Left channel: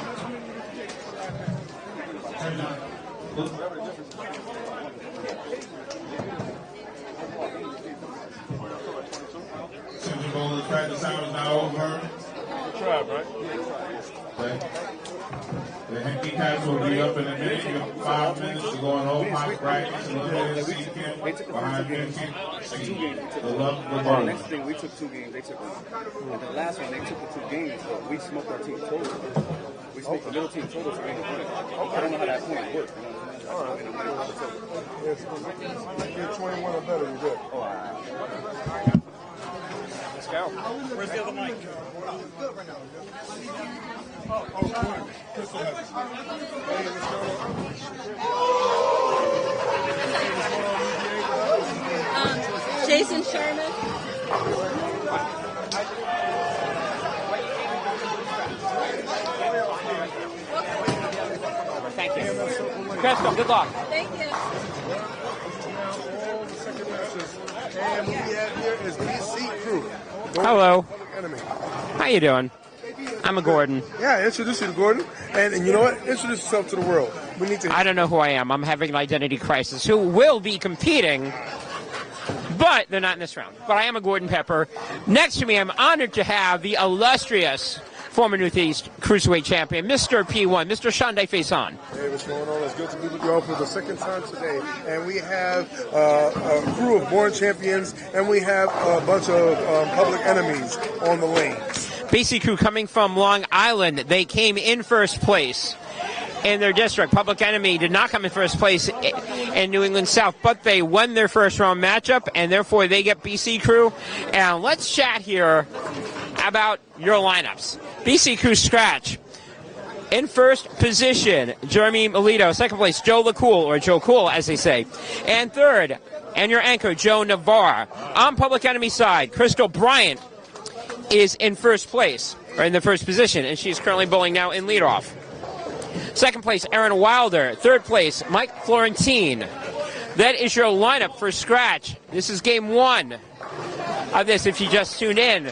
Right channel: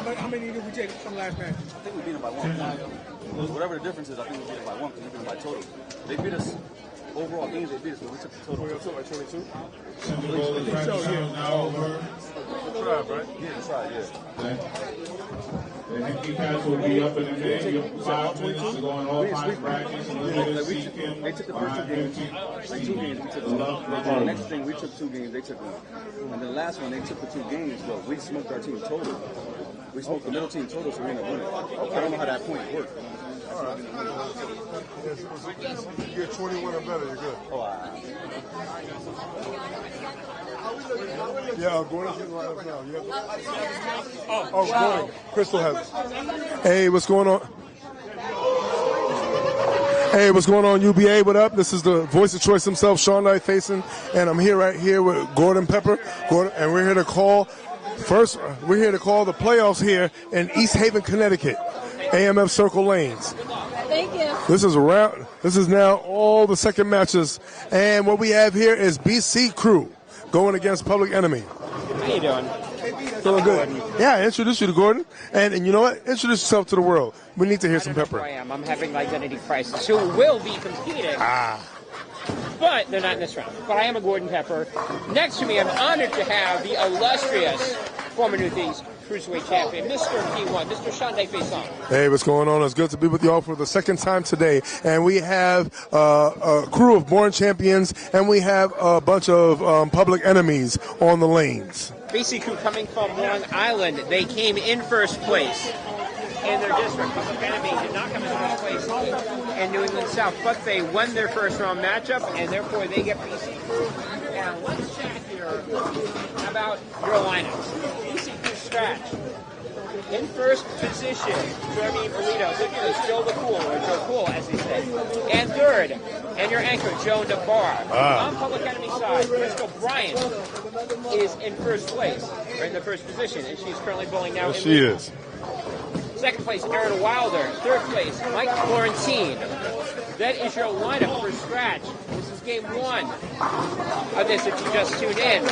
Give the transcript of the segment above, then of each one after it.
How many did we take from last match? We beat them by one. Whatever the difference is, I think we beat them by one because we beat them by total. They beat us overall games. They beat us, but we took the total. Like 22. Super Bowl practice is now over. Tried, right? Yeah, tried. Yeah. Okay. The handicaps will be up in a minute. You have 5 minutes to go on all 5 practice. They took the first 2 games. The next thing, we took 2 games. They took, and the last one, they took the 2 games, but we smoked our team total. We smoked the middle team total, so we ended up winning. I don't know how that point worked. All right. Yes, you're 21 or better, you're good. Oh, yeah, Gordon. Crystal has it. Hey, what's going on? Hey, what's going on, UBA? What up? This is the voice of choice himself, Sean Knight Faison, and I'm here right here with Gordon Pepper. And we're here to call the playoffs here in East Haven, Connecticut. AMF Circle Lanes. Good luck. Thank you. This is now all the second matches, and what we have here is BC Crew going against Public Enemy. How you doing? I'm Gordon. Yeah, I introduced you to Gordon, and you know what? Introduce yourself to the world. We need to hear. I don't know who I am. I'm having an identity crisis. Who will be competing? But they're not in this round. But I am a Gordon Pepper. Next to me, I'm honored to have the illustrious former Northeast Cruiserweight Champion, Mr. P1, Mr. Sean Knight Faison. Hey, what's going on? It's good to be with you all for the second time today. And we have a crew of born champions, and we have a bunch of Public Enemies on the lanes. BC Crew coming from Long Island. They came in first place in their district. Public Enemy did not come in first place in New England South, but they won their first round matchup, and therefore they get BC Crew. And let's chat here about your lineups. BC Crew scratch. In first position, Jeremy Melito. Second place, Joe LaCool, or Joe Cool, as they say. And third, and your anchor, Joe Navarre. On Public Enemy side, Crystal Bryant is in first place, or in the first position, and she's currently bowling now in leadoff. Second place, Aaron Wilder. Third place, Mike Florentine. That is your lineup for scratch. This is game 1 of this if you just tuned in.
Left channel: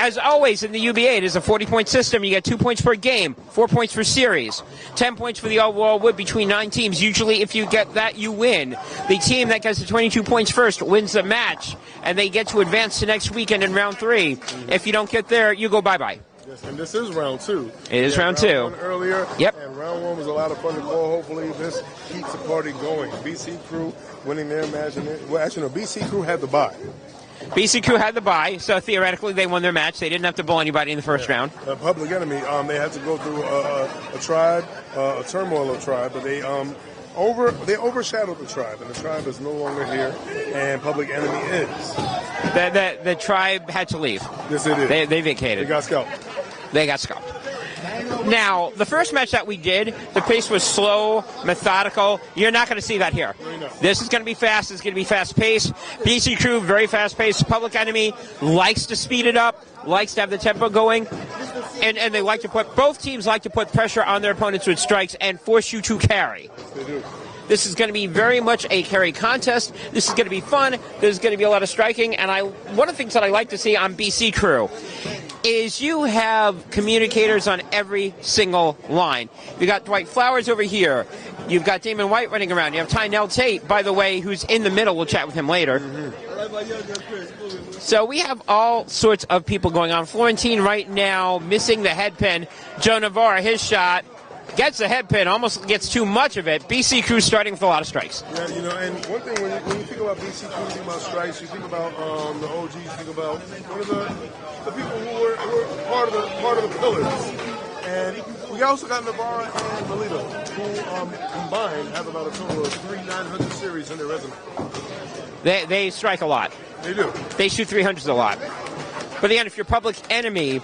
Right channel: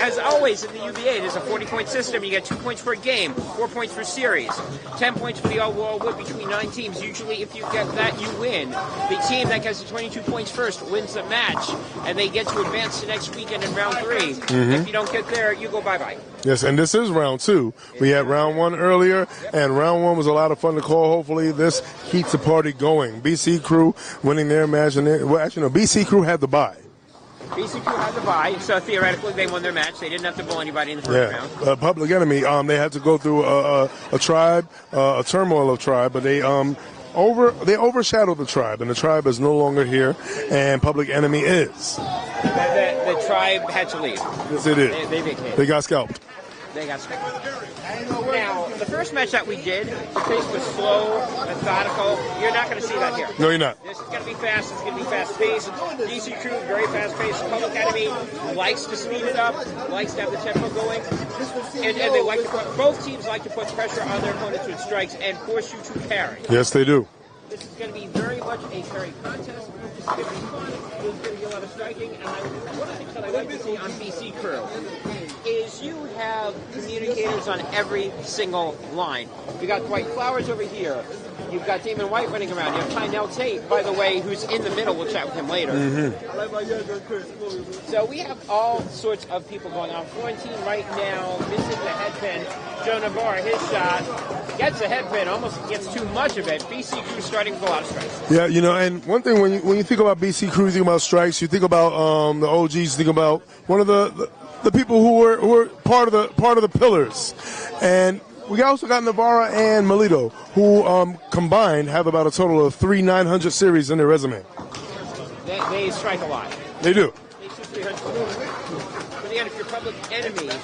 As always in the UBA, it is a 40-point system. You get 2 points per game, 4 points per series, 10 points for the overall wood between 9 teams. Usually if you get that, you win. The team that gets the 22 points first wins the match, and they get to advance to next weekend in round 3. If you don't get there, you go bye-bye. Yes, and this is round 2. It is round 2. Round 1 earlier, yep. And round 1 was a lot of fun to call. Hopefully this keeps the party going. BC Crew winning their match. Well, actually, no, BC Crew had the bye. BC Crew had the bye, so theoretically they won their match. They didn't have to bowl anybody in the first round. Public Enemy, they had to go through a tribe, a turmoil of tribe, but they overshadowed the tribe, and the tribe is no longer here, and Public Enemy is. The tribe had to leave. Yes, they did. They vacated. They got scalped. They got scalped. Now, the first match that we did, the pace was slow, methodical. You're not going to see that here. No, you're not. This is going to be fast. It's going to be fast-paced. BC Crew, very fast-paced. Public Enemy likes to speed it up, likes to have the tempo going. And they like to both teams like to put pressure on their opponents with strikes and force you to carry. Yes, they do. This is going to be very much a carry contest. This is going to be fun. There's going to be a lot of striking. And one of the things that I like to see on BC Crew is you have communicators on every single line. You got Dwight Flowers over here. You've got Damon White running around. You have Tynell Tate, by the way, who's in the middle. We'll chat with him later. So we have all sorts of people going on. Florentine right now missing the head pin. Joe Navarre, his shot, gets the head pin, almost gets too much of it. BC Crew starting with a lot of strikes. Yeah, and one thing when you think about BC Crew, you think about strikes. You think about the OGs. You think about one of the people who were part of the pillars, and we also got Navarra and Melito, who combined have about a total of 3 900 series in their resume. They strike a lot. They do. They shoot 300s a lot. But again, if you're Public Enemy,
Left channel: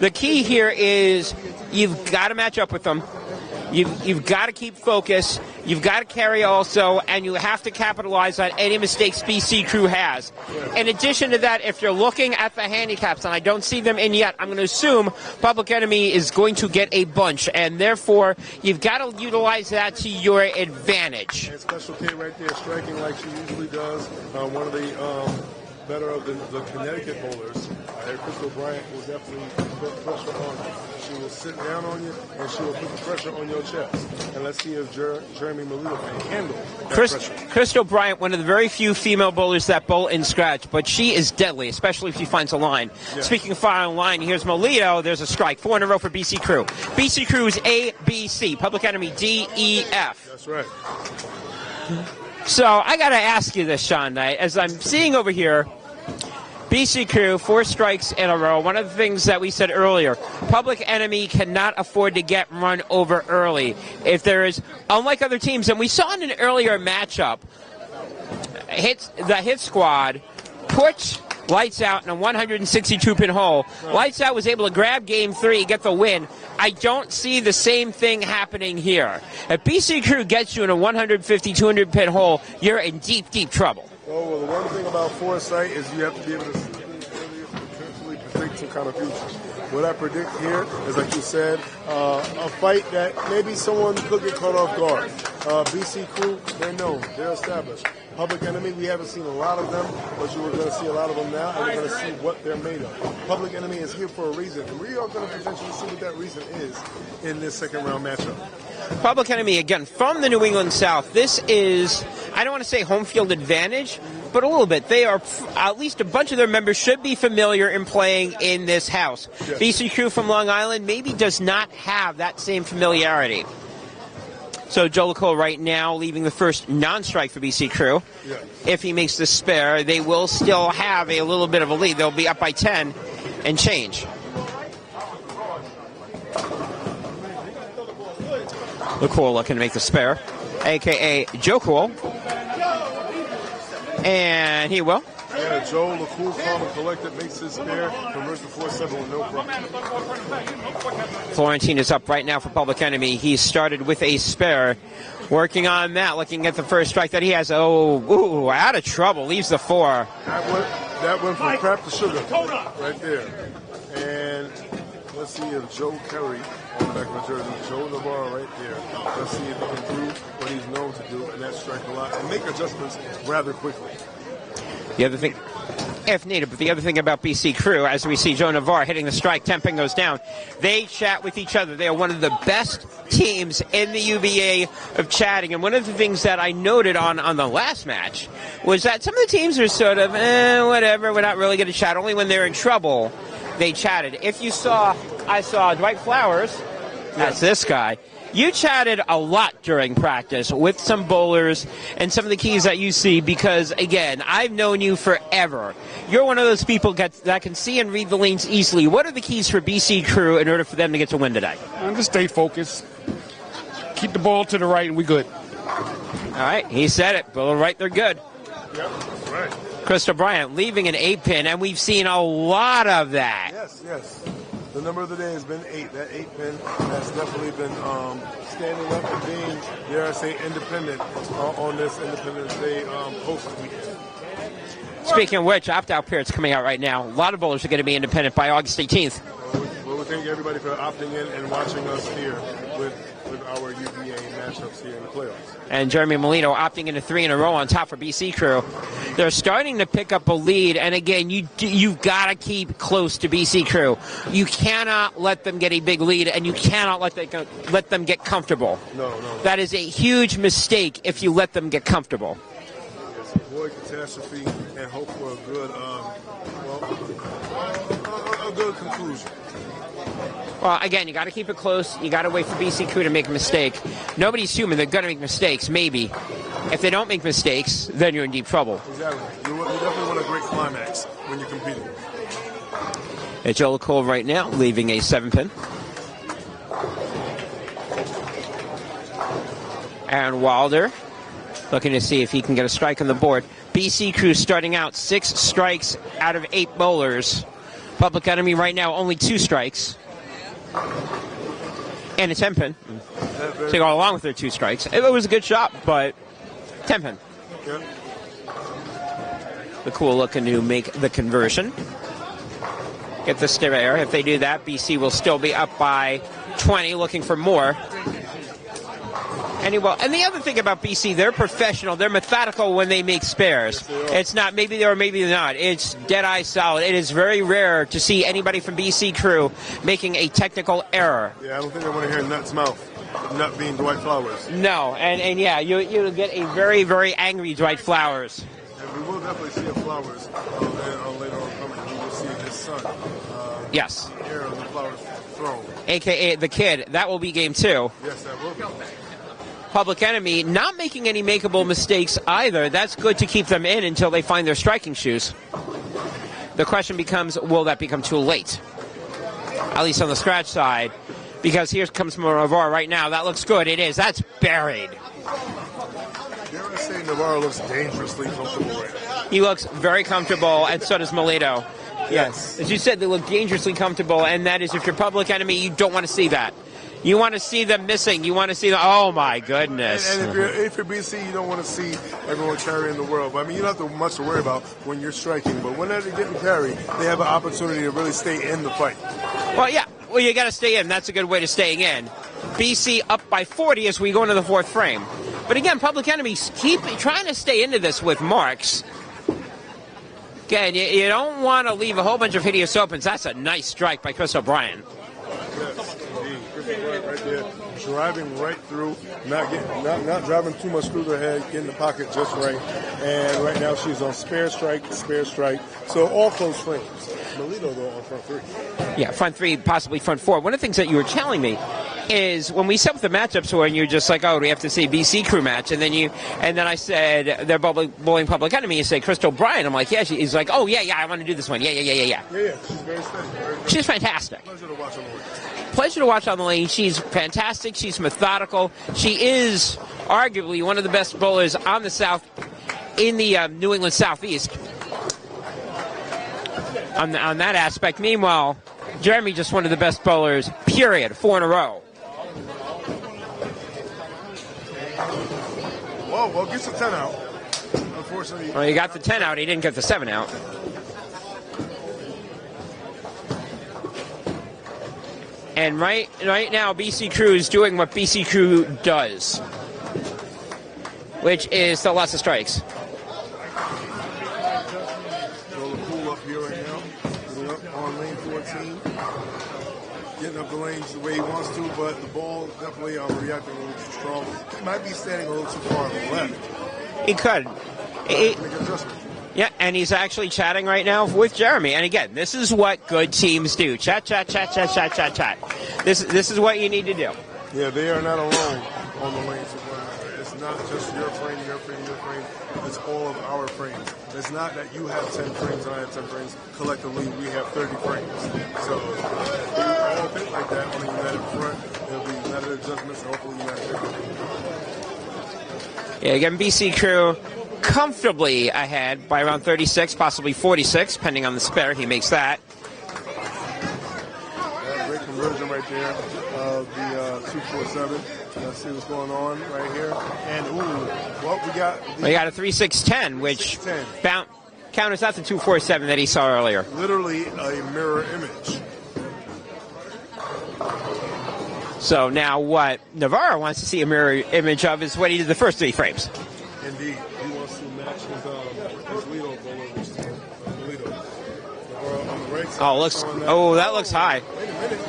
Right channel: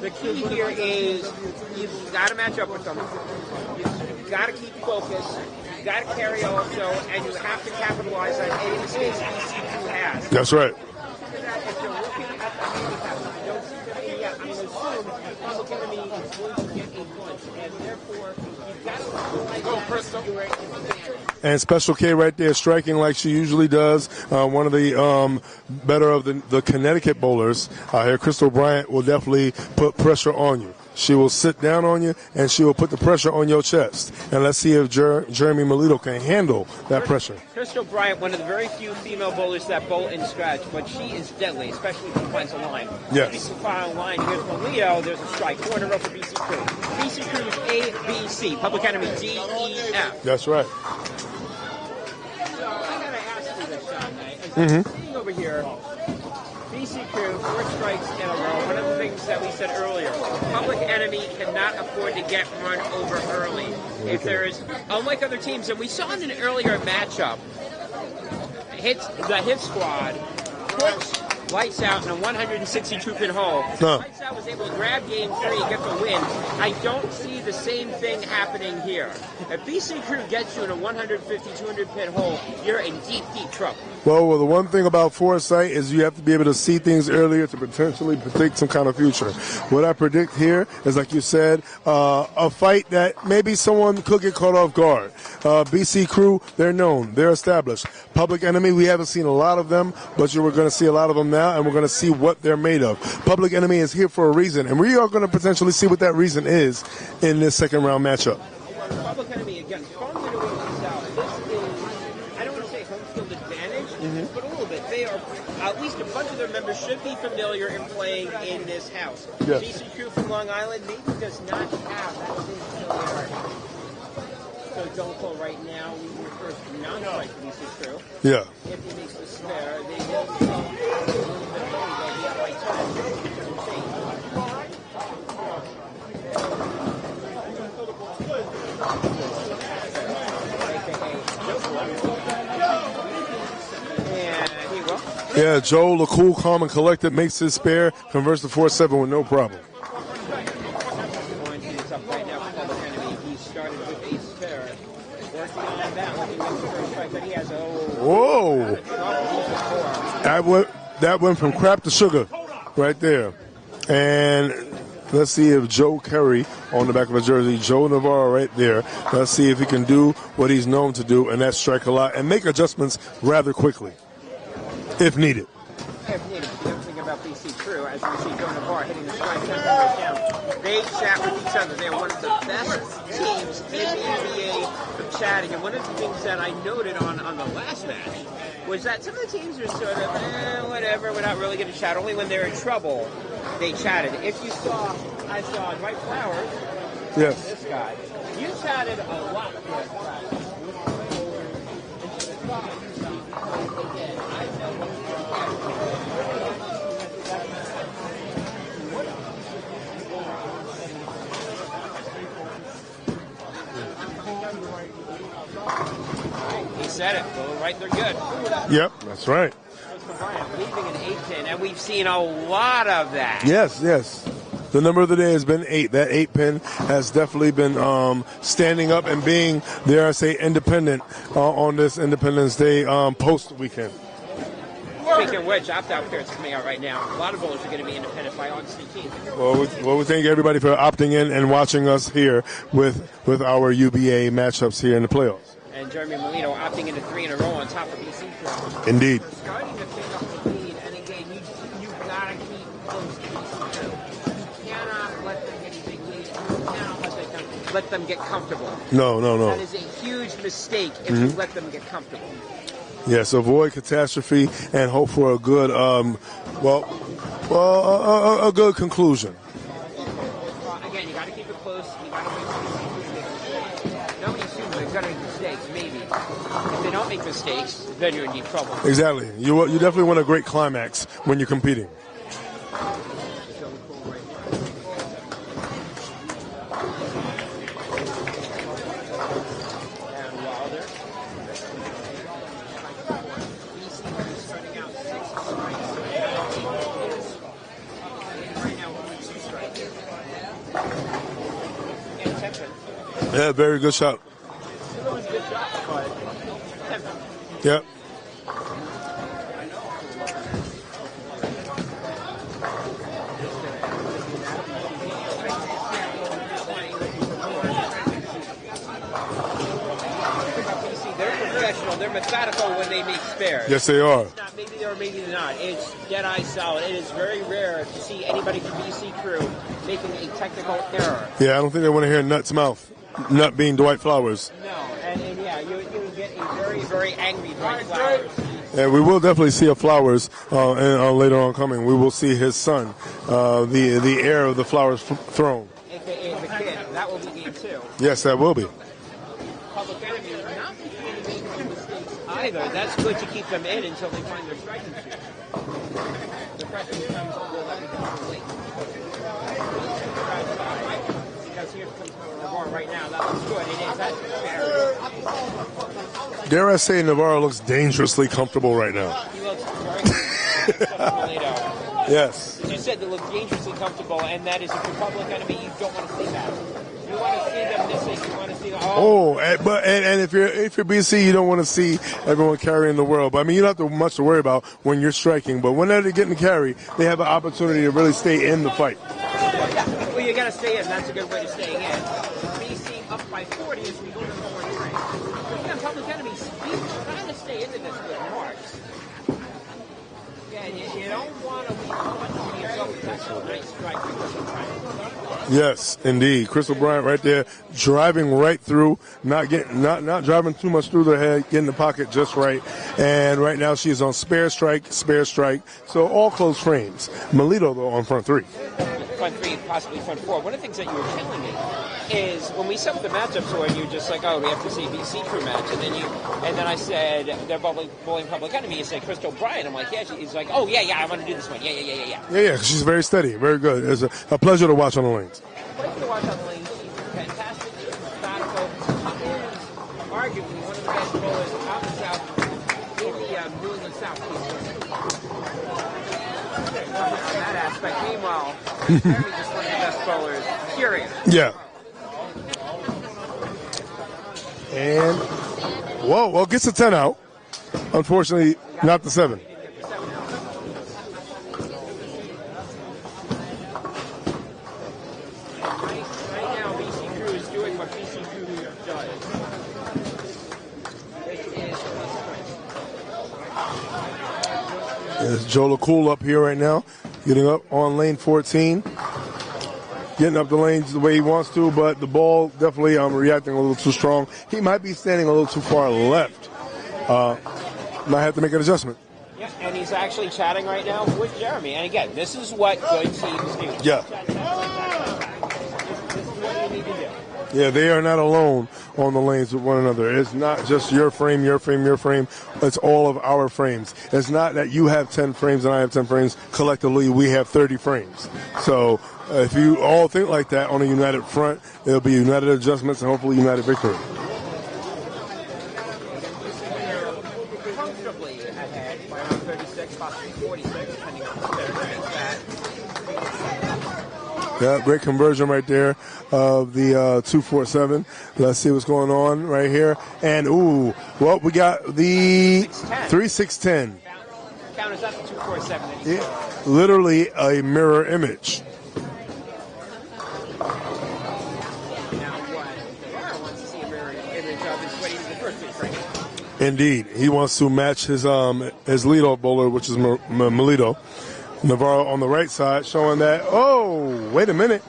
the key here is you've got to match up with them. You've got to keep focus. You've got to carry also, and you have to capitalize on any mistakes BC Crew has. That's right. In addition to that, if you're looking at the handicaps, and I don't see them in yet, I'm going to assume Public Enemy is going to get a bunch, and therefore you've got to utilize that to your advantage. And Special K right there striking like she usually does. One of the better of the Connecticut bowlers here, Crystal Bryant, will definitely put pressure on you. She will sit down on you, and she will put the pressure on your chest. And let's see if Jeremy Melito can handle that pressure. Crystal Bryant, one of the very few female bowlers that bowl in scratch, but she is deadly, especially if she finds a line. Yes. Speaking of fire on line, here's Melito. There's a strike. 4 in a row for BC Crew. BC Crew is A, B, C. Public Enemy D, E, F. That's right. So I got to ask you this, Sean, as I'm seeing over here, BC Crew, 4 strikes in a row. One of the things that we said earlier, Public Enemy cannot afford to get run over early. If there is, unlike other teams, and we saw in an earlier matchup, the hit squad put Lights Out in a 162-pin hole. No. Lights Out was able to grab game 3, get the win. I don't see the same thing happening here. If BC Crew gets you in a 150, 200-pin hole, you're in deep, deep trouble. Well, the one thing about foresight is you have to be able to see things earlier to potentially predict some kind of future. What I predict here is, like you said, a fight that maybe someone could get caught off guard. BC Crew, they're known, they're established. Public Enemy, we haven't seen a lot of them, but we're going to see a lot of them now, and we're going to see what they're made of. Public Enemy is here for a reason, and we are going to potentially see what that reason is in this second round matchup. Public Enemy, again, from the New England South. This is, I don't want to say home field advantage, but a little bit. They are, at least a bunch of their members should be familiar in playing in this house. Yes. BC Crew from Long Island maybe does not have that same familiarity. So Joe Lacole right now leaving the first non-strike for BC Crew. Yeah. If he makes the spare, they will still have a little bit of a lead. They'll be up by 10 and change. Lacole looking to make the spare, a.k.a. Joe Cool. And he will. Yeah, Joe, the cool, calm, and collected, makes his spare, converts to 4-7 with no problem. Florentine is up right now for Public Enemy. He started with a spare. Working on that, looking at the first strike that he has. Oh, out of trouble. Leaves the 4. That went from crap to sugar right there. And let's see if Joe Curry on the back of a jersey, Joe Navarro right there. Let's see if he can do what he's known to do, and that's strike a lot and make adjustments rather quickly, if needed. If needed. But the other thing about BC Crew, as we see Joe Navarro hitting the strike, temping goes down, they chat with each other. They are one of the best teams in the UBA of chatting. And one of the things that I noted on the last match was that some of the teams are sort of, whatever, we're not really going to chat. Only when they're in trouble, they chatted. If you saw, I saw Dwight Flowers, that's this guy. You chatted a lot during practice with some bowlers and some of the keys that you see because, again, I've known you forever. You're one of those people that can see and read the lanes easily. What are the keys for BC Crew in order for them to get to win today? Just stay focused. Keep the ball to the right and we good. All right, he said it. Go right, they're good. Yep, that's right. Crystal Bryant leaving an 8-pin, and we've seen a lot of that. Yes. The number of the day has been 8. That 8-pin has definitely been standing up and being, dare I say, independent on this Independence Day post weekend. Speaking of which, opt-out periods coming out right now. A lot of bowlers are going to be independent by August 18th. Well, we thank everybody for opting in and watching us here with our UBA matchups here in the playoffs. And Jeremy Molino opting into 3 in a row on top for BC Crew. Indeed. They're starting to pick up a lead, and again, you've got to keep close to BC Crew. You cannot let them get a big lead, and you cannot let them get comfortable. No. That is a huge mistake if you let them get comfortable. Yes, avoid catastrophe and hope for a good, a good conclusion. Well, again, you got to keep it close. You got to wait for BC Crew to make a mistake. Nobody's human. They're going to make mistakes, maybe. If they don't make mistakes, then you're in deep trouble. Exactly. You definitely want a great climax when you're competing. It's Joe Lacole right now, leaving a 7-pin. Aaron Wilder looking to see if he can get a strike on the board. BC Crew starting out 6 strikes out of 8 bowlers. Public Enemy right now only 2 strikes. And a 10-pin. Yeah, very to good go shot. along with their 2 strikes. It was a good shot, but 10-pin. Yep. The cool looking to make the conversion. Get the stiff air. If they do that, BC will still be up by 20, looking for more. And any ball. And the other thing about BC, they're professional. They're methodical when they make spares. Yes, they are. It's not maybe they are, maybe they're not. It's dead-eye solid. It is very rare to see anybody from BC crew making a technical error. Yeah, I don't think they want to hear Nut's mouth. Nut being Dwight Flowers. No, and yeah, you'll get a very, very angry Dwight Flowers. And we will definitely see a Flowers later on coming. We will see his son, the heir of the Flowers throne. A.K.A. the kid. That will be game 2. Yes, that will be. Public Enemy not making any makeable mistakes either. That's good to keep them in until they find their striking shoes. The question becomes, will that become too late? At least on the scratch side. Because here comes Navarro right now. That looks good. It is. That's buried. Dare I say Navarro looks dangerously comfortable right now. He looks very comfortable, and so does Melito. Yes. As you said, they look dangerously comfortable, and that is if you're Public Enemy, you don't want to see that. You want to see them missing. You want to see them. Oh my goodness. And if you're BC, you don't want to see everyone carrying the world. But I mean, you don't have much to worry about when you're striking. But when they're getting carry, they have an opportunity to really stay in the fight. Well, yeah. Well, you got to stay in. That's a good way to stay in. BC up by 40 as we go into the 4th frame. But again, Public Enemies keep trying to stay into this with marks. Again, you don't want to leave a whole bunch of hideous opens. That's a nice strike by Chris O'Brien. Yes, indeed. Crystal Bryant right there, driving right through, not driving too much through the head, getting the pocket just right. And right now she's on spare strike. So all close frames. Melito, though, on front 3. Yeah, front 3, possibly front 4. One of the things that you were telling me is when we set up the matchups when you're just like, oh, we have to say BC crew match, and then I said they're bowling Public Enemy, you say Crystal Bryant. I'm like, yeah, he's like, oh yeah, I want to do this one. Yeah, she's very steady, very good. She's fantastic. A pleasure to watch on the lane. Pleasure to watch on the lane. She's fantastic. She's methodical. She is arguably one of the best bowlers on the South, in the New England Southeast. On that aspect. Meanwhile, Jeremy just one of the best bowlers, period, 4 in a row. And, well, gets the 10 out. Unfortunately, well, he got not the 10 7 out. He didn't get the 7 out. And right now, BC Crew is doing what BC Crew does, which is the lots of strikes. There's Joe LaCool up here right now, getting up on lane 14. Getting up the lanes the way he wants to, but the ball definitely reacting a little too strong. He might be standing a little too far left. He could. Might have to make an adjustment. Yeah, and he's actually chatting right now with Jeremy. And again, this is what good teams do. Chat. This is what you need to do. Yeah, they are not alone on the lanes with one another. It's not just your frame. It's all of our frames. It's not that you have 10 frames and I have 10 frames. Collectively, we have 30 frames. So if you all think like that on a united front, it'll be united adjustments and hopefully united victory. Yeah, again, BC Crew comfortably ahead by around 36, possibly 46, depending on the spare. He makes that. Yeah, great conversion right there of the 247. Let's see what's going on right here. And, we got the 3-6-10. 3-6-10. Counters out the 247 that he saw earlier. Literally a mirror image. So now what Navarro wants to see a mirror image of is what he did the first 3 frames. Indeed. He wants to match his leadoff bowler, which is Melito. Navarro on the right side showing that. Oh, that looks high. Wait a minute.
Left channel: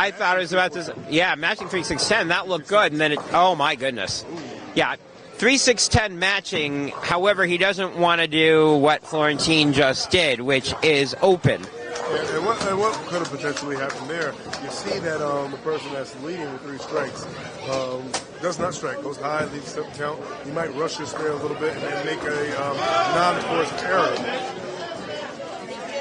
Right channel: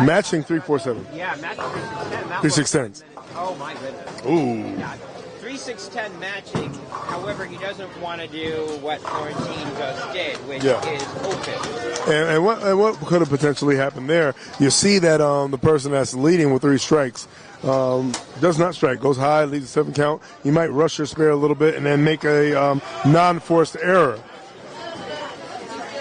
Matching 3-4-7. Yeah, matching 3-6-10. That looks good. And then oh my goodness. Ooh. Yeah. 3-6-10 matching. However, he doesn't want to do what Florentine just did, which is open. And what could have potentially happened there? You see that the person that's leading with 3 strikes does not strike, goes high, leads 7 count. You might rush your spare a little bit and then make a non-forced error.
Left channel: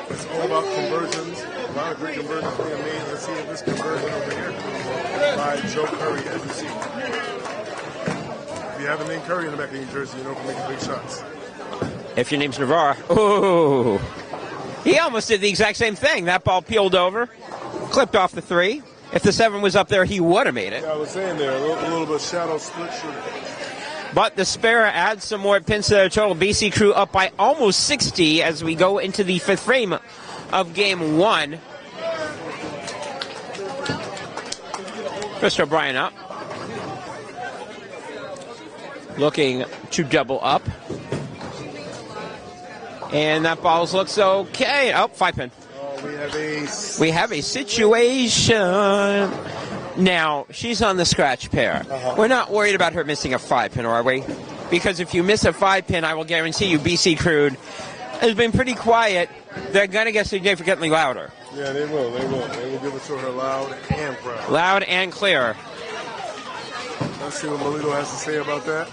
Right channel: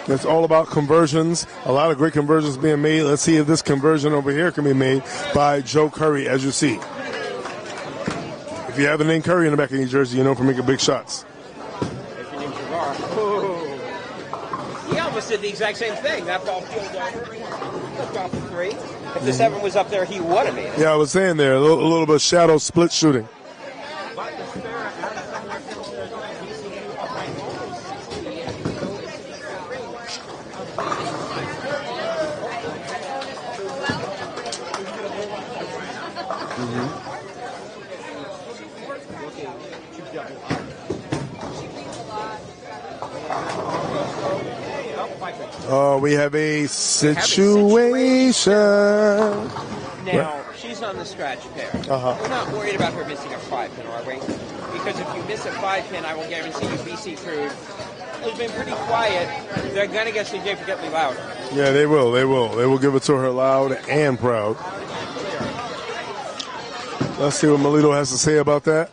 It's all about conversions. A lot of great conversions being made. Let's see if this conversion over here can be made by Joe Curry, as you see. If you have the name Curry in the back of your jersey, you know for making big shots. If your name's Navarro. Oh. He almost did the exact same thing. That ball peeled over, clipped off the 3. If the 7 was up there, he would have made it. Yeah, I was saying there, a little bit of shadow split shooting. But the spare adds some more pins to their total. BC Crew up by almost 60 as we go into the 5th frame of game 1. Chris O'Brien up. looking to double up. And that ball looks okay. Oh, 5 pins. We have a situation. We have a situation. Now, she's on the scratch pair. We're not worried about her missing a 5 pin, are we? Because if you miss a 5 pin, I will guarantee you BC Crude has been pretty quiet. They're going to get significantly louder. Yeah, they will. They will. They will give it to her loud and proud. Loud and clear. Let's see what Melito has to say about that.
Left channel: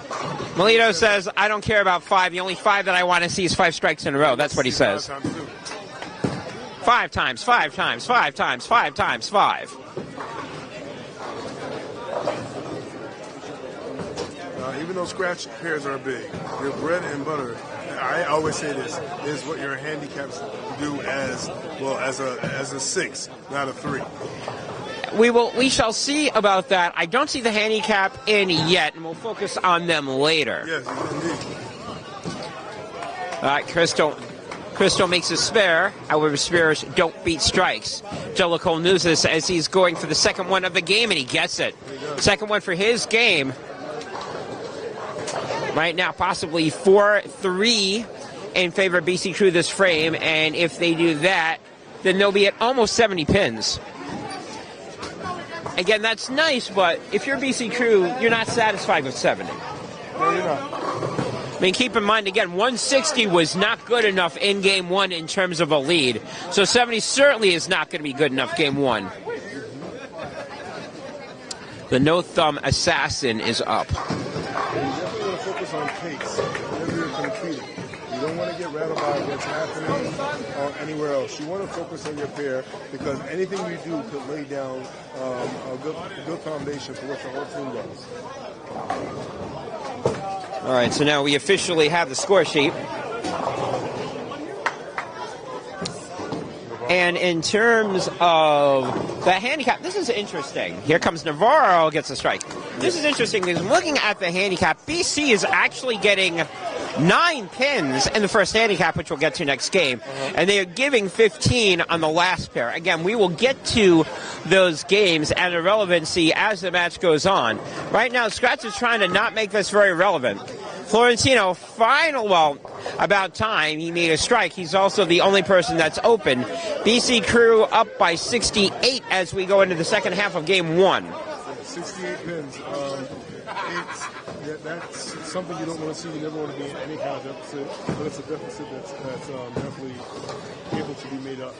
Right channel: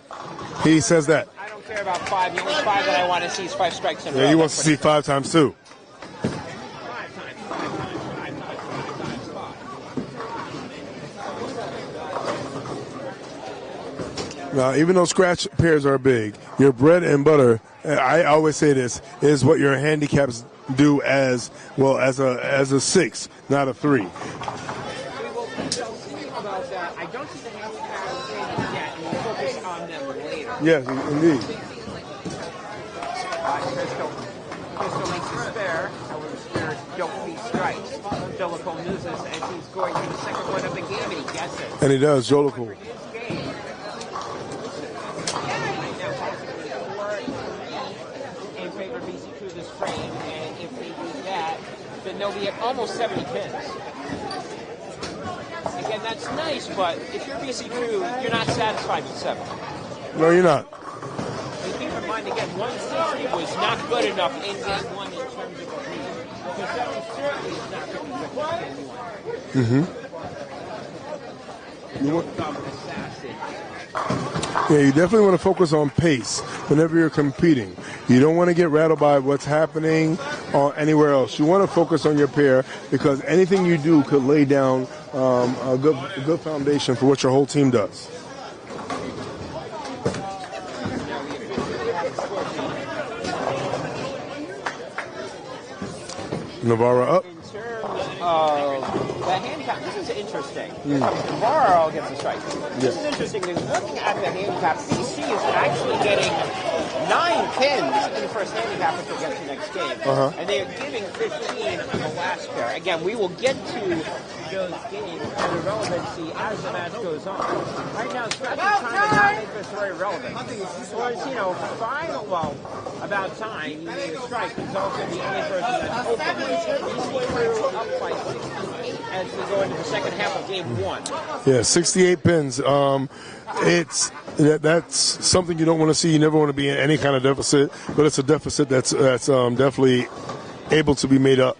Melito says, I don't care about 5. The only 5 that I want to see is 5 strikes in a row. He That's wants what to he see says. 5 times too. 5 times, 5 times, 5 times, 5 times, 5. Now, even though scratch pairs are big, your bread and butter, I always say this, is what your handicaps do as well as a 6, not a 3. We shall see about that. I don't see the handicap in yet. We'll focus on them later. Yes, indeed. All right, Crystal makes a spare. However, spares don't beat strikes. Jellicoe knows this as he's going for the second one of the game, and he gets it. And he does. Second one for his game. Right now, possibly 4-3 in favor of BC Crew this frame, and if they do that, then they'll be at almost 70 pins. Again, that's nice, but if you're BC Crew, you're not satisfied with 70. No, you're not. I mean, keep in mind, again, 160 was not good enough in Game 1 in terms of a lead. So 70 certainly is not going to be good enough Game 1. The no-thumb assassin is up. Yeah, you definitely want to focus on pace whenever you're competing. You don't want to get rattled by what's happening or anywhere else. You want to focus on your pair because anything you do could lay down a good foundation for what your whole team does. All right, so now we officially have the score sheet. Navarro and up. in terms of the handicap, this is interesting. Here comes Navarro, gets a strike. This is interesting because looking at the handicap, BC is actually getting 9 pins in the first handicap, which we'll get to next game. And they're giving 15 on the last pair. Again, we will get to those games and the relevancy as the match goes on. Right now, Scratch is trying to not make this very relevant. Florentino, about time he made a strike. He's also the only person that's open. BC Crew up by 68 as we go into the second half of Game 1. Yeah, 68 pins. That's something you don't want to see. You never want to be in any kind of deficit, but it's a deficit that's definitely able to be made up.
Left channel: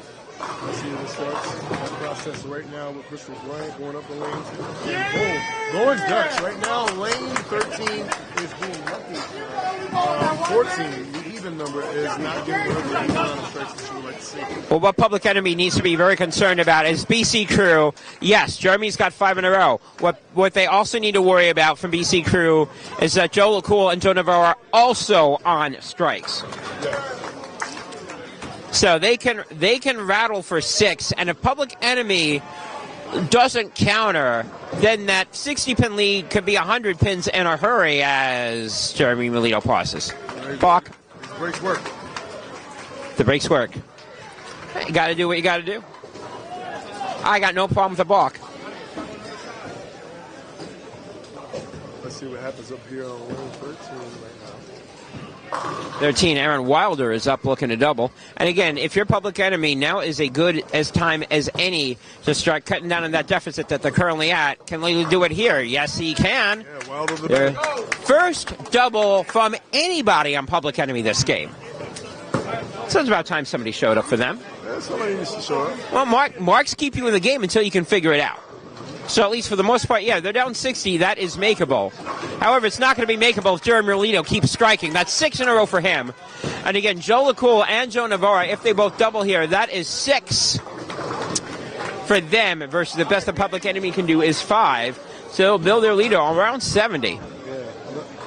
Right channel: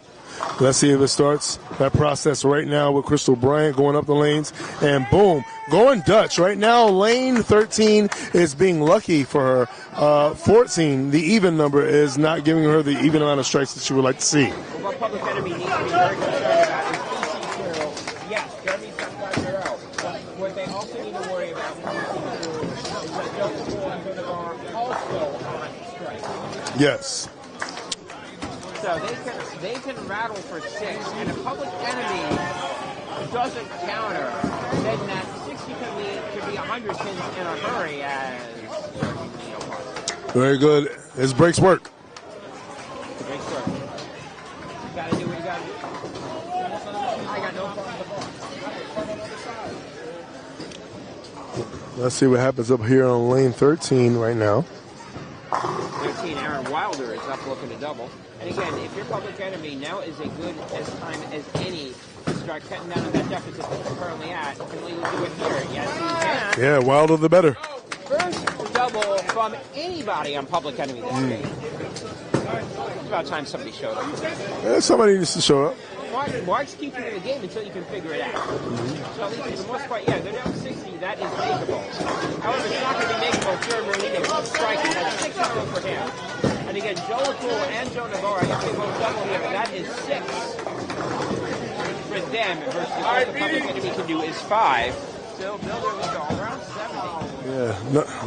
Let's see if it starts that process right now with Crystal Bryant going up the lanes, and boom, going Dutch. Right now, lane 13 is being lucky for her. 14, the even number, is not giving her the even amount of strikes that she would like to see. Well, what Public Enemy needs to be very concerned about is BC Crew. Yes, Jeremy's got 5 in a row. What they also need to worry about from BC Crew is that Joe LaCool and Joe Navarro are also on strikes. Yes. So they can rattle for 6, and if Public Enemy doesn't counter, then that 60-pin lead could be 100 pins in a hurry as Jeremy Melito pauses. Very good. His brakes work. The brakes work. You got to do what you got to do. I got no problem with the balk. Let's see what happens up here on lane 13 right now. 13, Aaron Wilder is up looking to double. And again, if you're Public Enemy, now is a good time as any to start cutting down on that deficit that they're currently at. Can Lele do it here? Yes, he can. Yeah, Wilder the better. First double from anybody on Public Enemy this game. So it's about time somebody showed up for them. Yeah, somebody needs to show up. Well, marks keep you in the game until you can figure it out. So at least for the most part, yeah, they're down 60. That is makeable. However, it's not going to be makeable if Jeremy Merlino keeps striking. That's 6 in a row for him. And again, Joe LaCool and Joe Navarro, if they both double here, that is 6 for them versus the best the Public Enemy can do is 5. So they'll build their lead around 70. Yeah,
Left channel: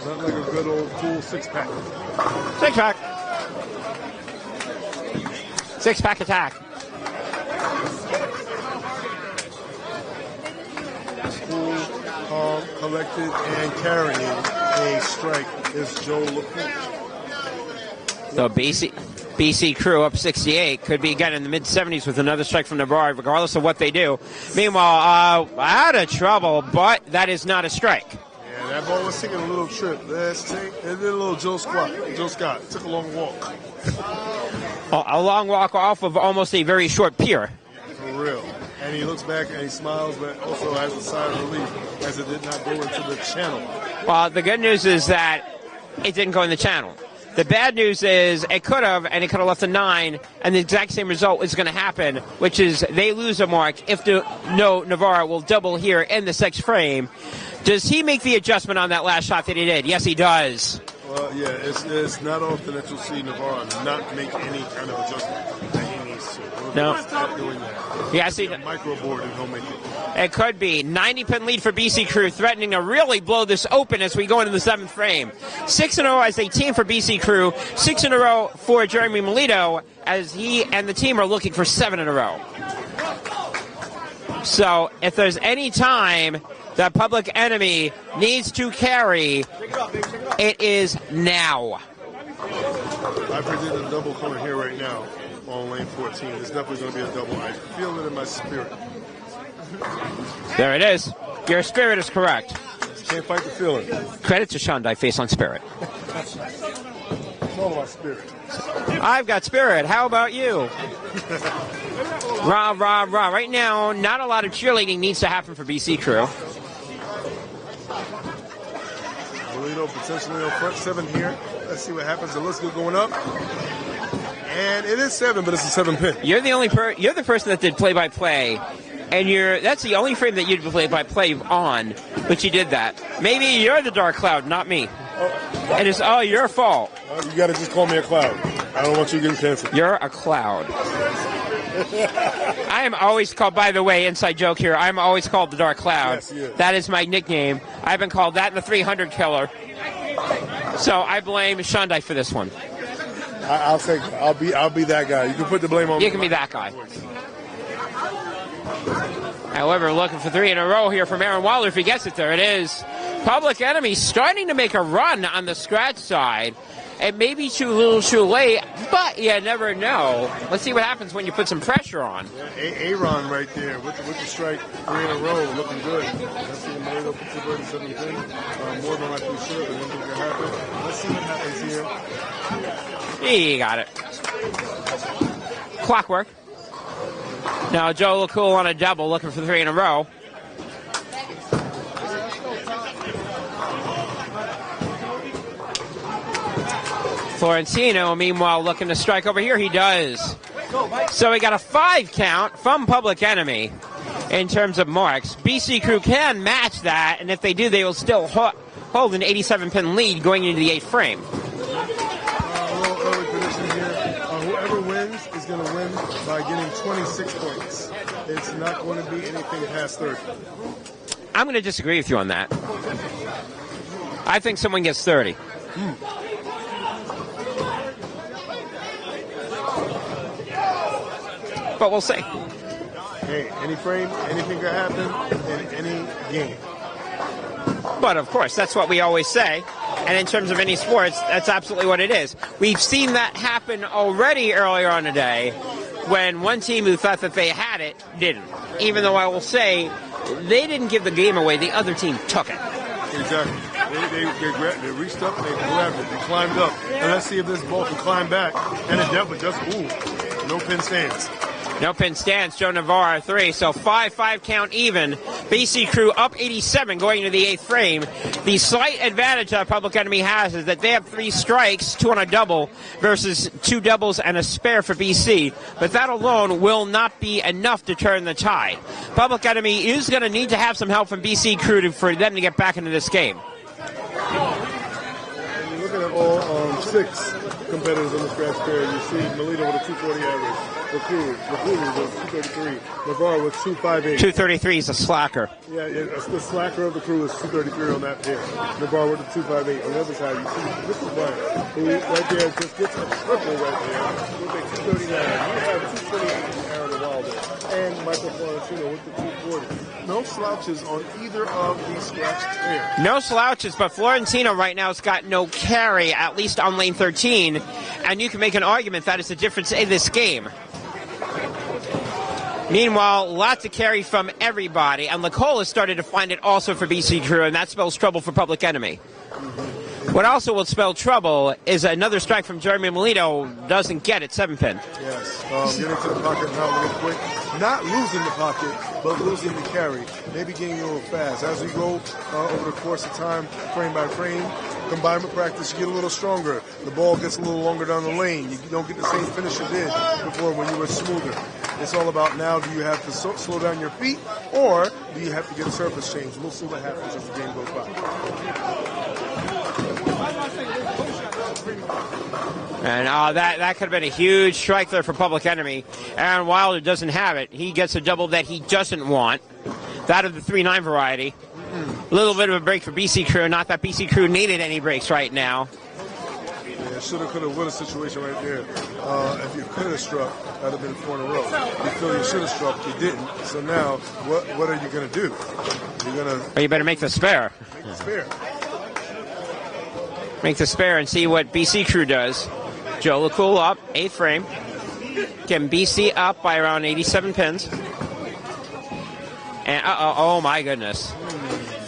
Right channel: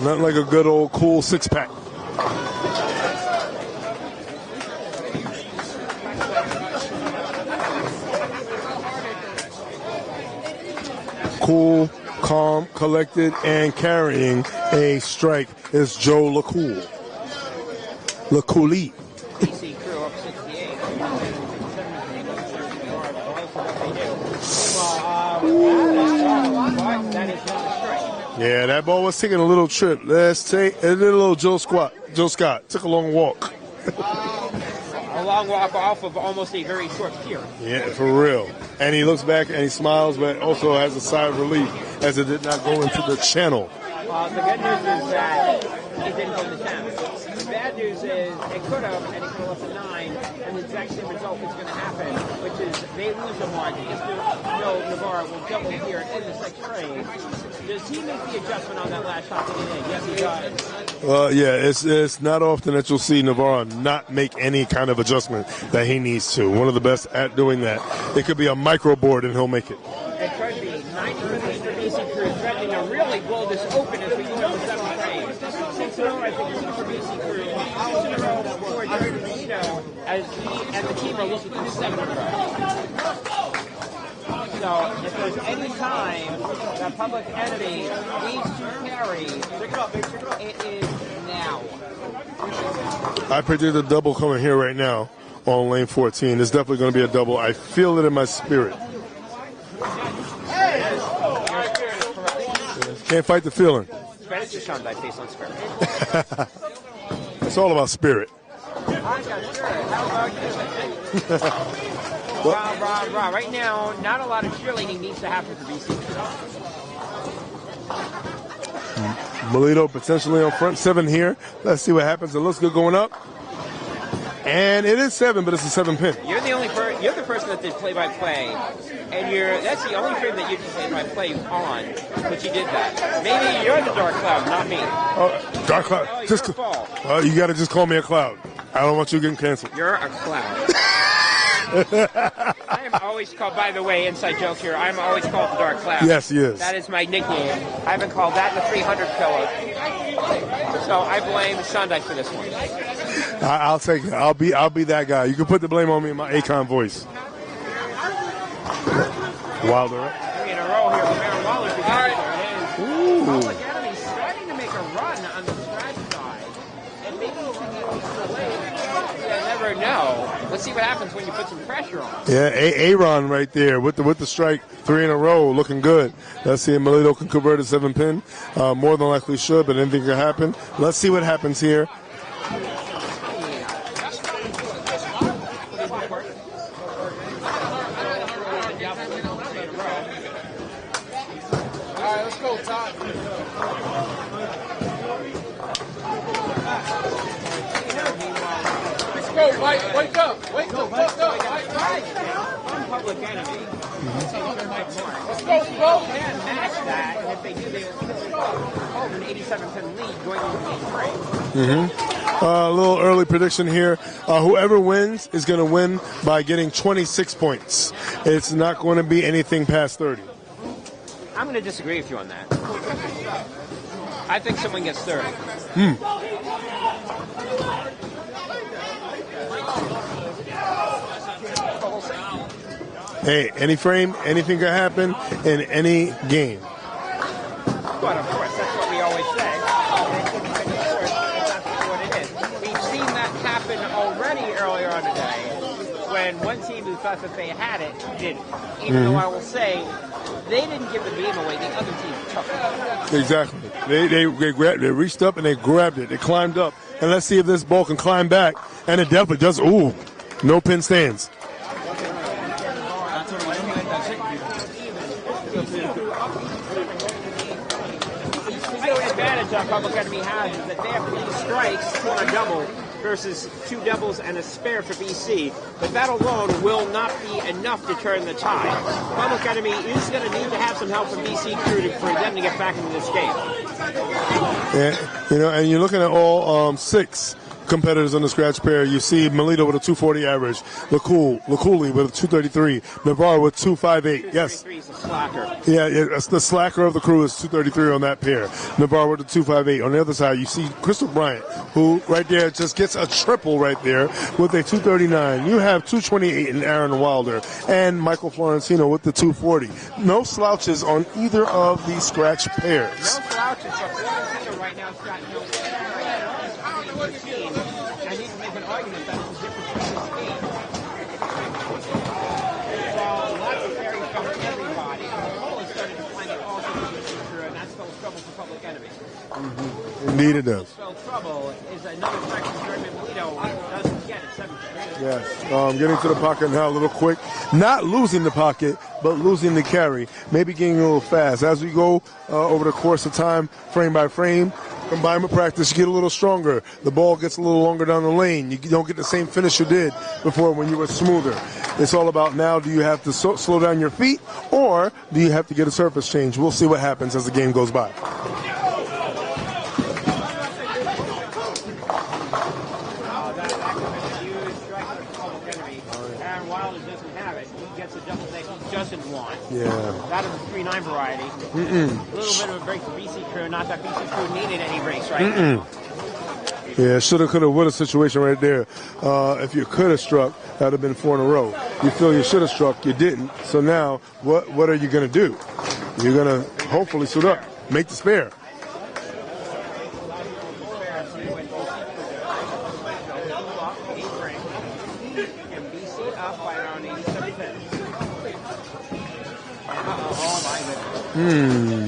not like a good old cool 6-pack. 6-pack. 6-pack attack. Cool, calm, collected, and carrying a strike is Joe LaCool. So BC Crew up 68. Could be again in the mid-70s with another strike from Navarro, regardless of what they do. Meanwhile, out of trouble, but that is not a strike. Yeah, that ball was taking a little trip. Let's take and then a little Joe Scott. Took a long walk. A long walk off of almost a very short pier. Yeah, for real. And he looks back and he smiles, but also has a sigh of relief as it did not go into the channel. Well, the good news is that it didn't go in the channel. The bad news is it could have, and it could have left a 9, and the exact same result is going to happen, which is they lose a mark if Navarro will double here in the 6th frame. Does he make the adjustment on that last shot that he did? Yes, he does. Yeah, it's not often that you'll see Navarro not make any kind of adjustment that he needs to. One of the best at doing that. It could be a micro board and he'll make it. It could be. 90-pin lead for BC Crew, threatening to really blow this open as we go into the 7th frame. 6 in a row as a team for BC Crew. 6 in a row for Jeremy Melito as he and the team are looking for 7 in a row. So if there's any time that Public Enemy needs to carry, it is now. I predict a double coming here right now on lane 14. It's definitely going to be a double. I feel it in my spirit. There it is. Your spirit is correct. Can't fight the feeling. Credit to Shandai Face on Spirit. It's all about spirit. I've got spirit. How about you? Rah, rah, rah. Right now, not a lot of cheerleading needs to happen for BC Crew. Melito potentially on front 7 here. Let's see what happens. It looks good going up. And it is 7, but it's a 7-pin. You're the only you're the person that did play-by-play, and that's the only frame that you did play-by-play on, but you did that. Maybe you're the dark cloud, not me. It is all your fault. You got to just call me a cloud. I don't want you getting canceled. You're a cloud. I am always called, by the way, inside joke here, I'm always called the Dark Cloud. Yes, he is. That is my nickname. I've been called that in the 300 pillar. So I blame Shandai for this one. I'll take it. I'll be that guy. You can put the blame on me in my Akon voice. However, looking for 3 in a row here from Aaron Wilder. If he gets it, there it is. Ooh. Public Enemy starting to make a run on the scratch side. It may be too little too late, but you never know. Let's see what happens when you put some pressure on. Yeah, Aaron right there with the strike, 3 in a row, looking good. Let's see if Melito can convert a 7-pin. More than likely should, but anything can happen. Let's see what happens here. He got it. Clockwork. Now Joe LaCool on a double, looking for 3 in a row. All right, let's go, Tom. Florentino, meanwhile, looking to strike over here. He does. So we got a 5 count from Public Enemy in terms of marks. BC Crew can match that, and if they do, they will still hold an 87-pin lead going into the 8th frame. A little early prediction here. Whoever wins is going to win by getting 26 points. It's not going to be anything past 30. I'm going to disagree with you on that. I think someone gets 30. But we'll see. Hey, any frame, anything can happen in any game. But of course, that's what we always say. And in terms of any sports, that's absolutely what it is. We've seen that happen already earlier on today when one team who thought that they had it didn't. Even though I will say they didn't give the game away, the other team took it. Exactly. They reached up and they grabbed it. They climbed up. And let's see if this ball can climb back. And it definitely does. Ooh, no pin stands. No pin stands, Joe Navarro 3, so 5-5 count even. BC Crew up 87 going to the 8th frame. The slight advantage that Public Enemy has is that they have 3 strikes, 2 on a double, versus 2 doubles and a spare for BC. But that alone will not be enough to turn the tie. Public Enemy is going to need to have some help from BC Crew for them to get back into this game. Yeah, and you're looking at all 6 competitors on the scratch pair. You see Melito with a 240 average, LaCool with a 233, Navarro with 258. 233 is a slacker. Yeah, the slacker of the crew is 233 on that pair. Navarro with a 258. On the other side, you see Crystal Bryant, who right there just gets a triple right there with a 239. You have 228 in Aaron Wilder and Michael Florentino with the 240. No slouches on either of these scratch pairs. No slouches, but Florentino right now has got no carry, at least on lane 13. And you can make an argument that is the difference in this game. Meanwhile, lots of carry from everybody, and Nicole has started to find it also for BC Crew, and that spells trouble for Public Enemy. What also will spell trouble is another strike from Jeremy Melito doesn't get it, 7-pin. Yes, getting to the pocket now a little quick. Not losing the pocket, but losing the carry. Maybe getting a little fast. As we go over the course of time, frame by frame, combined with practice, you get a little stronger. The ball gets a little longer down the lane. You don't get the same finish you did before when you were smoother. It's all about now, do you have to slow down your feet, or do you have to get a surface change? We'll see what happens as the game goes by. And that could have been a huge strike there for Public Enemy. Aaron Wilder doesn't have it. He gets a double that he doesn't want. Yeah. That of the 3-9 variety. A little bit of a break for BC Crew. Not that BC Crew needed any breaks right now. Yeah, shoulda, coulda, woulda situation right there. If you could have struck, that would have been 4 in a row. You feel you should have struck, you didn't. So now, what are you going to do? You're going to... You better make the spare. Make the spare. Make the spare and see what BC Crew does. Joe LaCool up, 8th frame. Can BC up by around 87 pins. And oh my goodness.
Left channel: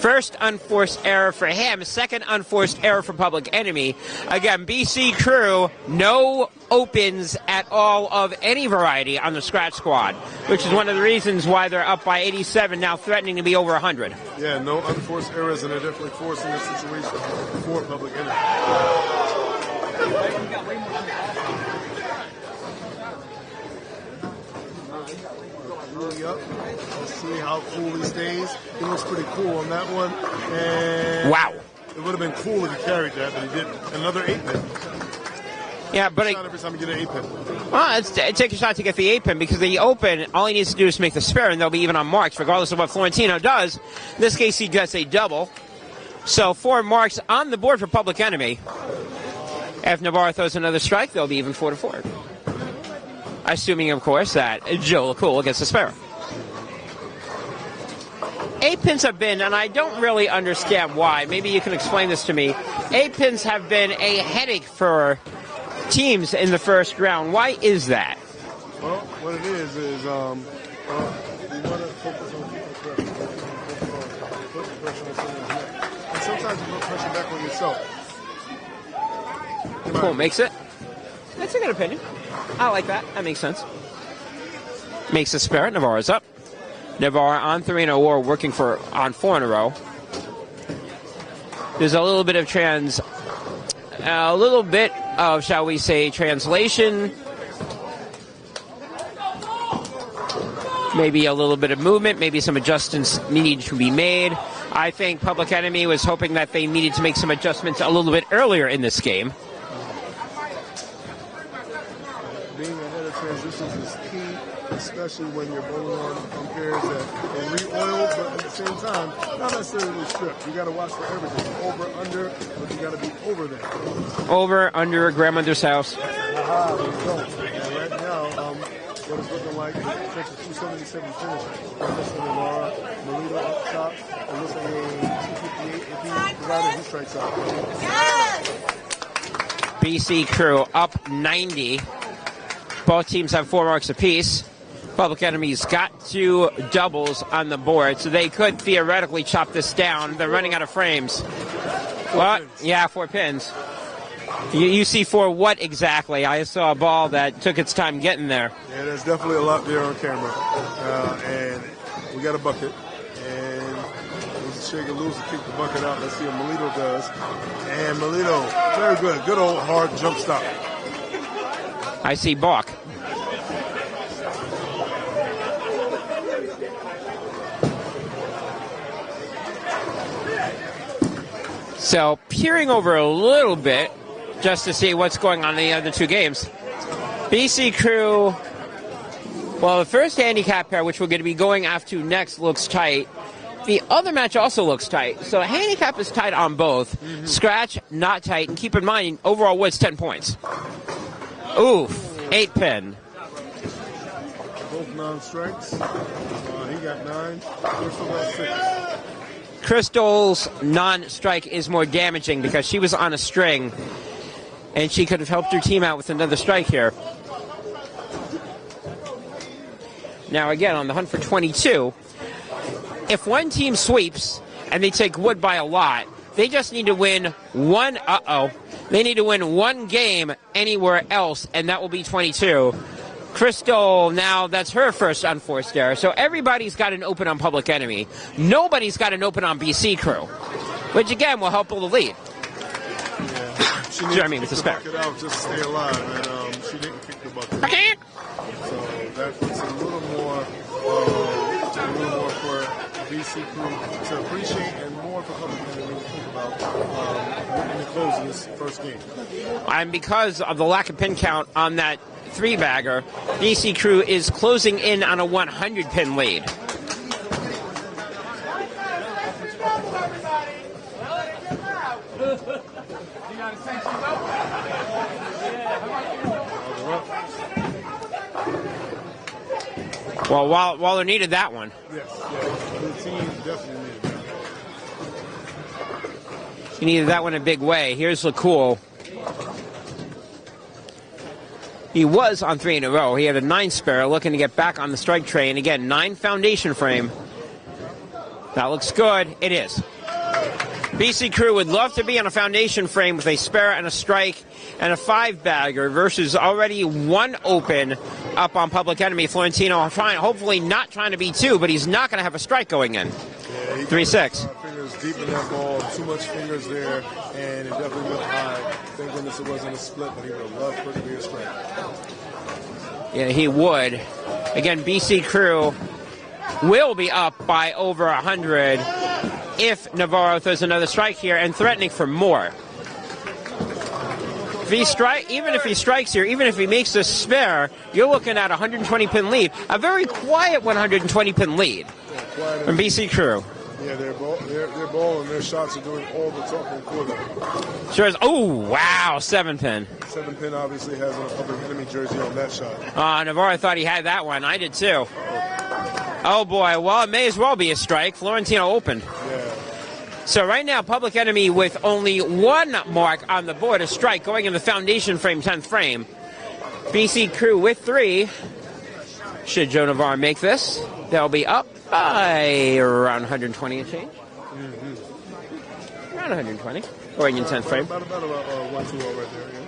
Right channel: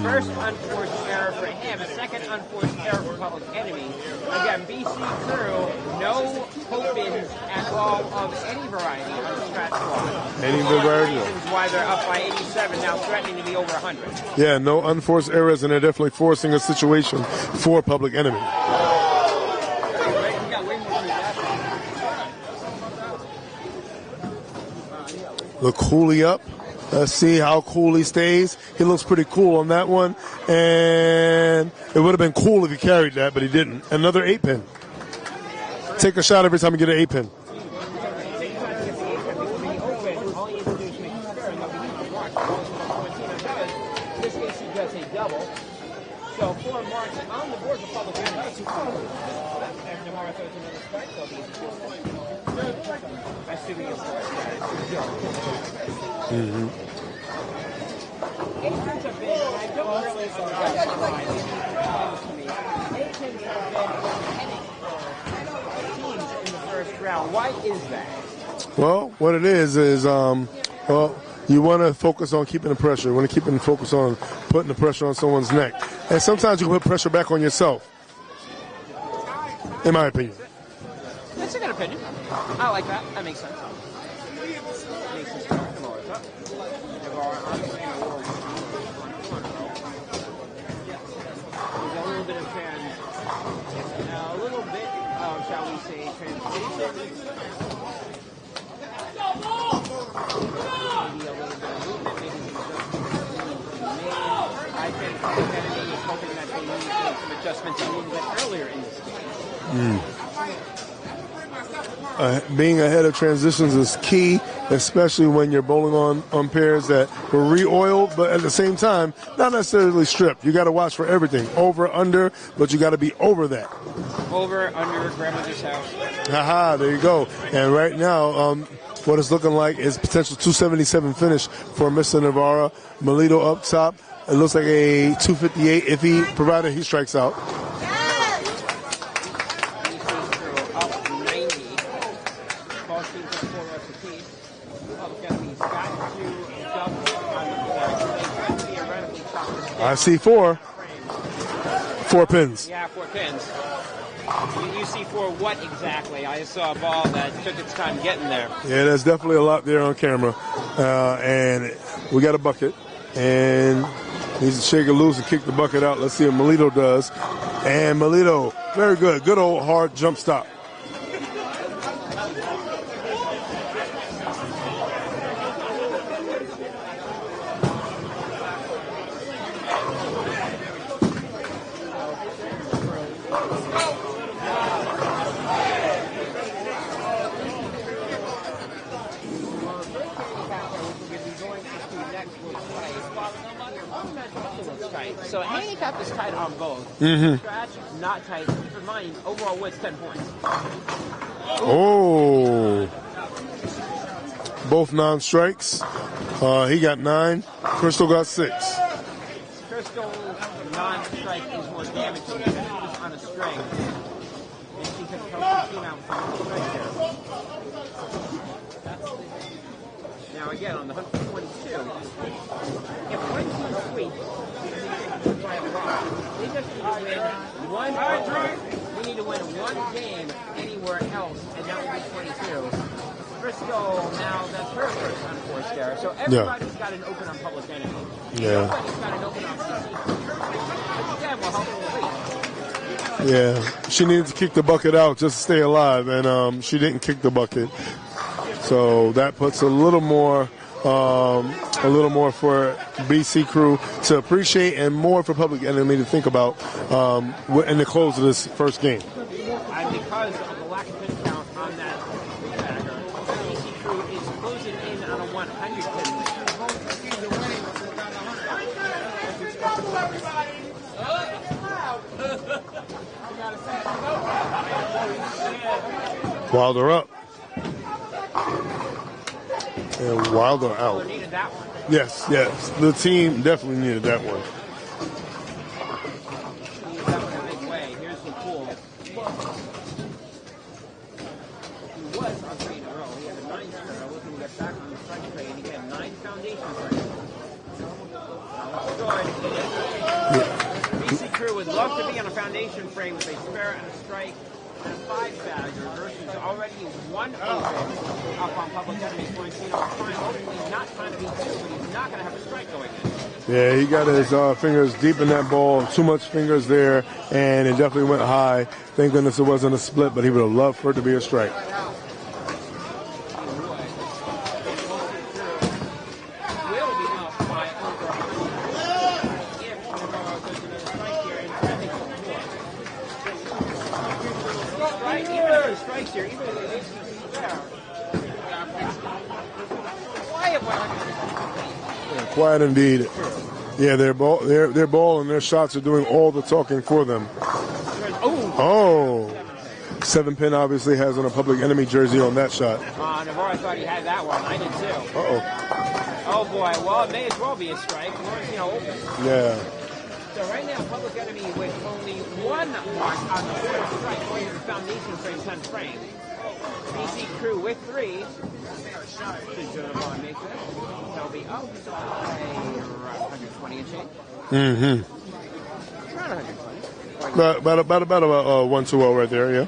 First unforced error for him, second unforced error for Public Enemy. Again, BC Crew, no opens at all of any variety on the scratch squad, which is one of the reasons why they're up by 87, now threatening to be over 100. Yeah, no unforced errors, and they're definitely forcing a situation for Public Enemy. Look Cooley up. Let's see how cool he stays. He looks pretty cool on that one. And wow. It would have been cool if he carried that, but he didn't. Another 8-pin. Yeah, take a shot every time you get an 8-pin. Well, take a shot to get the 8-pin, because the open, all he needs to do is make the spare, and they'll be even on marks, regardless of what Florentino does. In this case, he gets a double. So 4 marks on the board for Public Enemy. If Navarro throws another strike, they'll be even 4-4. Assuming, of course, that Joe LaCool gets the spare. 8 pins have been, and I don't really understand why. Maybe you can explain this to me. 8 pins have been a headache for teams in the first round. Why is that? Well, what it is, well, you want to focus on keeping the pressure. You want to keep them focused on putting the pressure on someone's neck. And sometimes you put pressure back on yourself. In my opinion. Makes it? That's a good opinion. I like that. That makes sense. Makes a spare. Navarro's up. Navarro on 3 in a row, working on 4 in a row. There's a little bit of shall we say, translation. Maybe a little bit of movement. Maybe some adjustments need to be made. I think Public Enemy was hoping that they needed to make some adjustments a little bit earlier in this game. Being ahead of transitions is key, especially when you're bowling on pairs that were re-oiled, but at the same time, not necessarily stripped. You got to watch for everything. Over, under, but you got to be over that. Over, under, grandmother's house. Haha, there you go. And right now, what it's looking like is potential 277 finish for Mr. Navarro. Melito up top. It looks like a 258 if provided he strikes out. BC Crew up 90. Both teams have 4 marks apiece. Public Enemy's got 2 doubles on the board, so they could theoretically chop this down. I see They're 4. running out of frames. 4 pins. Yeah, 4 pins. You see 4 what exactly? I saw a ball that took its time getting there. Yeah, there's definitely a lot there on camera. And we got a bucket. And he's to shake it loose and kick the bucket out. Let's see what Melito does. And Melito, very good. Good old hard jump stop. I see balk. So peering over a little bit just to see what's going on in the other 2 games. BC Crew, well, the first handicap pair, which we're going to be going after next, looks tight. The other match also looks tight. So handicap is tight on both. Scratch, not tight. Keep in mind, overall Woods 10 points. Ooh, 8 pin. Both non-strikes. He got 9. Crystal got 6. Crystal's non-strike is more damaging because she was on a string, and she could have helped her team out with another strike here. now again on the hunt for 22. If one team sweeps and they take wood by a lot, they just need to win one. They need to win one game anywhere else, and that will be 22. Crystal, now that's her first unforced error. So everybody's got an open on Public Enemy. Nobody's got an open on BC Crew, which again will help the lead. Yeah, she needs to kick the bucket out just to stay alive, and she didn't kick the bucket. So that puts a little more for BC Crew to appreciate, and more for Public Enemy to think about in the close of this first game. And because of the lack of pin count on that 3-bagger, BC Crew is closing in on a 100-pin lead. Wilder up. Wilder needed that one. Yes. The team definitely needed that one. He needed that one in a big way. Here's LeCool. He was on 3 in a row. He had a 9 spare, looking to get back on the strike train. Again, 9 foundation frame. That looks good. It is. BC Crew would love to be on a foundation frame with a spare and a strike and a 5-bagger versus already 1 open up on Public Enemy. Florentino hopefully not trying to be 2, but he's not going to have a strike going in. Yeah, he got his fingers deep in that ball. Too much fingers there, and it definitely went high. Thank goodness it wasn't a split, but he would have loved for it to be a strike. Yeah, he would. Again, BC Crew will be up by over 100 if Navarro throws another strike here, and threatening for more. Even if he strikes here, even if he makes a spare, you're looking at a 120-pin lead. A very quiet 120-pin lead. Quiet from indeed. BC Crew. Yeah, their ball and their shots are doing all the talking for them. Sure is. Wow, 7-pin. 7-pin obviously has on a Public Enemy jersey on that shot. Navarro thought he had that one. I did too. Oh boy, well, it may as well be a strike. Florentino open. Yeah. So right now, Public Enemy with only 1 mark on the board, a strike going in the foundation frame, 10th frame. BC Crew with 3. Should Joe Navarro make this, they'll be up by around 120 and change. Around 120. Or in your 10th frame. About 1-2-0 right there, yeah.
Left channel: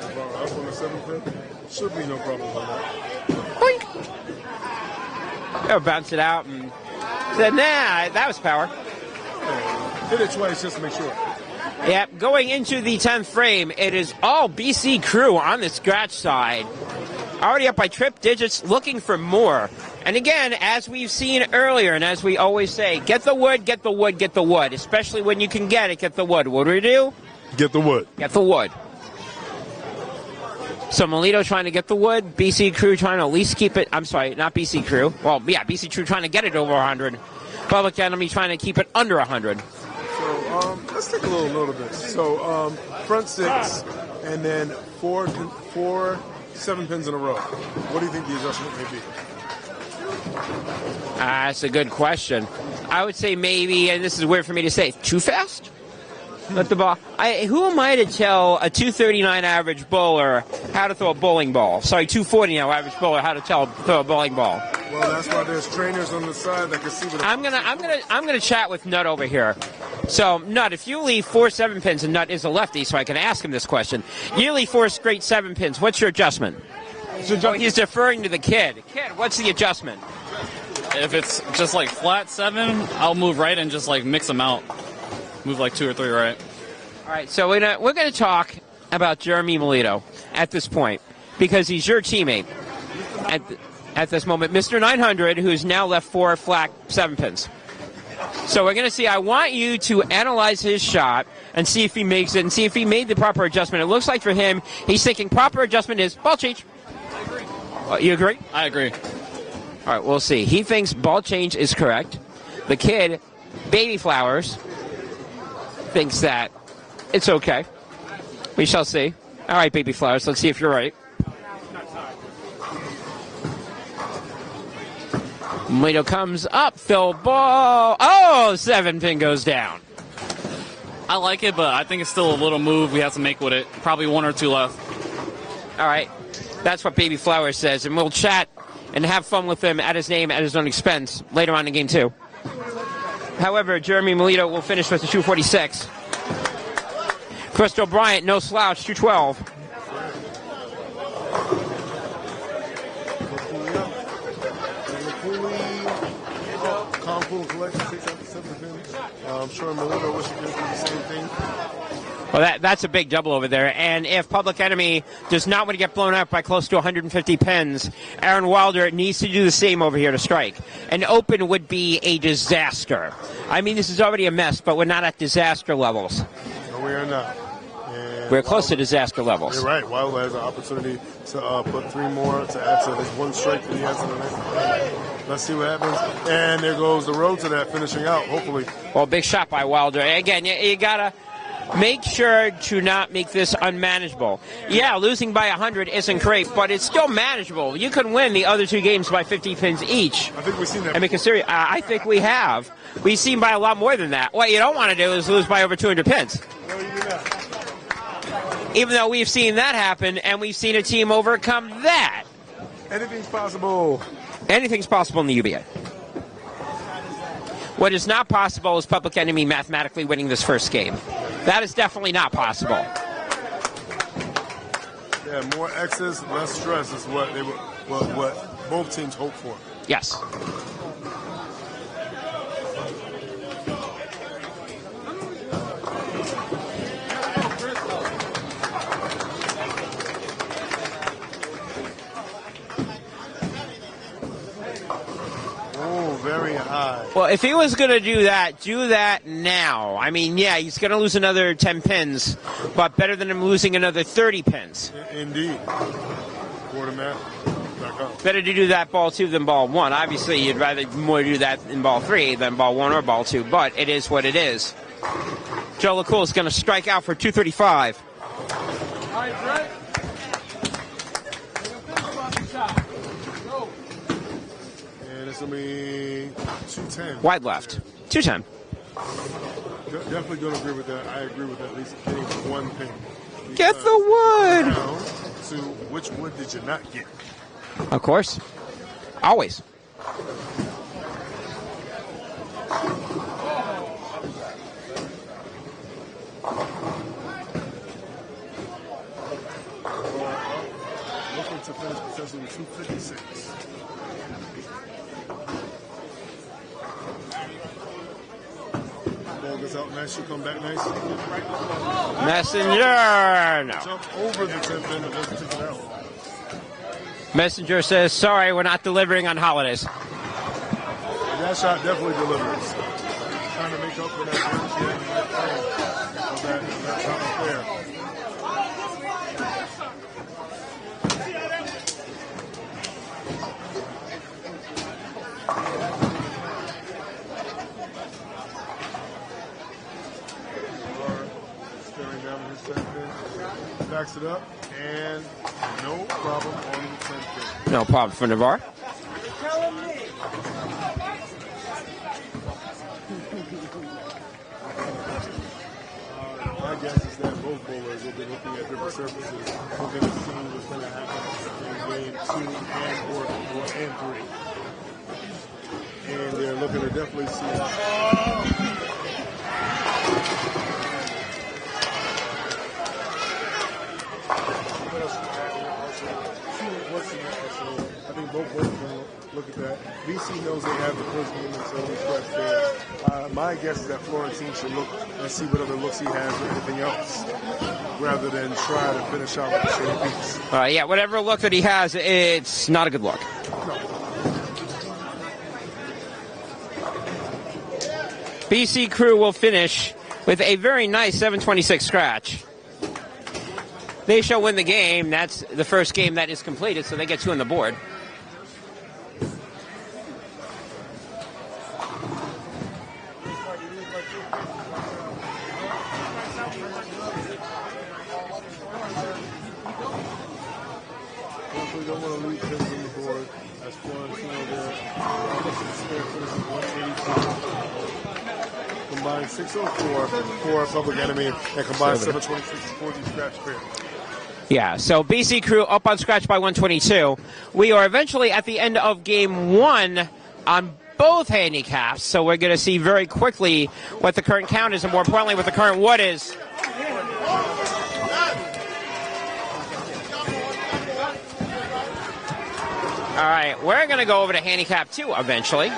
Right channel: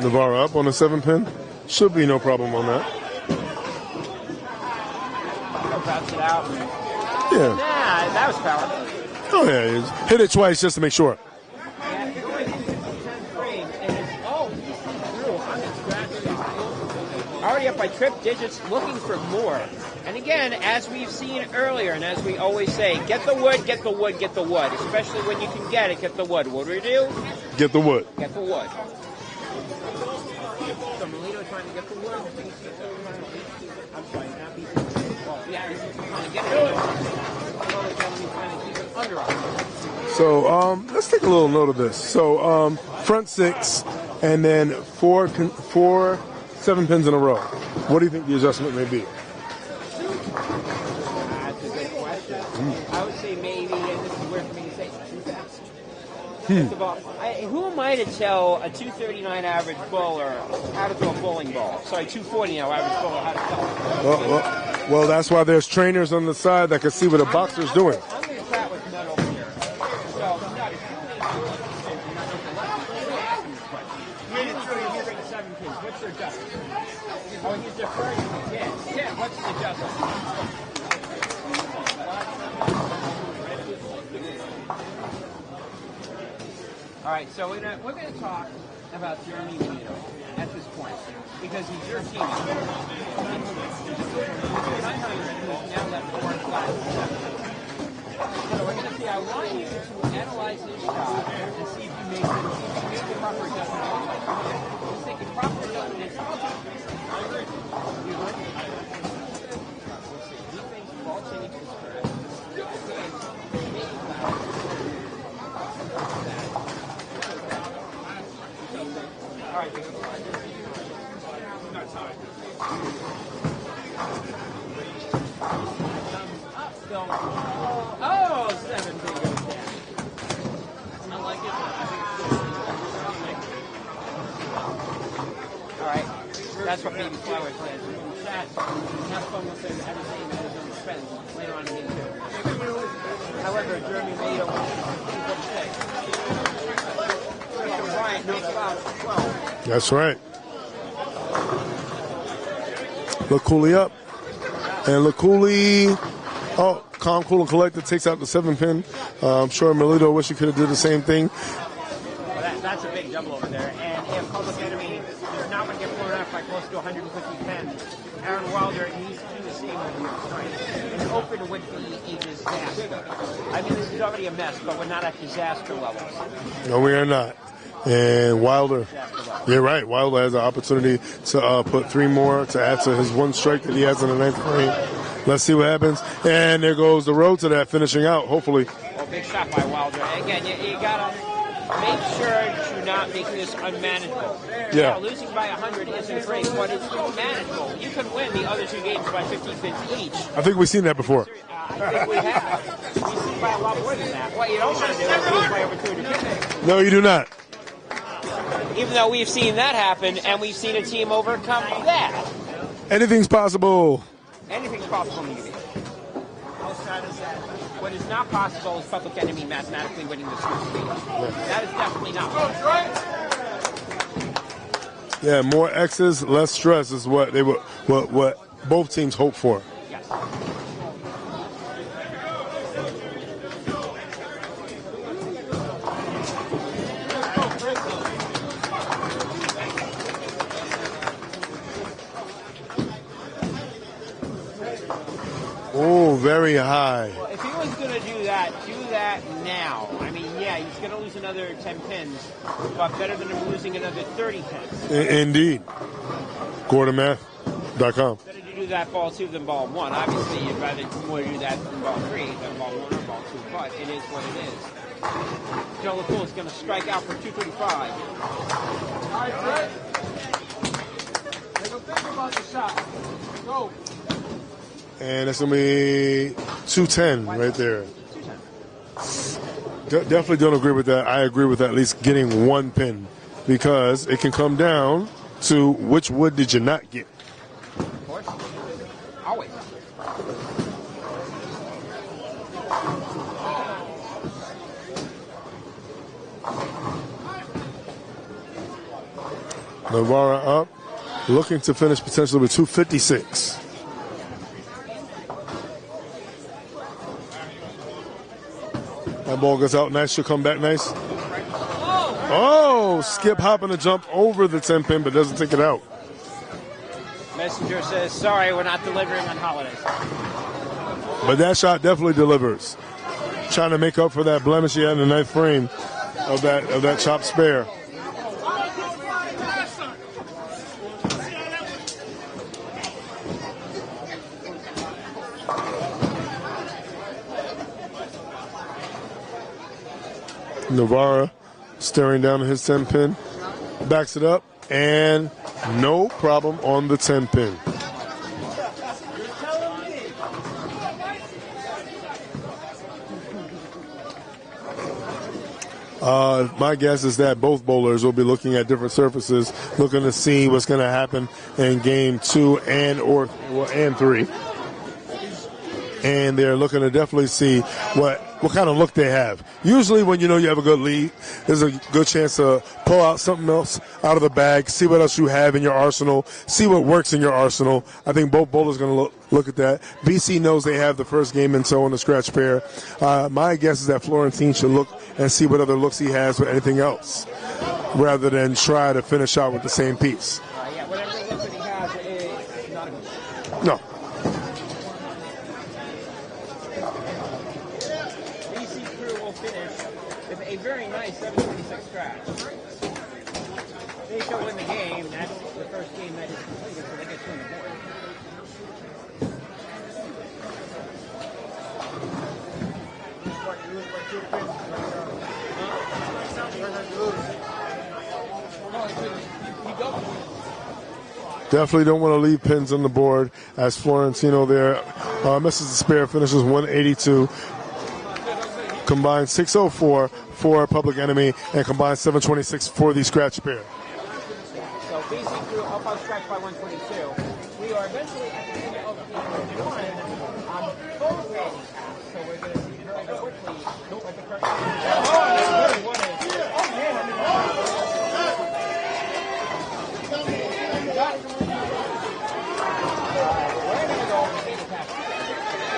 Navarro up on a 7-pin. Should be no problem on that. Boink. They'll bounce it out. And then, that was power. Oh, yeah. Hit it twice just to make sure. Yeah, going into the 10th frame, it is BC Crew on the scratch side. Already up by trip digits, looking for more. And again, as we've seen earlier, and as we always say, get the wood, get the wood, get the wood. Especially when you can get it, get the wood. What do we do? Get the wood. Get the wood. So Melito trying to get the wood, BC Crew trying to at least keep it, I'm sorry, not BC Crew. Well, yeah, BC Crew trying to get it over 100. Public Enemy trying to keep it under 100. So let's take a little note of this. So front 6 and then 4 7-pins in a row. What do you think the adjustment may be? That's a good question. I would say maybe, and this is weird for me to say, too fast? Let the ball. Who am I to tell a 239 average bowler how to throw a bowling ball? Sorry, 240 now average bowler how to throw a bowling ball. Well, that's why there's trainers on the side that can see what a boxer's doing. I'm going to chat with Nut over here. So, Nut, if you leave 4 7-pins, and Nut is a lefty, so I can ask him this question. You leave 4 straight 7-pins. What's your adjustment? He's deferring to the kid. What's the adjustment? If it's just like flat 7, I'll move right and just like mix them out. Move like 2 or 3 right. All right, so we're going to talk about Jeremy Melito at this point because he's your teammate at this moment. Mr. 900, who's now left 4 flat 7-pins. So we're going to see. I want you to analyze his shot and see if he makes it and see if he made the proper adjustment. It looks like for him, he's thinking proper adjustment is ball change. I agree. You agree? I agree. All right, we'll see. He thinks ball change is correct. The kid, Baby Flowers, thinks that it's okay. We shall see. All right, Baby Flowers, let's see if you're right. Melito comes up, Phil ball. Oh, 7-pin goes down. I like it, but I think it's still a little move we have to make with it. Probably 1 or 2 left. All right. That's what Baby Flowers says, and we'll chat and have fun with him at his name, at his own expense, later on in game 2. However, Jeremy Melito will finish with a 246. Crystal Bryant, no slouch, 212. That's right. Look coolly up. And look coolly. Oh, calm, cool, and collected takes out the 7-pin. I'm sure Melito wish he could have done the same thing. Well, that's a big double over there. And if Public Enemy does not want to get blown up by close to 150 pins, Aaron Wilder needs to do the same over here to strike. An open would be a disaster. I mean, this is already a mess, but we're not at disaster levels. No, we are not. And we're Wilder, close to disaster levels. You're right. Wilder has an opportunity to put 3 more to add to his 1 strike that he has in the 9th frame. Let's see what happens. And there goes the road to that, finishing out, hopefully. Well, big shot by Wilder. Again, you got to make sure to not make this unmanageable. Yeah, losing by 100 isn't great, but it's still manageable. You can win the other 2 games by 50 pins each. I think we've seen that before. I think we have. We've seen by a lot more than that. What you don't want to do is lose by over 200 pins. No, you do not. Even though we've seen that happen, and we've seen a team overcome that. Anything's possible. Anything's possible in the UBA. What is not possible is Public Enemy mathematically winning this first game. That is definitely not possible. Yeah, more X's, less stress is what they what both teams hope for. Yes. Oh, very high. Well, if he was going to do that now. I mean, yeah, he's going to lose another 10 pins, but better than him losing another 30 pins. Indeed. GordonMath.com. Better to do that ball 2 than ball 1. Obviously, you'd rather more do that in ball 3 than ball 1 or ball 2, but it is what it is. Joe LaCool is going to strike out for 235. And it's going to be 210 Wide right left. there. 210. Definitely don't agree with that. I agree with at least getting 1 pin. Because it can come down to which wood did you not get. Of course. Always. Navarra up, looking to finish potentially with 256. That ball goes out nice. She'll come back nice. Messenger. Oh, Skip hopping to jump over the 10 pin, but doesn't take it out. Messenger says, sorry, we're not delivering on holidays. But that shot definitely delivers. Trying to make up for that blemish he had in the 9th frame of that chopped spare. Navarra staring down at his 10 pin, backs it up, and no problem on the 10 pin. No problem for Navarra. My guess is that both bowlers will be looking at different surfaces, looking to see what's going to happen in game 2 and 3. And they're looking to definitely see what kind of look they have. Usually when you know you have a good lead, there's a good chance to pull out something else out of the bag, see what else you have in your arsenal, see what works in your arsenal. I think both bowlers are going to look at that. BC knows they have the first game and so on the scratch pair. My guess is that Florentine should look and see what other looks he has or anything else, rather than try to finish out with the same piece. Yeah, whatever look that he has, it's not a good look. No. BC Crew will finish with a very nice 726 scratch. They shall win the game. That's the first game that is completed, so they get 2 on the board. Definitely don't want to leave pins on the board as Florentino there. Message to spare finishes 182. Combined 604 for Public Enemy and combined 726 for the scratch pair. Yeah, so BC Crew up on scratch by 122. We are eventually at the end of game 1 on both handicaps, so we're going to see very quickly what the current count is and more importantly what the current wood is. All right, we're going to go over to handicap 2 eventually.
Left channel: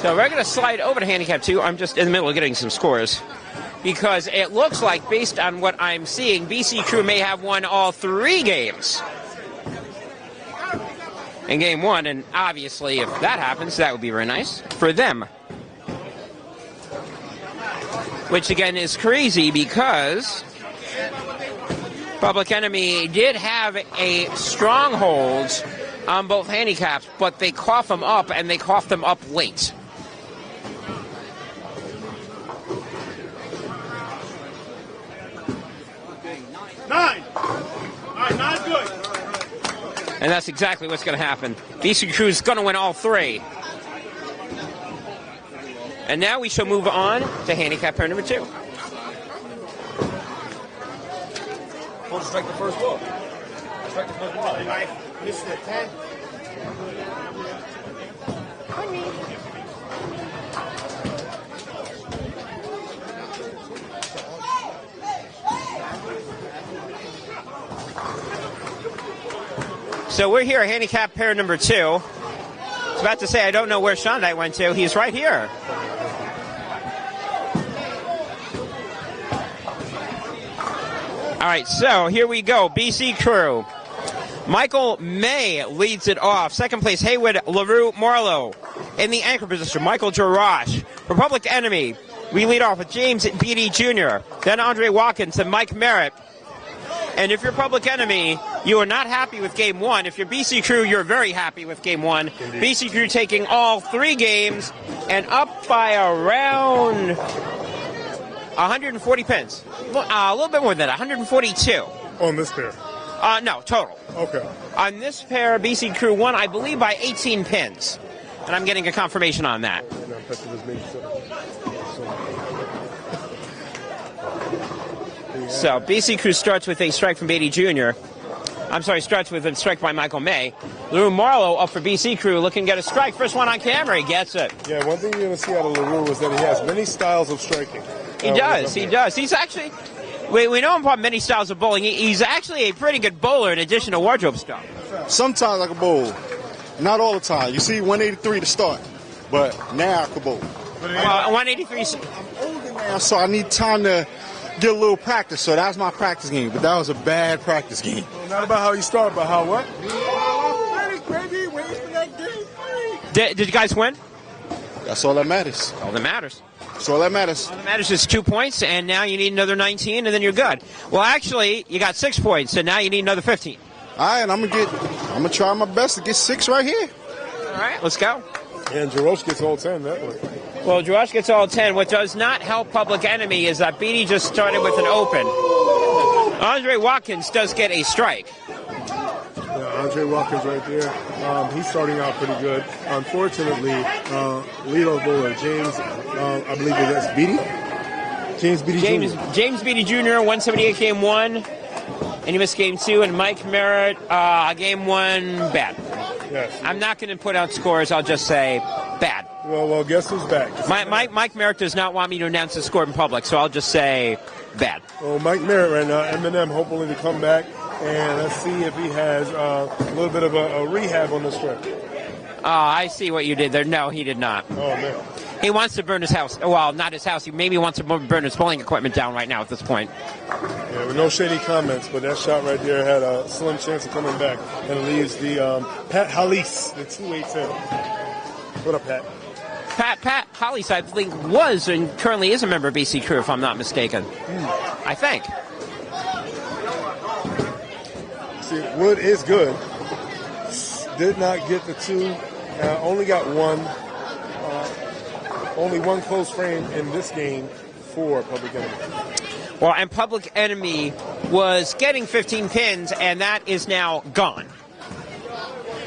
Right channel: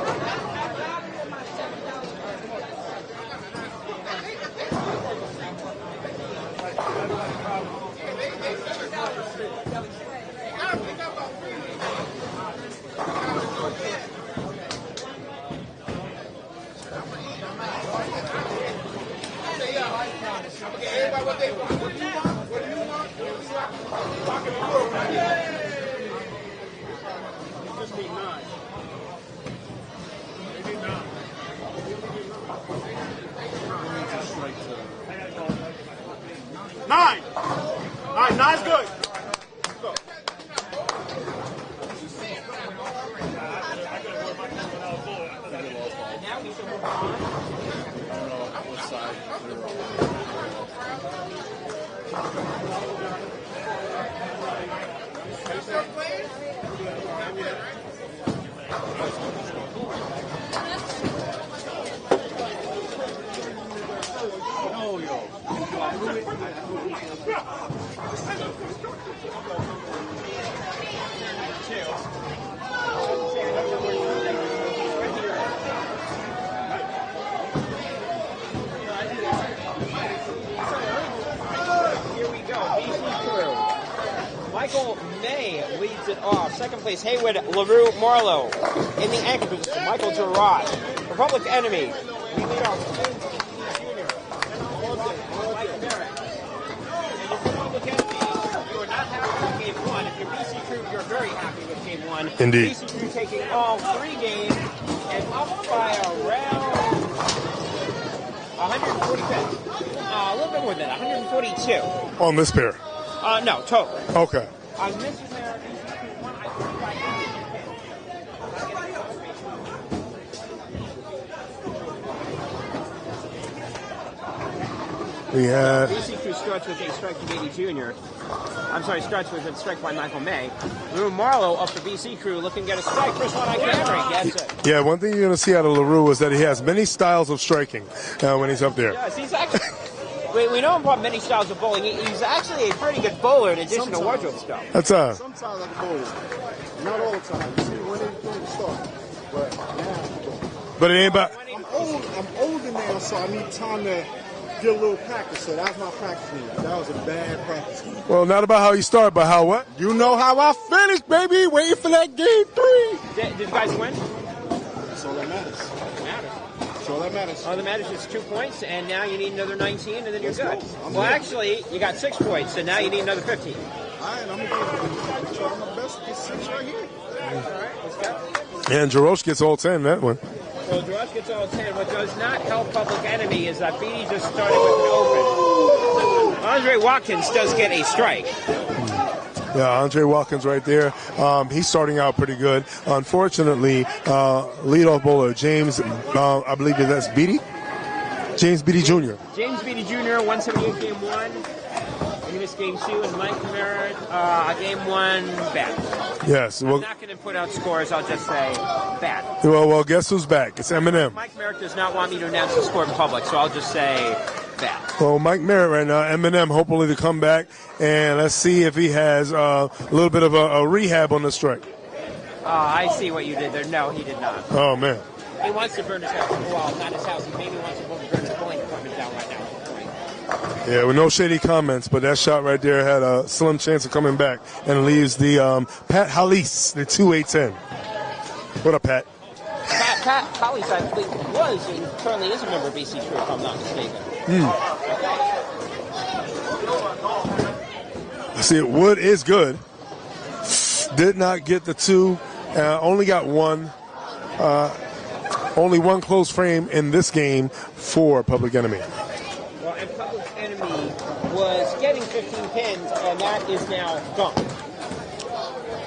So we're going to slide over to handicap 2. I'm just in the middle of getting some scores because it looks like, based on what I'm seeing, BC Crew may have won all 3 games in game 1, and obviously if that happens, that would be very nice for them. Which again is crazy because Public Enemy did have a stronghold on both handicaps, but they cough them up, and they cough them up late. Nine good. And that's exactly what's going to happen. BC Crew is going to win all 3. And now we shall move on to handicap pair number 2. Strike the first ball. So we're here at handicap pair number 2. I was about to say, I don't know where Sean and I went to. He's right here. All right, so here we go. BC Crew. Michael May leads it off. Second place, Haywood LaRue Marlowe. In the anchor position, Michael Jarash. Republic Enemy, we lead off with James Beatty Jr., then Andre Watkins and Mike Merritt. And if you're Public Enemy, you are not happy with game 1. If you're BC Crew, you're very happy with game 1. Indeed. BC Crew taking all 3 games and up by around 140 pins. A little bit more than that, 142. On this pair? No, total. Okay. On this pair, BC Crew won, I believe, by 18 pins. And I'm getting a confirmation on that. So BC Crew starts with a strike from Beatty Jr. I'm sorry, starts with a strike by Michael May. LaRue Marlowe up for BC Crew, looking to get a strike. First one on camera, he gets it. Yeah, one thing you're going to see out of LaRue is that he has many styles of striking. He does. He's actually, we know him from many styles of bowling. He's actually a pretty good bowler in addition to wardrobe skill. That's Sometimes I can bowl. Not all the time. You see 183 to start, but now I can bowl. But it ain't about 183. I'm older now, so I need time to get a little practice. So that's my practice game. But that was a bad practice game. Well, not about how you start, but how what? You know how I finished, baby. Waiting for that game 3. Did you guys win? That's all that matters. All that matters. That's all that matters. All that matters is 2 points, and now you need another 19, and then you're good. Well, actually, you got 6 points, and now you need another 15. All right, I'm gonna try my best to get 6 right here. All right, let's go. And Jarosh gets all 10 that one. Well, Josh gets all 10. What does not help Public Enemy is that Beatty just started with an open. Andre Watkins does get a strike. Yeah, Andre Watkins right there. He's starting out pretty good. Unfortunately, leadoff bowler James, I believe that's Beatty? James Beatty Jr. James Beatty Jr., 178 game 1. And he missed game 2. And Mike Merritt, game 1, bad. Yes. I'm not going to put out scores. I'll just say bad. Well, guess who's back? It's Eminem. Mike Merritt does not want me to announce the score in public, so I'll just say bad. Well, Mike Merritt right now, Eminem hopefully to come back, and let's see if he has a little bit of a rehab on the strike. I see what you did there. No, he did not. Oh, man. He wants to burn his house. Well, not his house. He maybe wants to burn his bowling equipment down right now at this point. Yeah, with no shady comments, but that shot right there had a slim chance of coming back and leaves the Pat Hallis, the 2-8-10. What up, Pat? Pat Hollis, I think, was and currently is a member of BC Crew, if I'm not mistaken. I think. See, Wood is good. did not get the 2, only got 1. Only 1 close frame in this game for Public Enemy. Well, and Public Enemy was getting 15 pins, and that is now gone.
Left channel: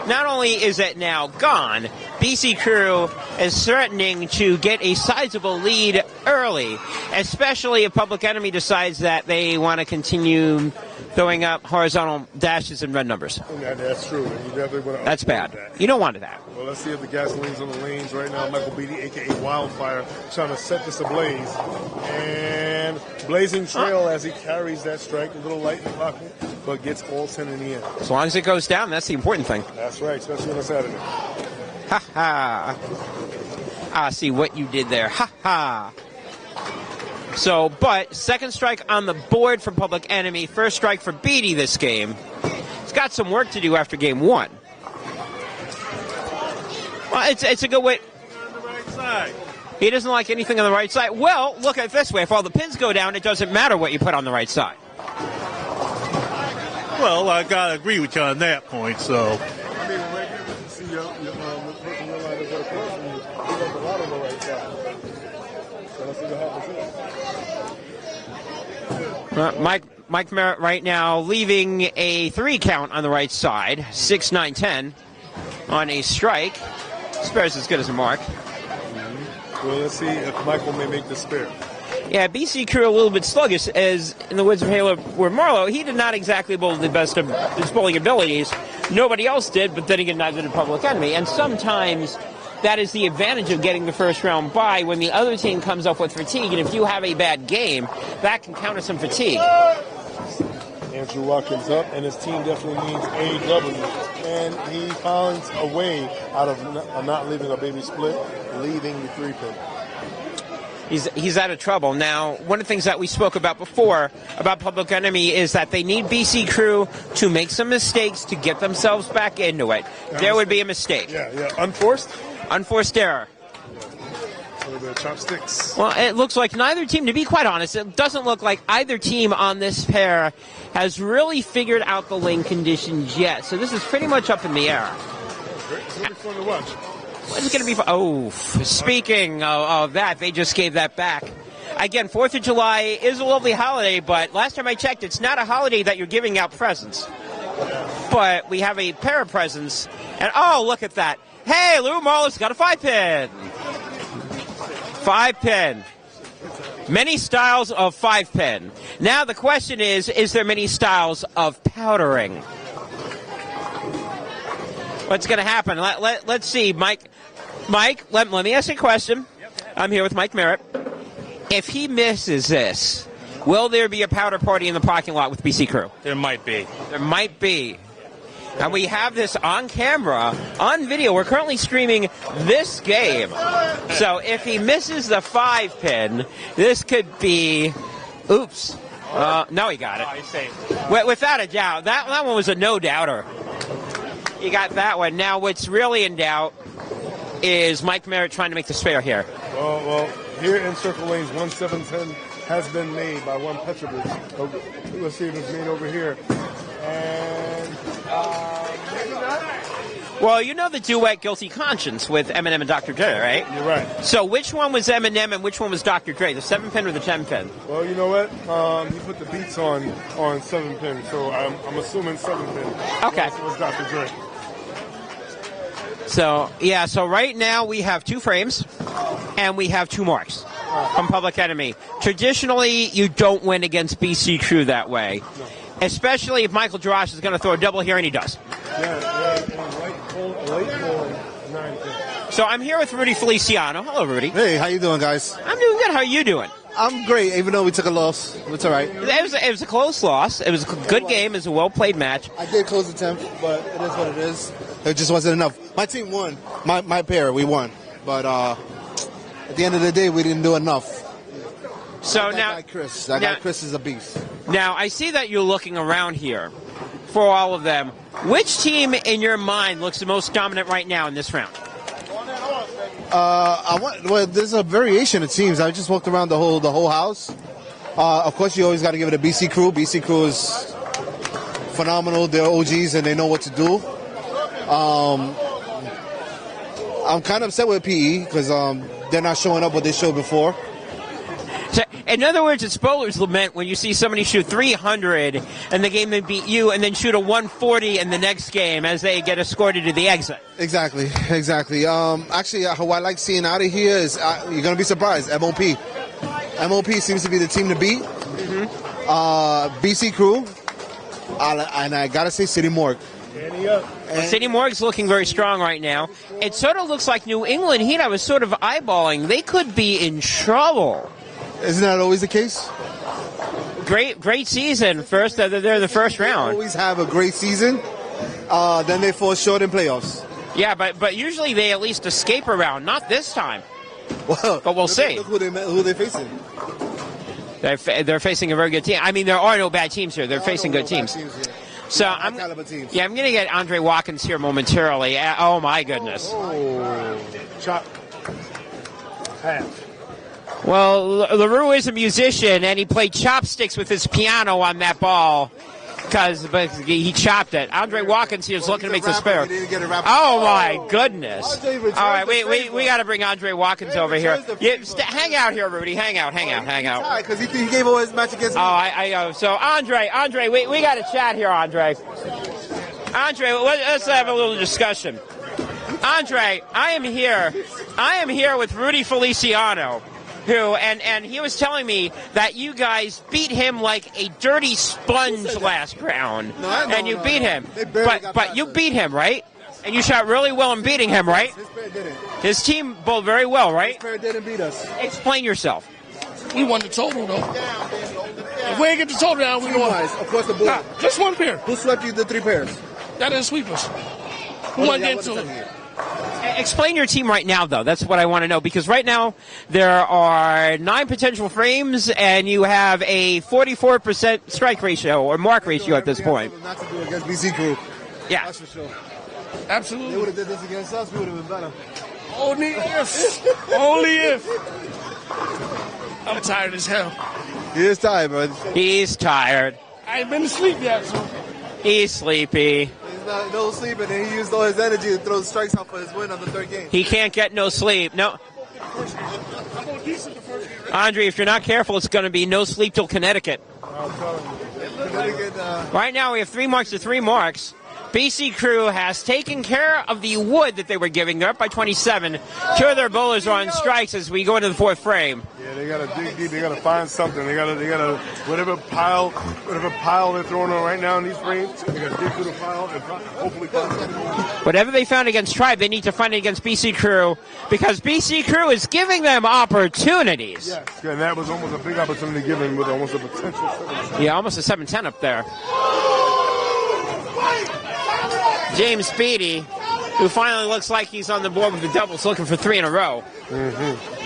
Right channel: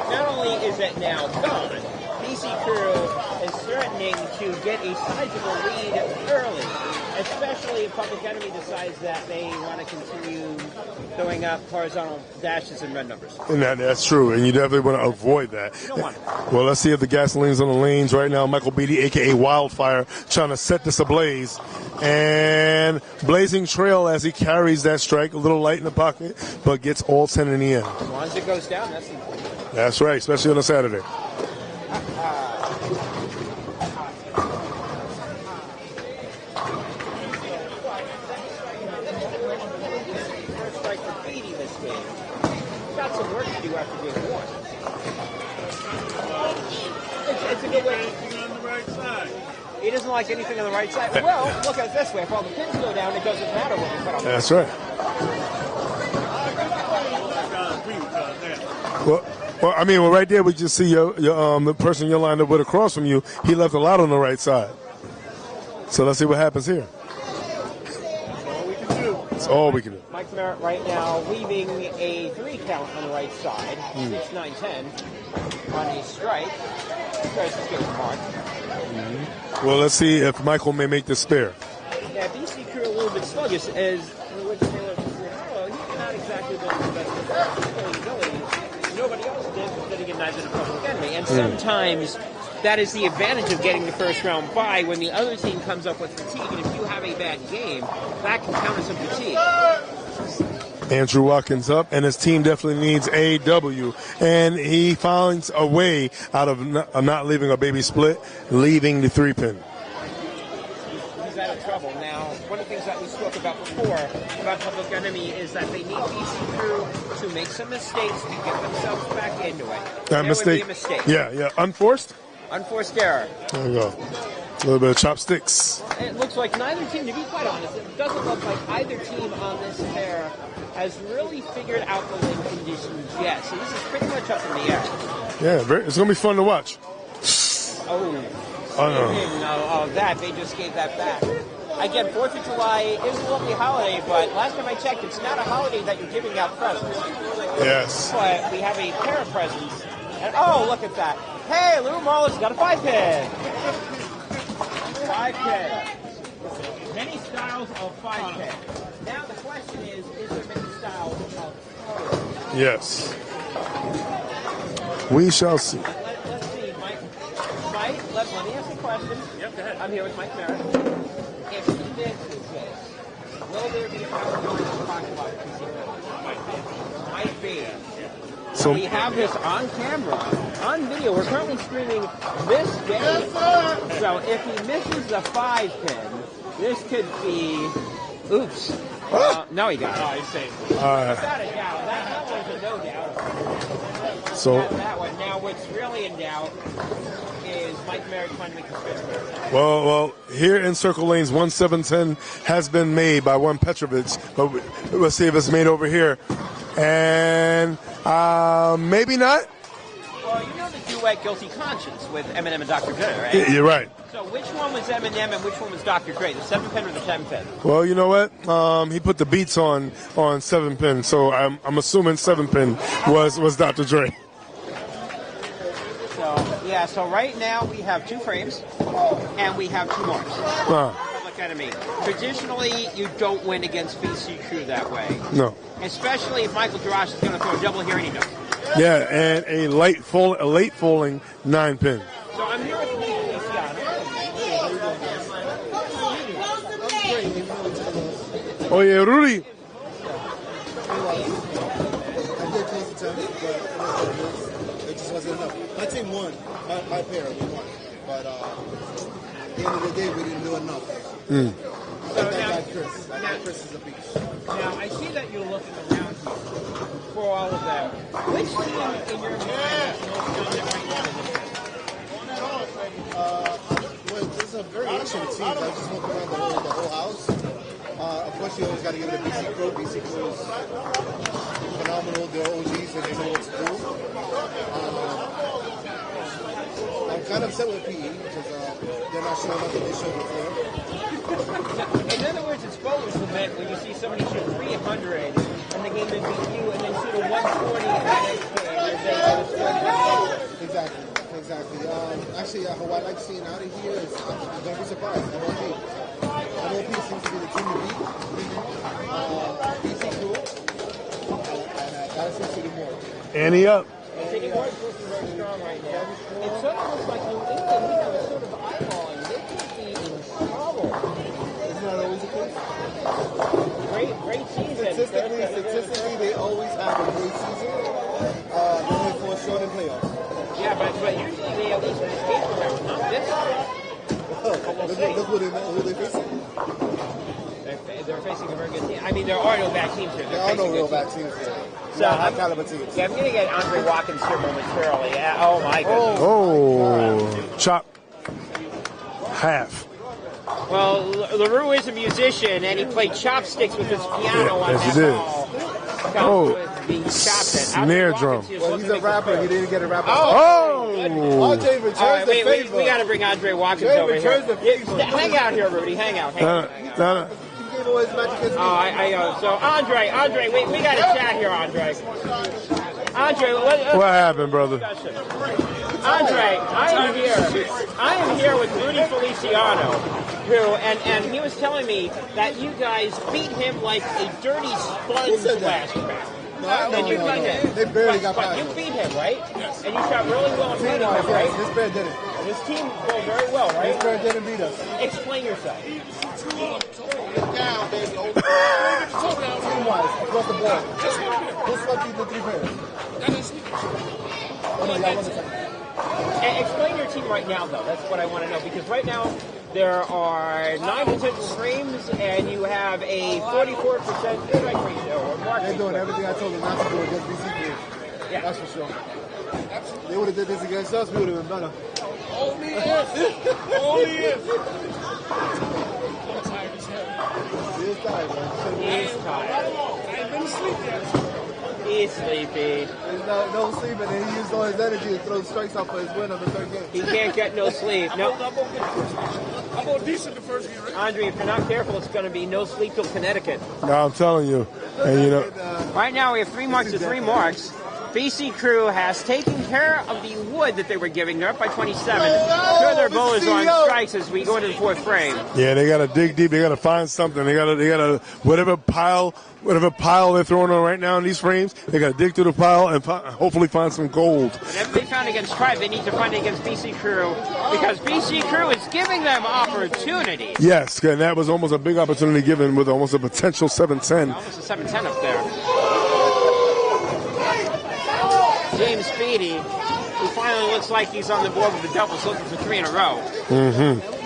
Not only is it now gone, BC Crew is threatening to get a sizable lead early, especially if Public Enemy decides that they want to continue going up horizontal dashes and red numbers. And that's true, and you definitely want to avoid that. You don't want that. Well, let's see if the gasoline's on the lanes right now. Michael Beatty, a.k.a. Wildfire, trying to set this ablaze. And blazing trail as he carries that strike. A little light in the pocket, but gets all 10 in the end. As long as it goes down, that's the important thing. That's right, especially on a Saturday. Ha ha. I see what you did there. Ha ha. So, but second strike on the board for Public Enemy. First strike for Beatty this game. He's got some work to do after game 1. Well, it's a good way. On the right side. He doesn't like anything on the right side. Well, look at it this way. If all the pins go down, it doesn't matter what you put on the right side. Well, I gotta agree with you on that point. So, well, I mean, right there we just see the person you're lined up with across from you. He left a lot on the right side. So let's see what happens here. That's all we can do. Mike Merritt right now leaving a 3 count on the right side, 6-9-10 on a strike. Spare's as good as a mark. Well, let's see if Michael may make the spare. Yeah, BC Crew a little bit sluggish, as in the Woods of Halo where Marlowe, he did not exactly bowl the best of his bowling abilities. Nobody else did, but then again, neither did Public Enemy. And sometimes that is the advantage of getting the first round bye when the other team comes up with fatigue. And if you have a bad game, that can counter some fatigue. Andrew Watkins up, and his team definitely needs a W. And he finds a way out of not leaving a baby split, leaving the 3-pin. He's out of trouble. Now, one of the things that we spoke about before about Public Enemy is that they need BC Crew to make some mistakes to get themselves back into it. There would be a mistake. Yeah. Unforced? Unforced error. There we go. A little bit of chopsticks. Well, it looks like neither team, to be quite honest, it doesn't look like either team on this pair has really figured out the lane conditions yet. So this is pretty much up in the air. Yeah, it's going to be fun to watch. It's going to be fun. Oh, speaking of that, they just gave that back. Again, 4th of July is a lovely holiday, but last time I checked, it's not a holiday that you're giving out presents. Yes. But we have a pair of presents, and oh, look at that. Hey, Lou Marlowe's got a 5-pin. 5-pin. Many styles of 5-pin. Now the question is there many styles of powdering? Yes. What's going to happen? Let's see. Mike, let me ask you a question. I'm here with Mike Merritt. If he misses this, will there be a powder party in the parking lot with BC Crew? There might be. There might be. So, and we have this on camera, on video. We're currently streaming this game. So if he misses the 5-pin, this could be... Oops. No, he got it. Without a doubt. That one was a no-doubter. He got that one. Now what's really in doubt is Mike Merritt trying to make the spare here. Well, here in Circle Lanes, 1-7-10 has been made by one Petrovich. Let's see if it's made over here. And maybe not. Well, you know the duet Guilty Conscience with Eminem and Dr. Dre, right? You're right. So which one was Eminem and which one was Dr. Dre, the 7-pin or the 10-pin? Well, you know what? He put the beats on 7-pin, so I'm assuming 7-pin was Dr. Dre. So, yeah, so right now we have 2 frames and we have 2 marks from Public Enemy. Traditionally, you don't win against BC Crew that way. No. Especially if Michael Jarash is going to throw a double here, and he does. Yeah, and a late falling 9-pin. So I'm here with Rudy Feliciano. Hello, Rudy. Hey, how you doing, guys? I'm doing good. How are you doing? I'm great, even though we took a loss. It's all right. Oh, yeah, Rudy. It was a close loss. It was a good game. It was a well-played match. I did close the 10th, but it is what it is. It just wasn't enough. My team won. My pair, we won. But at the end of the day, we didn't do enough. So that now, guy Chris. That guy Chris is a beast. Now, I see that you're looking around here for all of them. Which team in your mind looks the most dominant right now in this round? Well, there's a variation, it seems. I just walked around the whole house. Of course, you always got to give it a BC Crew. BC Crew is phenomenal. They're OGs and they know what to do. I'm kind of upset with PE because they're not showing up what they showed before. So, in other words, it's bowler's lament when you see somebody shoot 300 and the game they beat you, and then shoot a 140 in the next game as they get escorted to the exit. Exactly. Actually, what I like seeing out of here is you're gonna be surprised. MOP. MOP seems to be the team to beat. BC Crew, and I gotta say City Morgue. Ante up. City Morgue's looking very strong right now. It sort of looks like New England Heat. I was sort of eyeballing. They could be in trouble. Isn't that always the case? Great season. First, they're the first round. Always have a great season. Then they fall short in playoffs. Yeah, but usually they at least escape a round. Not this time. Well, but we'll see. Look who they're facing. They're facing a very good team. I mean, there are no bad teams here. They're facing good teams. So I'm going to get Andre Watkins here momentarily. Oh my goodness. Oh, chop. Half. Well, LaRue is a musician, and he played chopsticks with his piano on that ball. But he chopped it. Andre Watkins here is looking to make the spare. Oh, my goodness. All right, we got to bring Andre Watkins over here. Hang out here, Rudy. Hang out. Because he gave away his match against me. Oh, I know. So, Andre, we got to chat here, Andre. Andre, let's have a little discussion. Andre, I am here with Rudy Feliciano, who, and he was telling me that you guys beat him like a dirty sponge last round. And you beat him. But you beat him, right? And you shot really well in beating him, right? His team bowled very well, right? Didn't beat us. Explain yourself. He won the total, though. Where you get the total down, we won. Across the board. Just one pair. Who swept you the 3 pairs? That didn't sweep us. Who won that too? Explain your team right now, though. That's what I want to know, because right now there are 9 potential frames, and you have a 44% strike ratio or mark ratio at this point. Against BC Group. Yeah. That's for sure. Absolutely. They would have did this against us, we would have been better. Only if. Only if. I'm tired as hell. He is tired, bro. He's tired. I ain't been to sleep yet. He's sleepy. He's no sleeping, and he used all his energy to throw the strikes out for his win on the 3rd game. He can't get no sleep. No. Andre, if you're not careful, it's going to be no sleep till Connecticut. No, I'm telling you. And, right now we have 3 marks to 3 marks. BC Crew has taken care of the wood that they were giving. They're up by 27. 2 of their bowlers are on strikes as we go into the 4th frame. Yeah, they got to dig deep. They got to find something. They got to whatever pile they're throwing on right now in these frames. They got to dig through the pile and hopefully find some gold. Whatever they found against Tribe, they need to find it against BC Crew, because BC Crew is giving them opportunities. Yes, and that was almost a big opportunity given with almost a potential 7-10. Yeah, almost a 7-10 up there. James Speedy, who finally looks like he's on the board with the doubles, looking for 3 in a row.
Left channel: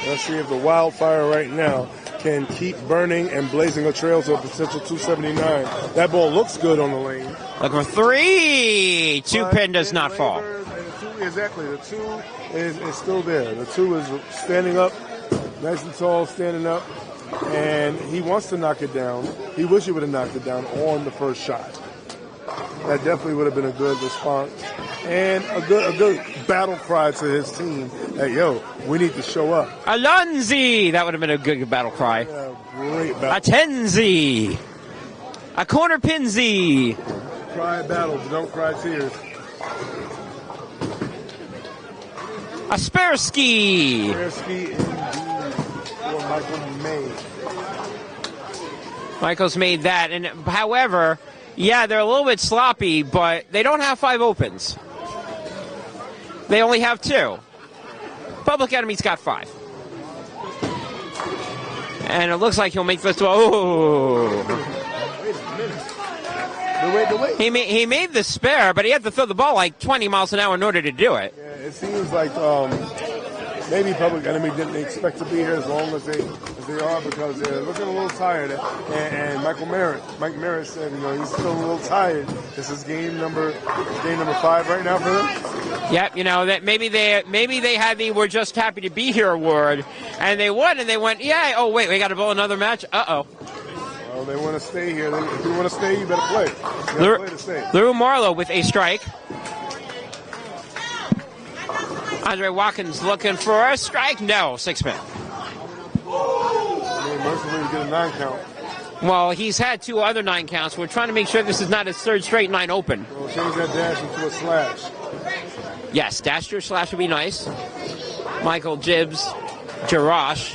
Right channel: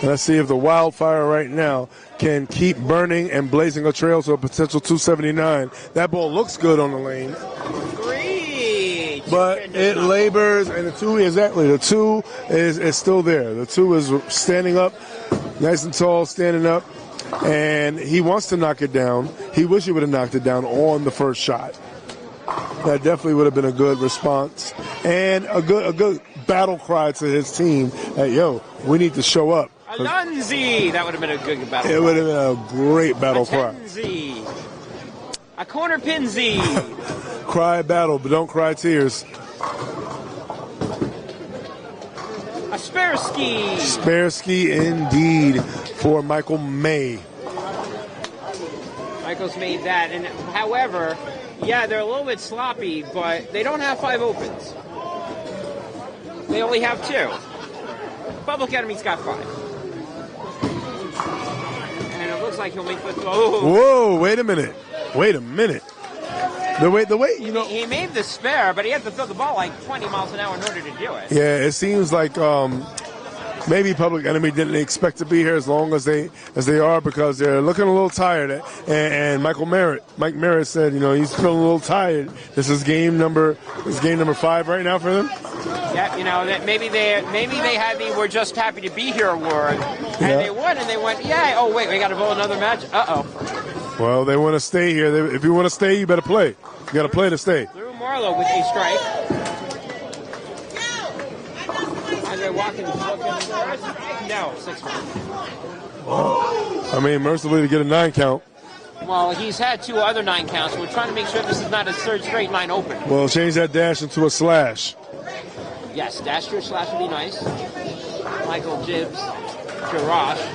Let's see if the wildfire right now can keep burning and blazing a trail to a potential 279. That ball looks good on the lane. Looking for 3. 2 pin does not labors, fall. And the 2, exactly. The 2 is still there. The 2 is standing up, nice and tall, standing up. And he wants to knock it down. He wished he would have knocked it down on the first shot. That definitely would have been a good response and a good battle cry to his team that, yo, we need to show up. Alonzi! That would have been a good battle cry. It would have been a great battle cry. A Tenzi! A corner pinzi! Cry battle, but don't cry tears. A Sparsky! Sparsky indeed for Michael May. Michael's made that, and however, yeah, they're a little bit sloppy, but they don't have 5 opens. They only have 2. Public Enemy's got 5. And it looks like he'll make this. Whoa, wait a minute. The way he made the spare, but he had to throw the ball like 20 miles an hour in order to do it. Yeah, it seems like maybe Public Enemy didn't expect to be here as long as they are, because they're looking a little tired. And Mike Merritt said, he's feeling a little tired. This is game number 5 right now for them. Yeah, that maybe they had the "we're just happy to be here" award, and they won, and they went, yeah. Oh wait, we got to bowl another match. Well, they want to stay here. If you want to stay, you better play. You got to play to stay. Lou Marlowe with a strike. Andre Watkins looking for a strike. No, 6-pin. I mean, mercifully to get a 9 count. Well, he's had 2 other 9 counts. We're trying to make sure this is not his 3rd straight 9 open. Well, change that dash into a slash. Yes, dash to a slash would be nice. Michael Jarash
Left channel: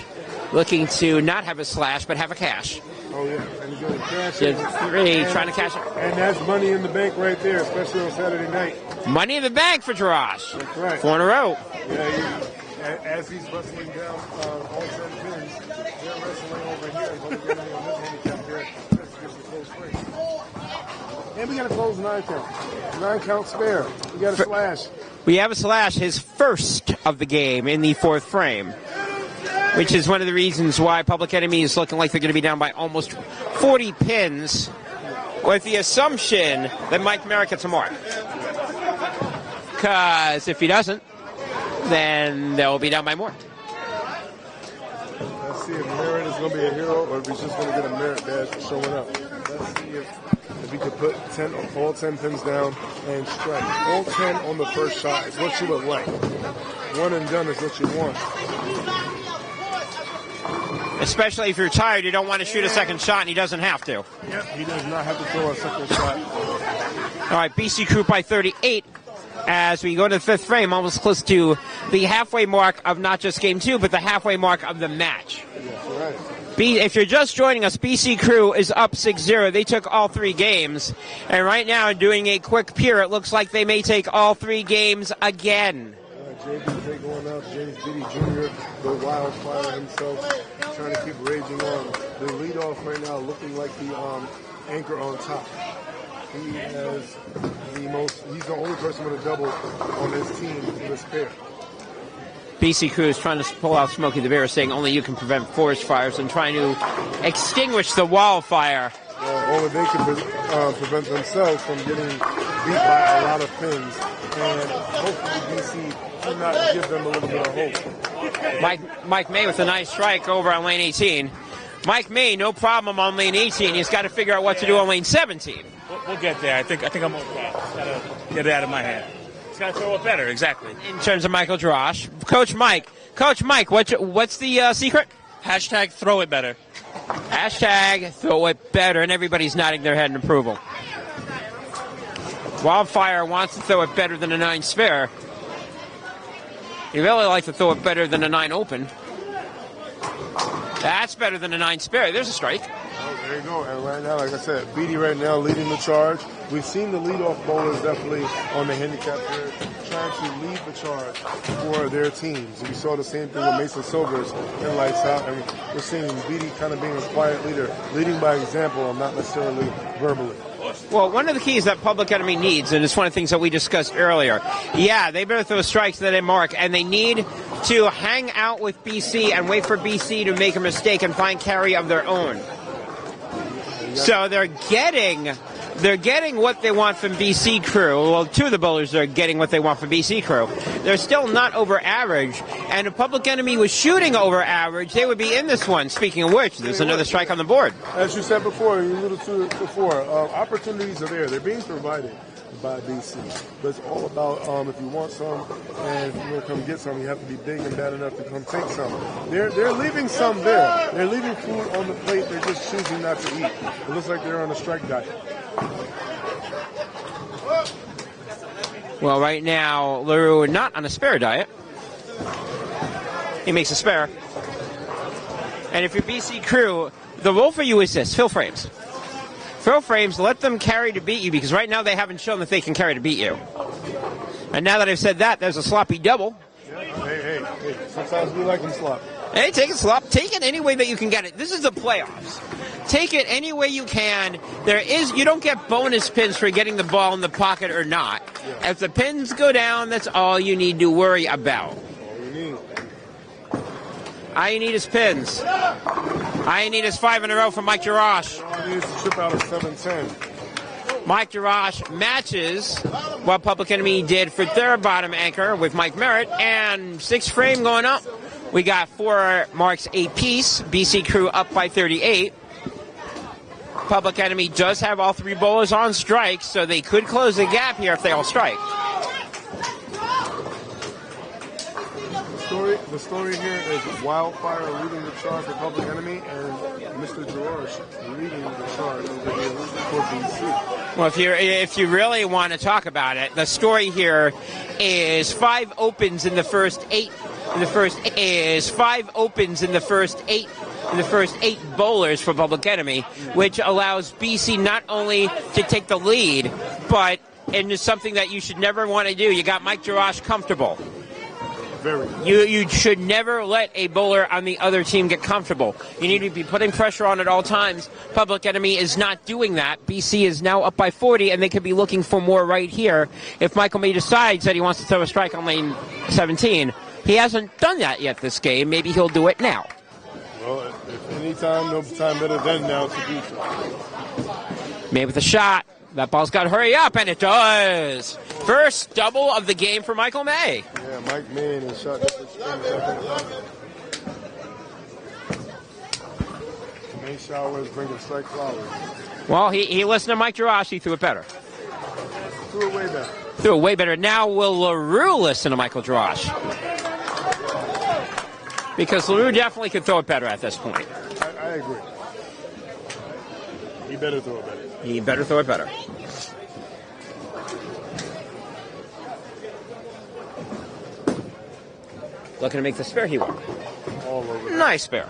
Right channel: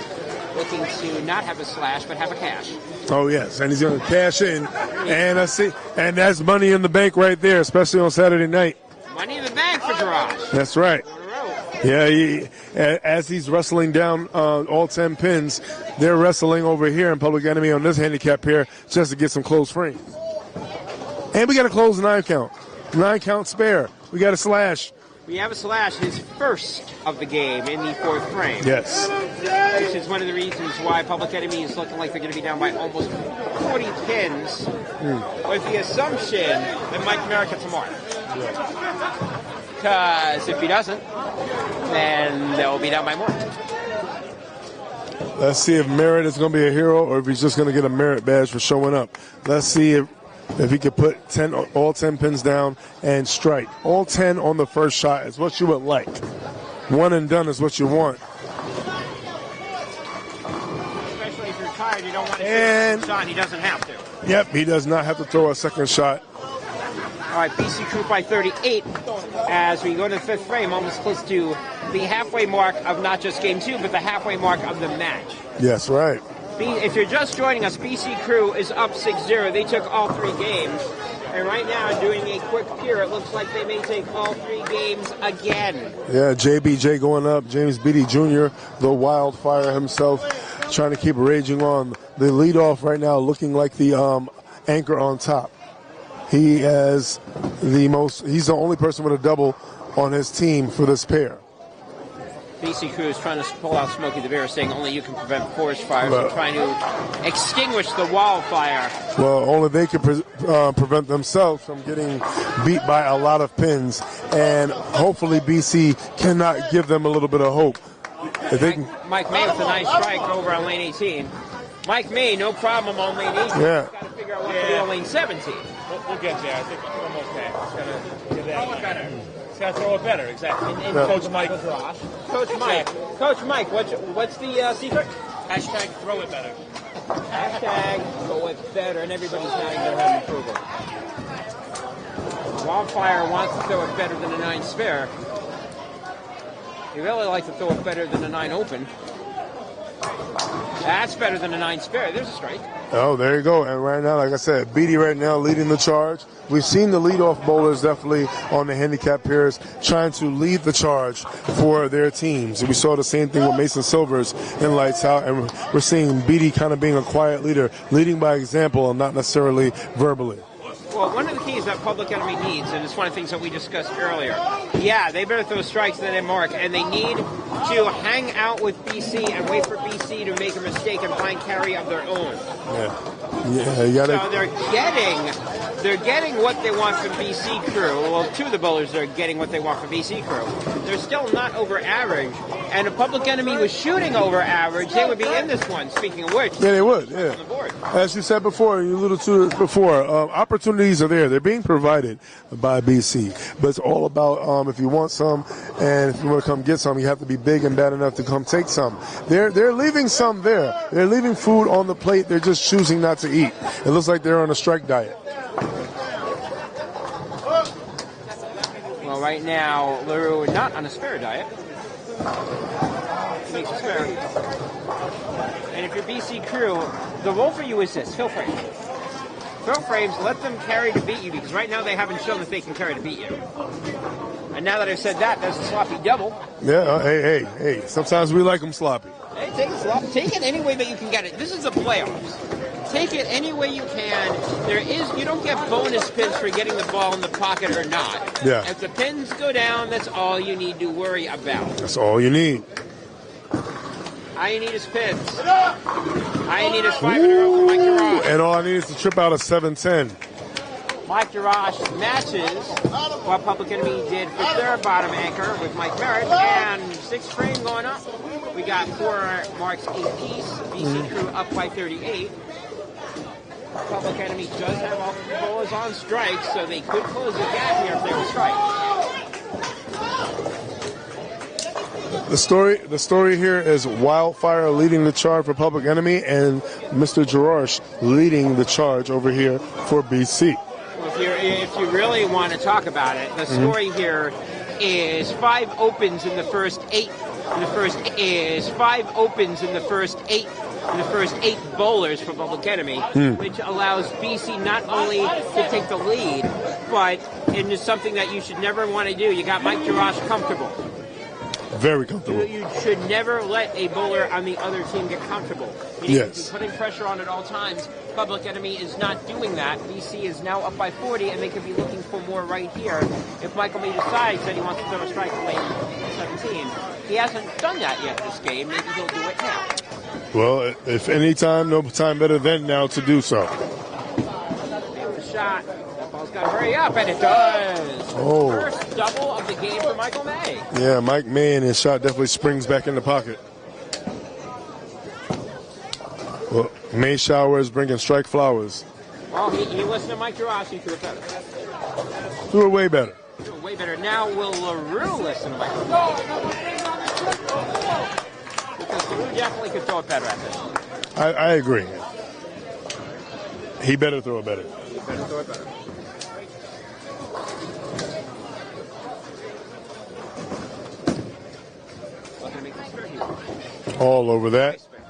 looking to not have a slash, but have a cash. Oh, yes, and he's going to cash in. Really and that's money in the bank right there, especially on Saturday night. Money in the bank for Jarash. That's right. 4 in a row. Yeah, as he's wrestling down all 10 pins, they're wrestling over here in Public Enemy on this handicap pair just to get some close frame. And we got to close the 9 count. 9 count spare. We got a slash. We have a slash, his first of the game in the 4th frame. Yes. Which is one of the reasons why Public Enemy is looking like they're going to be down by almost 40 pins, with the assumption that Mike Merritt gets a mark. Because if he doesn't, then they'll be down by more. Let's see if Merritt is going to be a hero or if he's just going to get a merit badge for showing up. Let's see if he could put all 10 pins down and strike. All 10 on the first shot is what you would like. 1 and done is what you want. Especially if you're tired, you don't want to shoot a second shot, and he doesn't have to. Yep, he does not have to throw a second shot. All right, BC Crew by 38 as we go to the 5th frame, almost close to the halfway mark of not just game 2, but the halfway mark of the match. Yes, right. If you're just joining us, BC Crew is up 6-0. They took all 3 games. And right now, doing a quick peer, it looks like they may take all 3 games again. Yeah, JBJ going up. James Beatty Jr., the wildfire himself, trying to keep raging on. The leadoff right now looking like the anchor on top. He has he's the only person with a double on his team for this pair. BC Crew is trying to pull out Smokey the Bear, saying only you can prevent forest fires and trying to extinguish the wildfire. Well, only they can prevent themselves from getting beat by a lot of pins, and hopefully BC cannot give them a little bit of hope. Mike May with a nice strike over on lane 18. Mike May, no problem on lane 18. Yeah. He's got to figure out what to do on lane 17. We'll get there. I think I'm okay. Just gotta get it out of my head. Just gotta throw it better, exactly. In terms of Michael Drosh. Coach Mike, what's the secret? Hashtag throw it better. Hashtag throw it better, and everybody's nodding their head in approval. Wildfire wants to throw it better than a 9 spare. You really like to throw it better than a 9 open. That's better than a 9 spare. There's a strike. Oh, there you go. And right now, like I said, Beatty right now leading the charge. We've seen the leadoff bowlers definitely on the handicap pairs trying to lead the charge for their teams. And we saw the same thing with Mason Silvers in Lights Out. And we're seeing Beatty kind of being a quiet leader, leading by example and not necessarily verbally. Well, one of the keys that Public Enemy needs, and it's one of the things that we discussed earlier, yeah, they better throw strikes that they mark, and they need to hang out with BC and wait for BC to make a mistake and find carry of their own. Yeah, so they're getting what they want from BC Crew. Well, 2 of the bowlers are getting what they want from BC Crew. They're still not over average, and if Public Enemy was shooting over average, they would be in this one. Speaking of which, there's another strike on the board. As you said before, you alluded to it before, opportunities are there. They're being provided by BC, but it's all about if you want some and if you want to come get some, you have to be big and bad enough to come take some. They're leaving some there. They're leaving food on the plate. They're just choosing not to eat. It looks like they're on a strike diet. Well, right now, LaRue not on a spare diet. He makes a spare. And if you're BC Crew, the rule for you is this: fill frames. Fill frames, let them carry to beat you, because right now they haven't shown that they can carry to beat you. And now that I've said that, there's a sloppy double. Yeah, hey. Sometimes we like them sloppy. Hey, take it sloppy. Take it any way that you can get it. This is the playoffs. Take it any way you can. You don't get bonus pins for getting the ball in the pocket or not. Yeah. If the pins go down, that's all you need to worry about. That's all you need. All you need is pins. All you need is 5 in a row from Mike Jarash. And all I need is to trip out a 7-10. Mike Jarash matches what Public Enemy did for their bottom anchor with Mike Merritt. And 6 frame going up. We got 4 marks apiece. BC Crew up by 38. Public Enemy does have all 3 bowlers on strike, so they could close the gap here if they all strike. The story here is Wildfire leading the charge for Public Enemy, and Mr. Jarash leading the charge over here for BC. Well, if you really want to talk about it, the story here is 5 opens in the first 8. The first eight bowlers for Public Enemy, which allows BC not only to take the lead, but and it's something that you should never want to do. You got Mike Jarash comfortable. Very comfortable. You should never let a bowler on the other team get comfortable. You need to be putting pressure on at all times. Public Enemy is not doing that. BC is now up by 40, and they could be looking for more right here. If Michael May decides that he wants to throw a strike on lane 17, he hasn't done that yet this game. Maybe he'll do it now. Well, if any time, no time better than now to do so. May with a shot. That ball's got to hurry up, and it does. Oh. First double of the game for Michael May. Yeah, Mike May and his shot definitely springs back in the pocket. Well, May showers bringing strike flowers. Well, he listened to Mike Jarash. He threw it better. Threw it way better. Threw it way better. Now will LaRue listen to Michael Jarash? Because LaRue definitely could throw it better at this point. I agree. He better throw it better. He better throw it better. Looking to make the spare he won. All over there. Nice spare.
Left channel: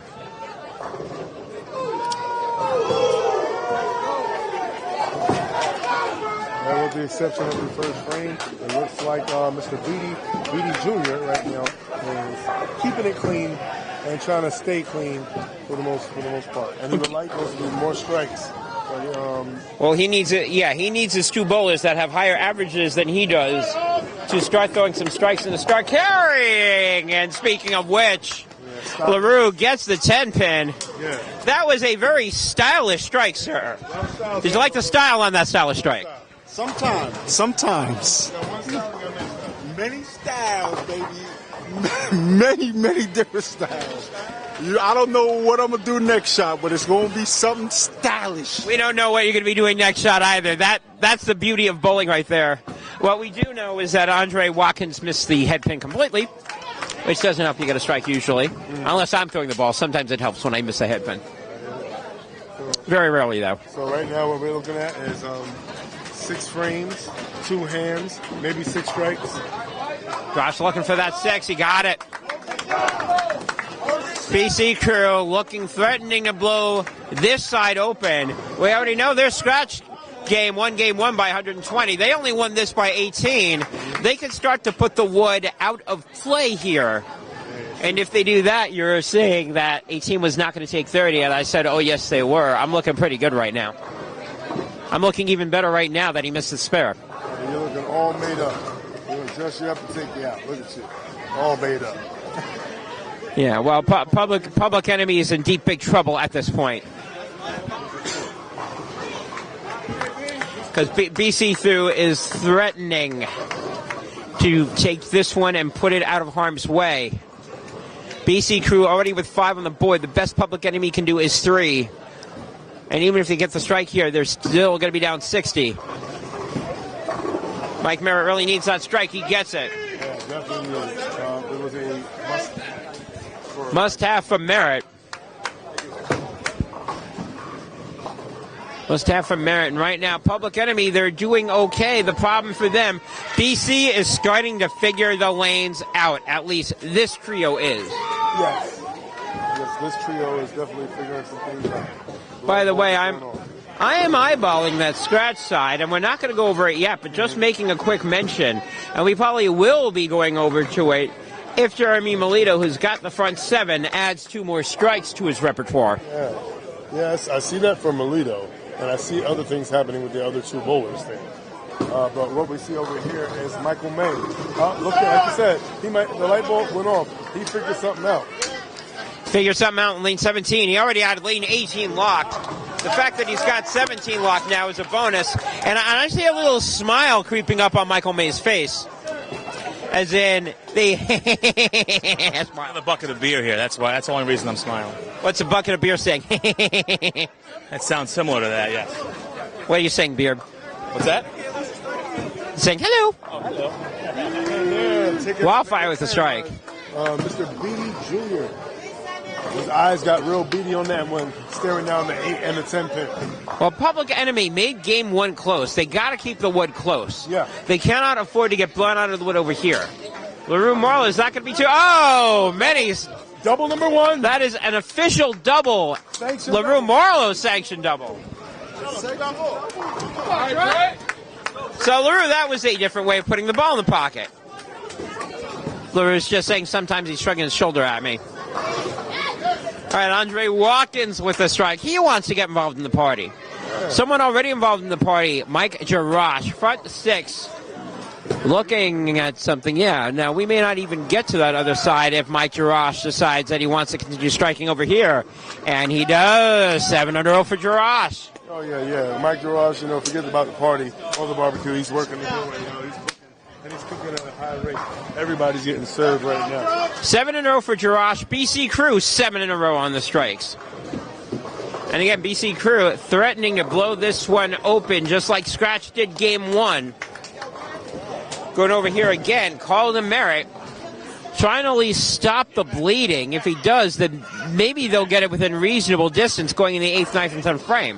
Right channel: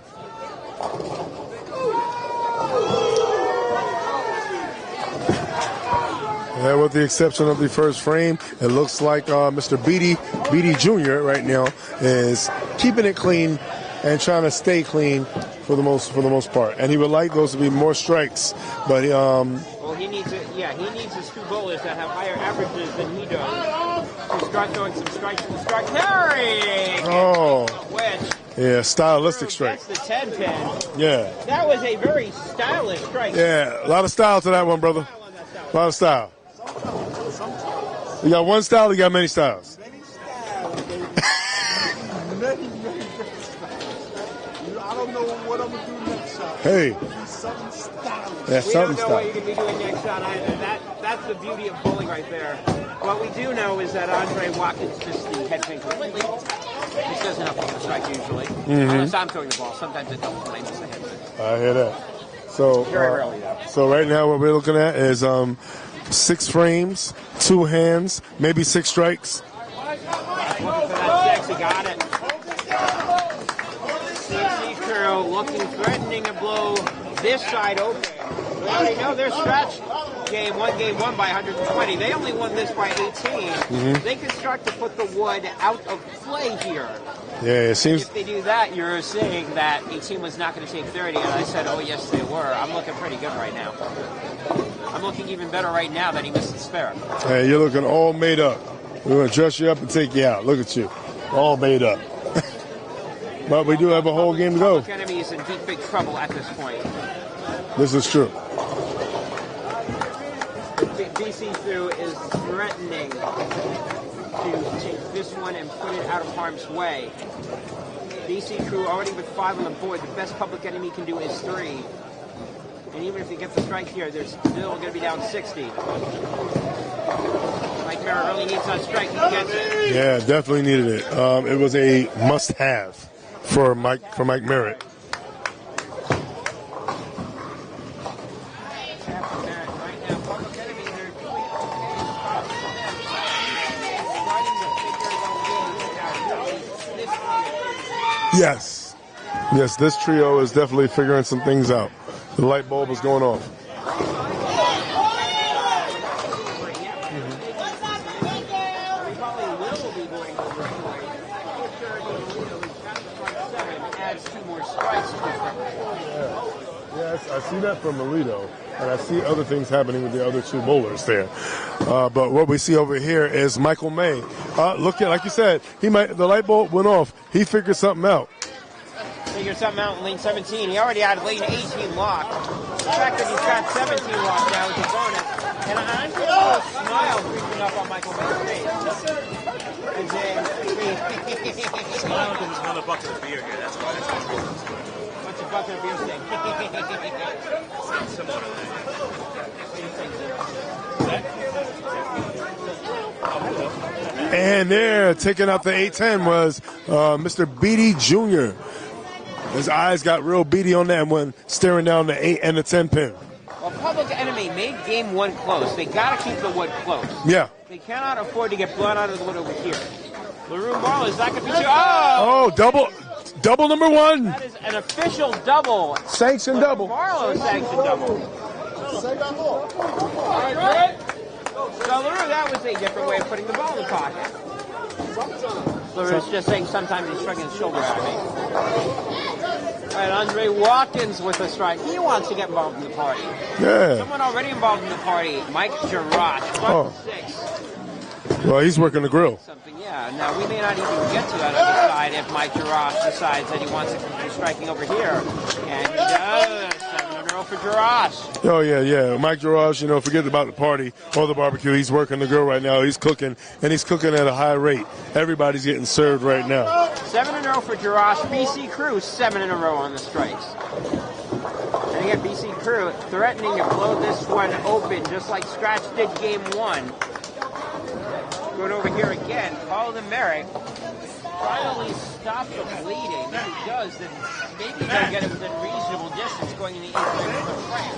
And with the exception of the first frame, it looks like Mr. Beatty Jr. right now is keeping it clean and trying to stay clean for the most part. And he would like those to be more strikes, but well, he needs it. Yeah, he needs his 2 bowlers that have higher averages than he does to start throwing some strikes and to start carrying. And speaking of which, yeah, LaRue gets the 10-pin. Yeah, that was a very stylish strike. Yeah, sir. A lot of style. Did you like the style on that stylish strike? A lot of style. Sometimes. You got one style, you got many styles. Many styles, baby. many different styles. I don't know what I'm going to do next shot, but it's going to be something stylish. Yeah, we don't know what you're going to be doing next shot either. That's the beauty of bowling right there. What we do know is that Andre Watkins missed the head pin completely, which doesn't help you get a strike usually, unless I'm throwing the ball. Sometimes it helps when I miss a head pin. I hear that. So very rarely, though. So right now what we're looking at is 6 frames, 2 hands, maybe 6 strikes. Josh looking for that 6. He got it. BC Crew looking threatening to blow this side open. We already know they're scratched. Game one by 120. They only won this by 18. They can start to put the wood out of play here. Yeah, and if they do that, you're saying that 18 was not going to take 30. And I said, oh, yes, they were. I'm looking pretty good right now. I'm looking even better right now that he missed the spare. Hey, you're looking all made up. We're going to dress you up and take you out. Look at you. All made up. Yeah, but well, we do have a whole game to go. Public Enemy is in deep, big trouble at this point. This is true. Because BC Through is threatening to take this one and put it out of harm's way. BC Crew already with 5 on the board. The best Public Enemy can do is 3. And even if they get the strike here, they're still going to be down 60. Mike Merritt really needs that strike. He gets it. Yeah, definitely needed it. It was a must-have for Mike Merritt. Must-have for Merritt. And right now, Public Enemy, they're doing okay. The problem for them, BC is starting to figure the lanes out. At least this trio is. Yes. Yes, this trio is definitely figuring some things out. By the way, I am eyeballing that scratch side, and we're not going to go over it yet, but just making a quick mention, and we probably will be going over to it if Jeremy Melito, who's got the front 7, adds 2 more strikes to his repertoire. Yeah. Yes, I see that for Melito, and I see other things happening with the other 2 bowlers there. But what we see over here is Michael May. Looking, like you said, the light bulb went off. He figured something out. Figure something out in lane 17. He already had lane 18 locked. The fact that he's got 17 locked now is a bonus. And I see a little smile creeping up on Michael May's face. As in, on the bucket of beer here. That's the only reason I'm smiling. What's a bucket of beer saying? It sounds similar to that, yeah. What are you saying, beer? What's that? saying hello. And there, taking out the Wildfire with the 8-10 was Mr. Beatty Jr. His eyes got real beady on that one, staring down the 8 and the 10 pin. Well, Public Enemy made game 1 close. They got to keep the wood close. Yeah. They cannot afford to get blown out of the wood over here. LaRue Marlowe, is that going to be too? Oh, double number 1. That is an official double. Sanctioned LaRue double. Marlowe sanctioned double. So, LaRue, that was a different way of putting the ball in the pocket. LaRue's just saying sometimes he's shrugging his shoulder at me. All right, Andre Watkins with the strike. He wants to get involved in the party. Yeah. Someone already involved in the party, Mike Jarash, front 6. Well, he's working the Looking grill. at something, yeah. Now, we may not even get to that other side if Mike Jarash decides that he wants to continue striking over here. And he does. 7-0 for Jarash. Oh, yeah. Mike Jarash, forget about the party or the barbecue. He's working the grill right now. He's cooking, and he's cooking at a high rate. Everybody's getting served right now. 7-0 for Jarash. BC Crew, 7 in a row on the strikes. And again, BC Crew threatening to blow this one open, just like Scratch did game 1. Going over here again, Colin Merritt, trying to at least stop the bleeding. If he does, then maybe they'll get it within reasonable distance going in the 8th, 9th, and 10th frame.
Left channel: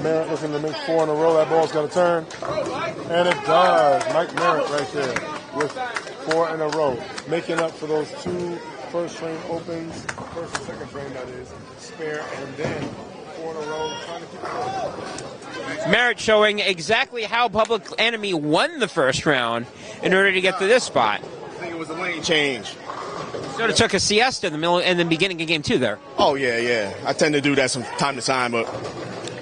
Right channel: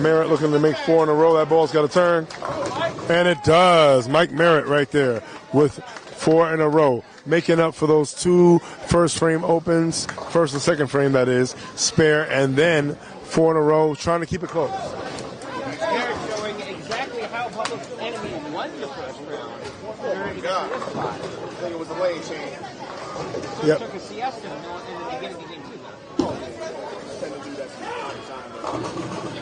Merritt looking to make 4 in a row. That ball's got to turn. And it does. Mike Merritt right there with 4 in a row. Making up for those 2 first frame opens, first and second frame, that is, spare, and then 4 in a row, trying to keep it close. Merritt showing exactly how Public Enemy won the first round in order to get to this spot. I think it was a lane change. Sort of took a siesta in the beginning of game 2 there. Oh, yeah. I tend to do that from time to time, but...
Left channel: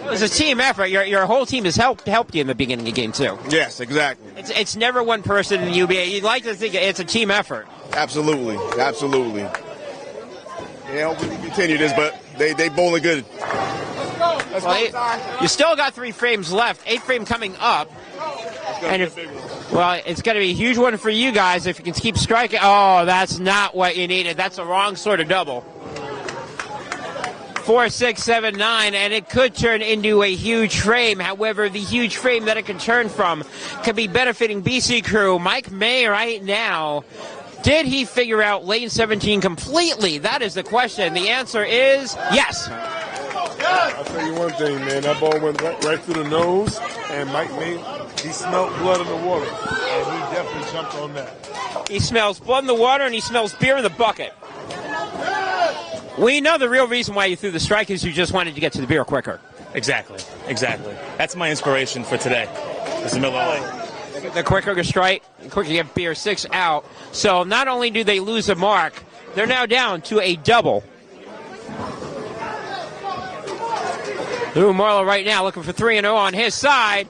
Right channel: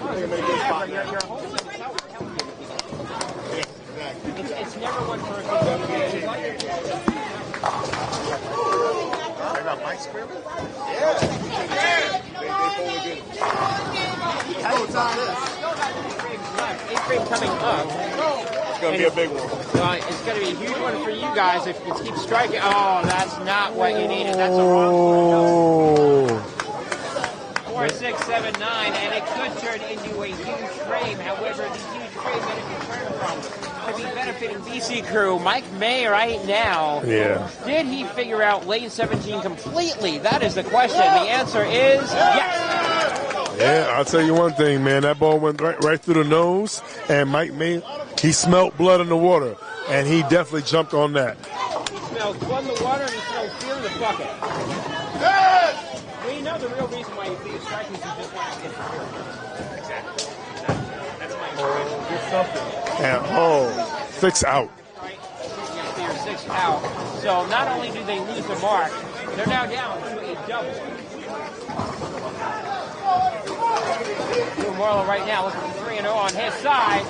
It was a team effort. Your whole team has helped you in the beginning of game 2. Yes, exactly. It's never one person in the UBA. You'd like to think it's a team effort. Absolutely. Yeah, hopefully we continue this, but they bowling good. You still got 3 frames left. 8th frame coming up. And a big one. Well, it's going to be a huge one for you guys if you can keep striking. Oh, that's not what you needed. That's the wrong sort of double. 4, 6, 7, 9, and it could turn into a huge frame. However, the huge frame that it could turn from could be benefiting BC Crew. Mike May right now. Yeah. Did he figure out lane 17 completely? That is the question. The answer is yes. Yeah, I'll tell you one thing, man. That ball went right through the nose, and Mike May, he smelled blood in the water, and he definitely jumped on that. He smells blood in the water, and he smells beer in the bucket. We know the real reason why you threw the strike is you just wanted to get to the beer quicker. Exactly. That's my inspiration for today. The quicker the strike, quicker you get beer, 6 out. So not only do they lose a mark, they're now down to a double. Lou Marlowe right now looking for 3-0 on his side.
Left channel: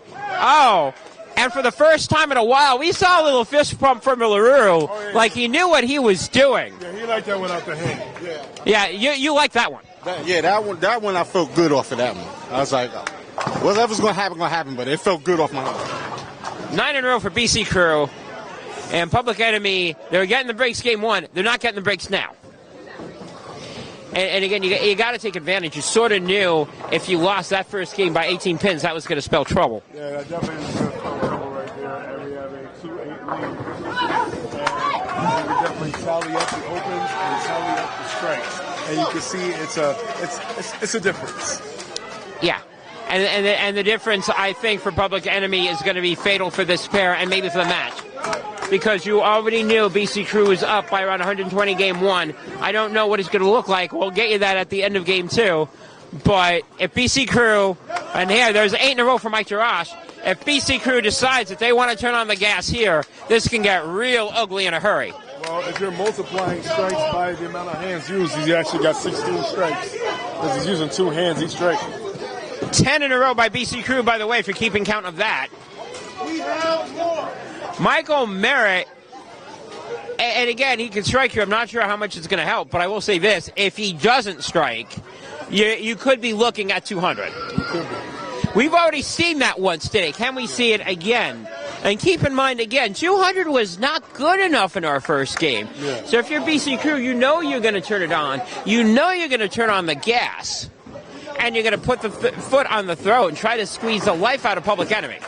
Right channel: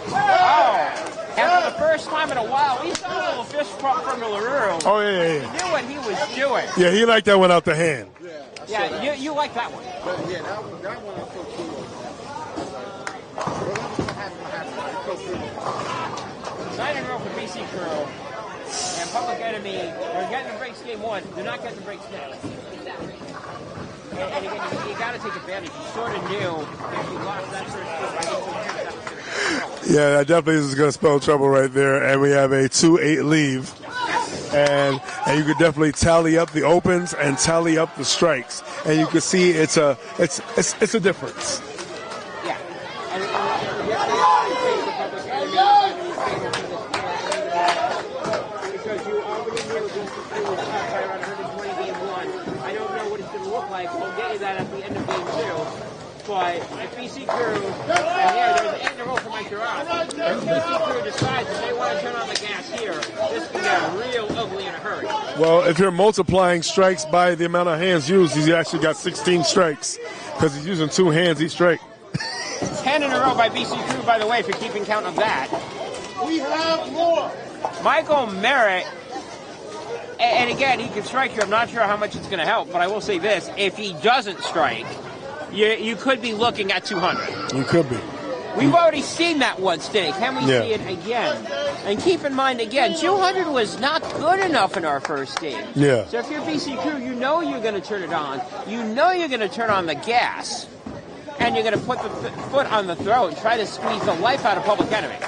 And for the first time in a while, we saw a little fist pump from LaRue. He knew what he was doing. Yeah, he liked that one out the hand. Yeah, you like that one. Yeah, that one I felt good off of that one. I was like, whatever's going to happen, but it felt good off my line. 9 in a row for BC Crew. And Public Enemy, they're getting the breaks game 1. They're not getting the breaks now. And again, you got to take advantage. You sort of knew if you lost that first game by 18 pins, that was going to spell trouble. Yeah, that definitely is going to spell trouble right there. And we have a 2-8 lead. And you could definitely tally up the opens and tally up the strikes. And you can see it's a difference. Yeah. And the difference, I think, for Public Enemy is going to be fatal for this pair and maybe for the match. Because you already knew BC Crew was up by around 120 game 1. I don't know what it's going to look like. We'll get you that at the end of game 2. But if BC Crew, and here, there's 8 in a row for Mike Jarash. If BC Crew decides that they want to turn on the gas here, this can get real ugly in a hurry. Well, if you're multiplying strikes by the amount of hands used, he actually got 16 strikes because he's using 2 hands each strike. 10 in a row by BC Crew, by the way, for keeping count of that. We have more. Michael Merritt, and again, he can strike here. I'm not sure how much it's going to help, but I will say this. If he doesn't strike, you could be looking at 200. You could be. We've already seen that once today. Can we see it again? And keep in mind, again, 200 was not good enough in our first game. Yeah. So if you're BC Crew, you know you're going to turn it on. You know you're going to turn on the gas. and you're going to put the foot on the throat and try to squeeze the life out of Public Enemy.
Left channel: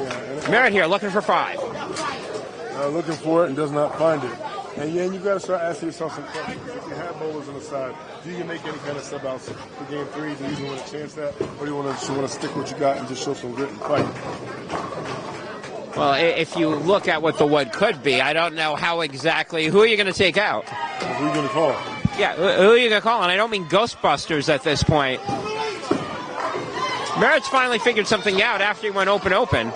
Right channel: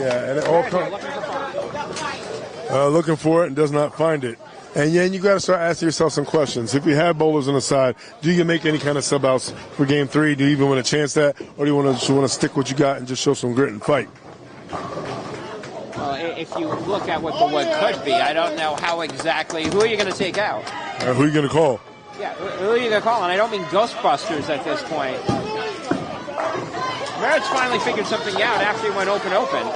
Yeah, and Merritt here looking for 5. Looking for it and does not find it. And yeah, you got to start asking yourself some questions. If you have bowlers on the side, do you make any kind of sub outs for game 3? Do you even want to chance that, or do you want to stick what you got and just show some grit and fight? Well, if you look at what the wood could be, I don't know how exactly. Who are you going to take out? Who are you going to call? Yeah, who are you going to call? And I don't mean Ghostbusters at this point. Merritt's finally figured something out after he went open.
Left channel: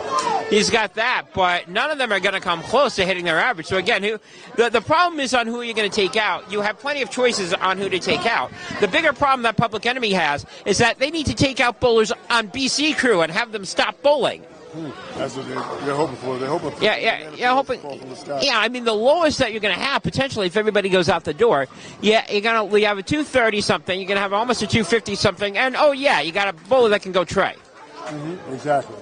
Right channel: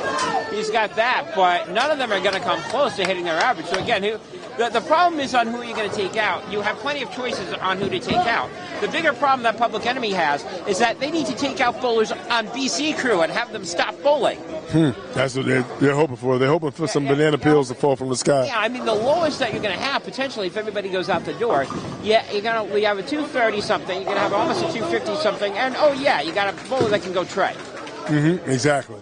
He's got that, but none of them are going to come close to hitting their average. So again, the problem is on who you're going to take out. You have plenty of choices on who to take out. The bigger problem that Public Enemy has is that they need to take out bowlers on BC Crew and have them stop bowling. That's what they're hoping for. They're hoping for some banana peels to fall from the sky. Yeah, I mean, the lowest that you're going to have, potentially, if everybody goes out the door, you have a 230-something, you're going to have almost a 250-something, and, you got a bowler that can go tray. Exactly.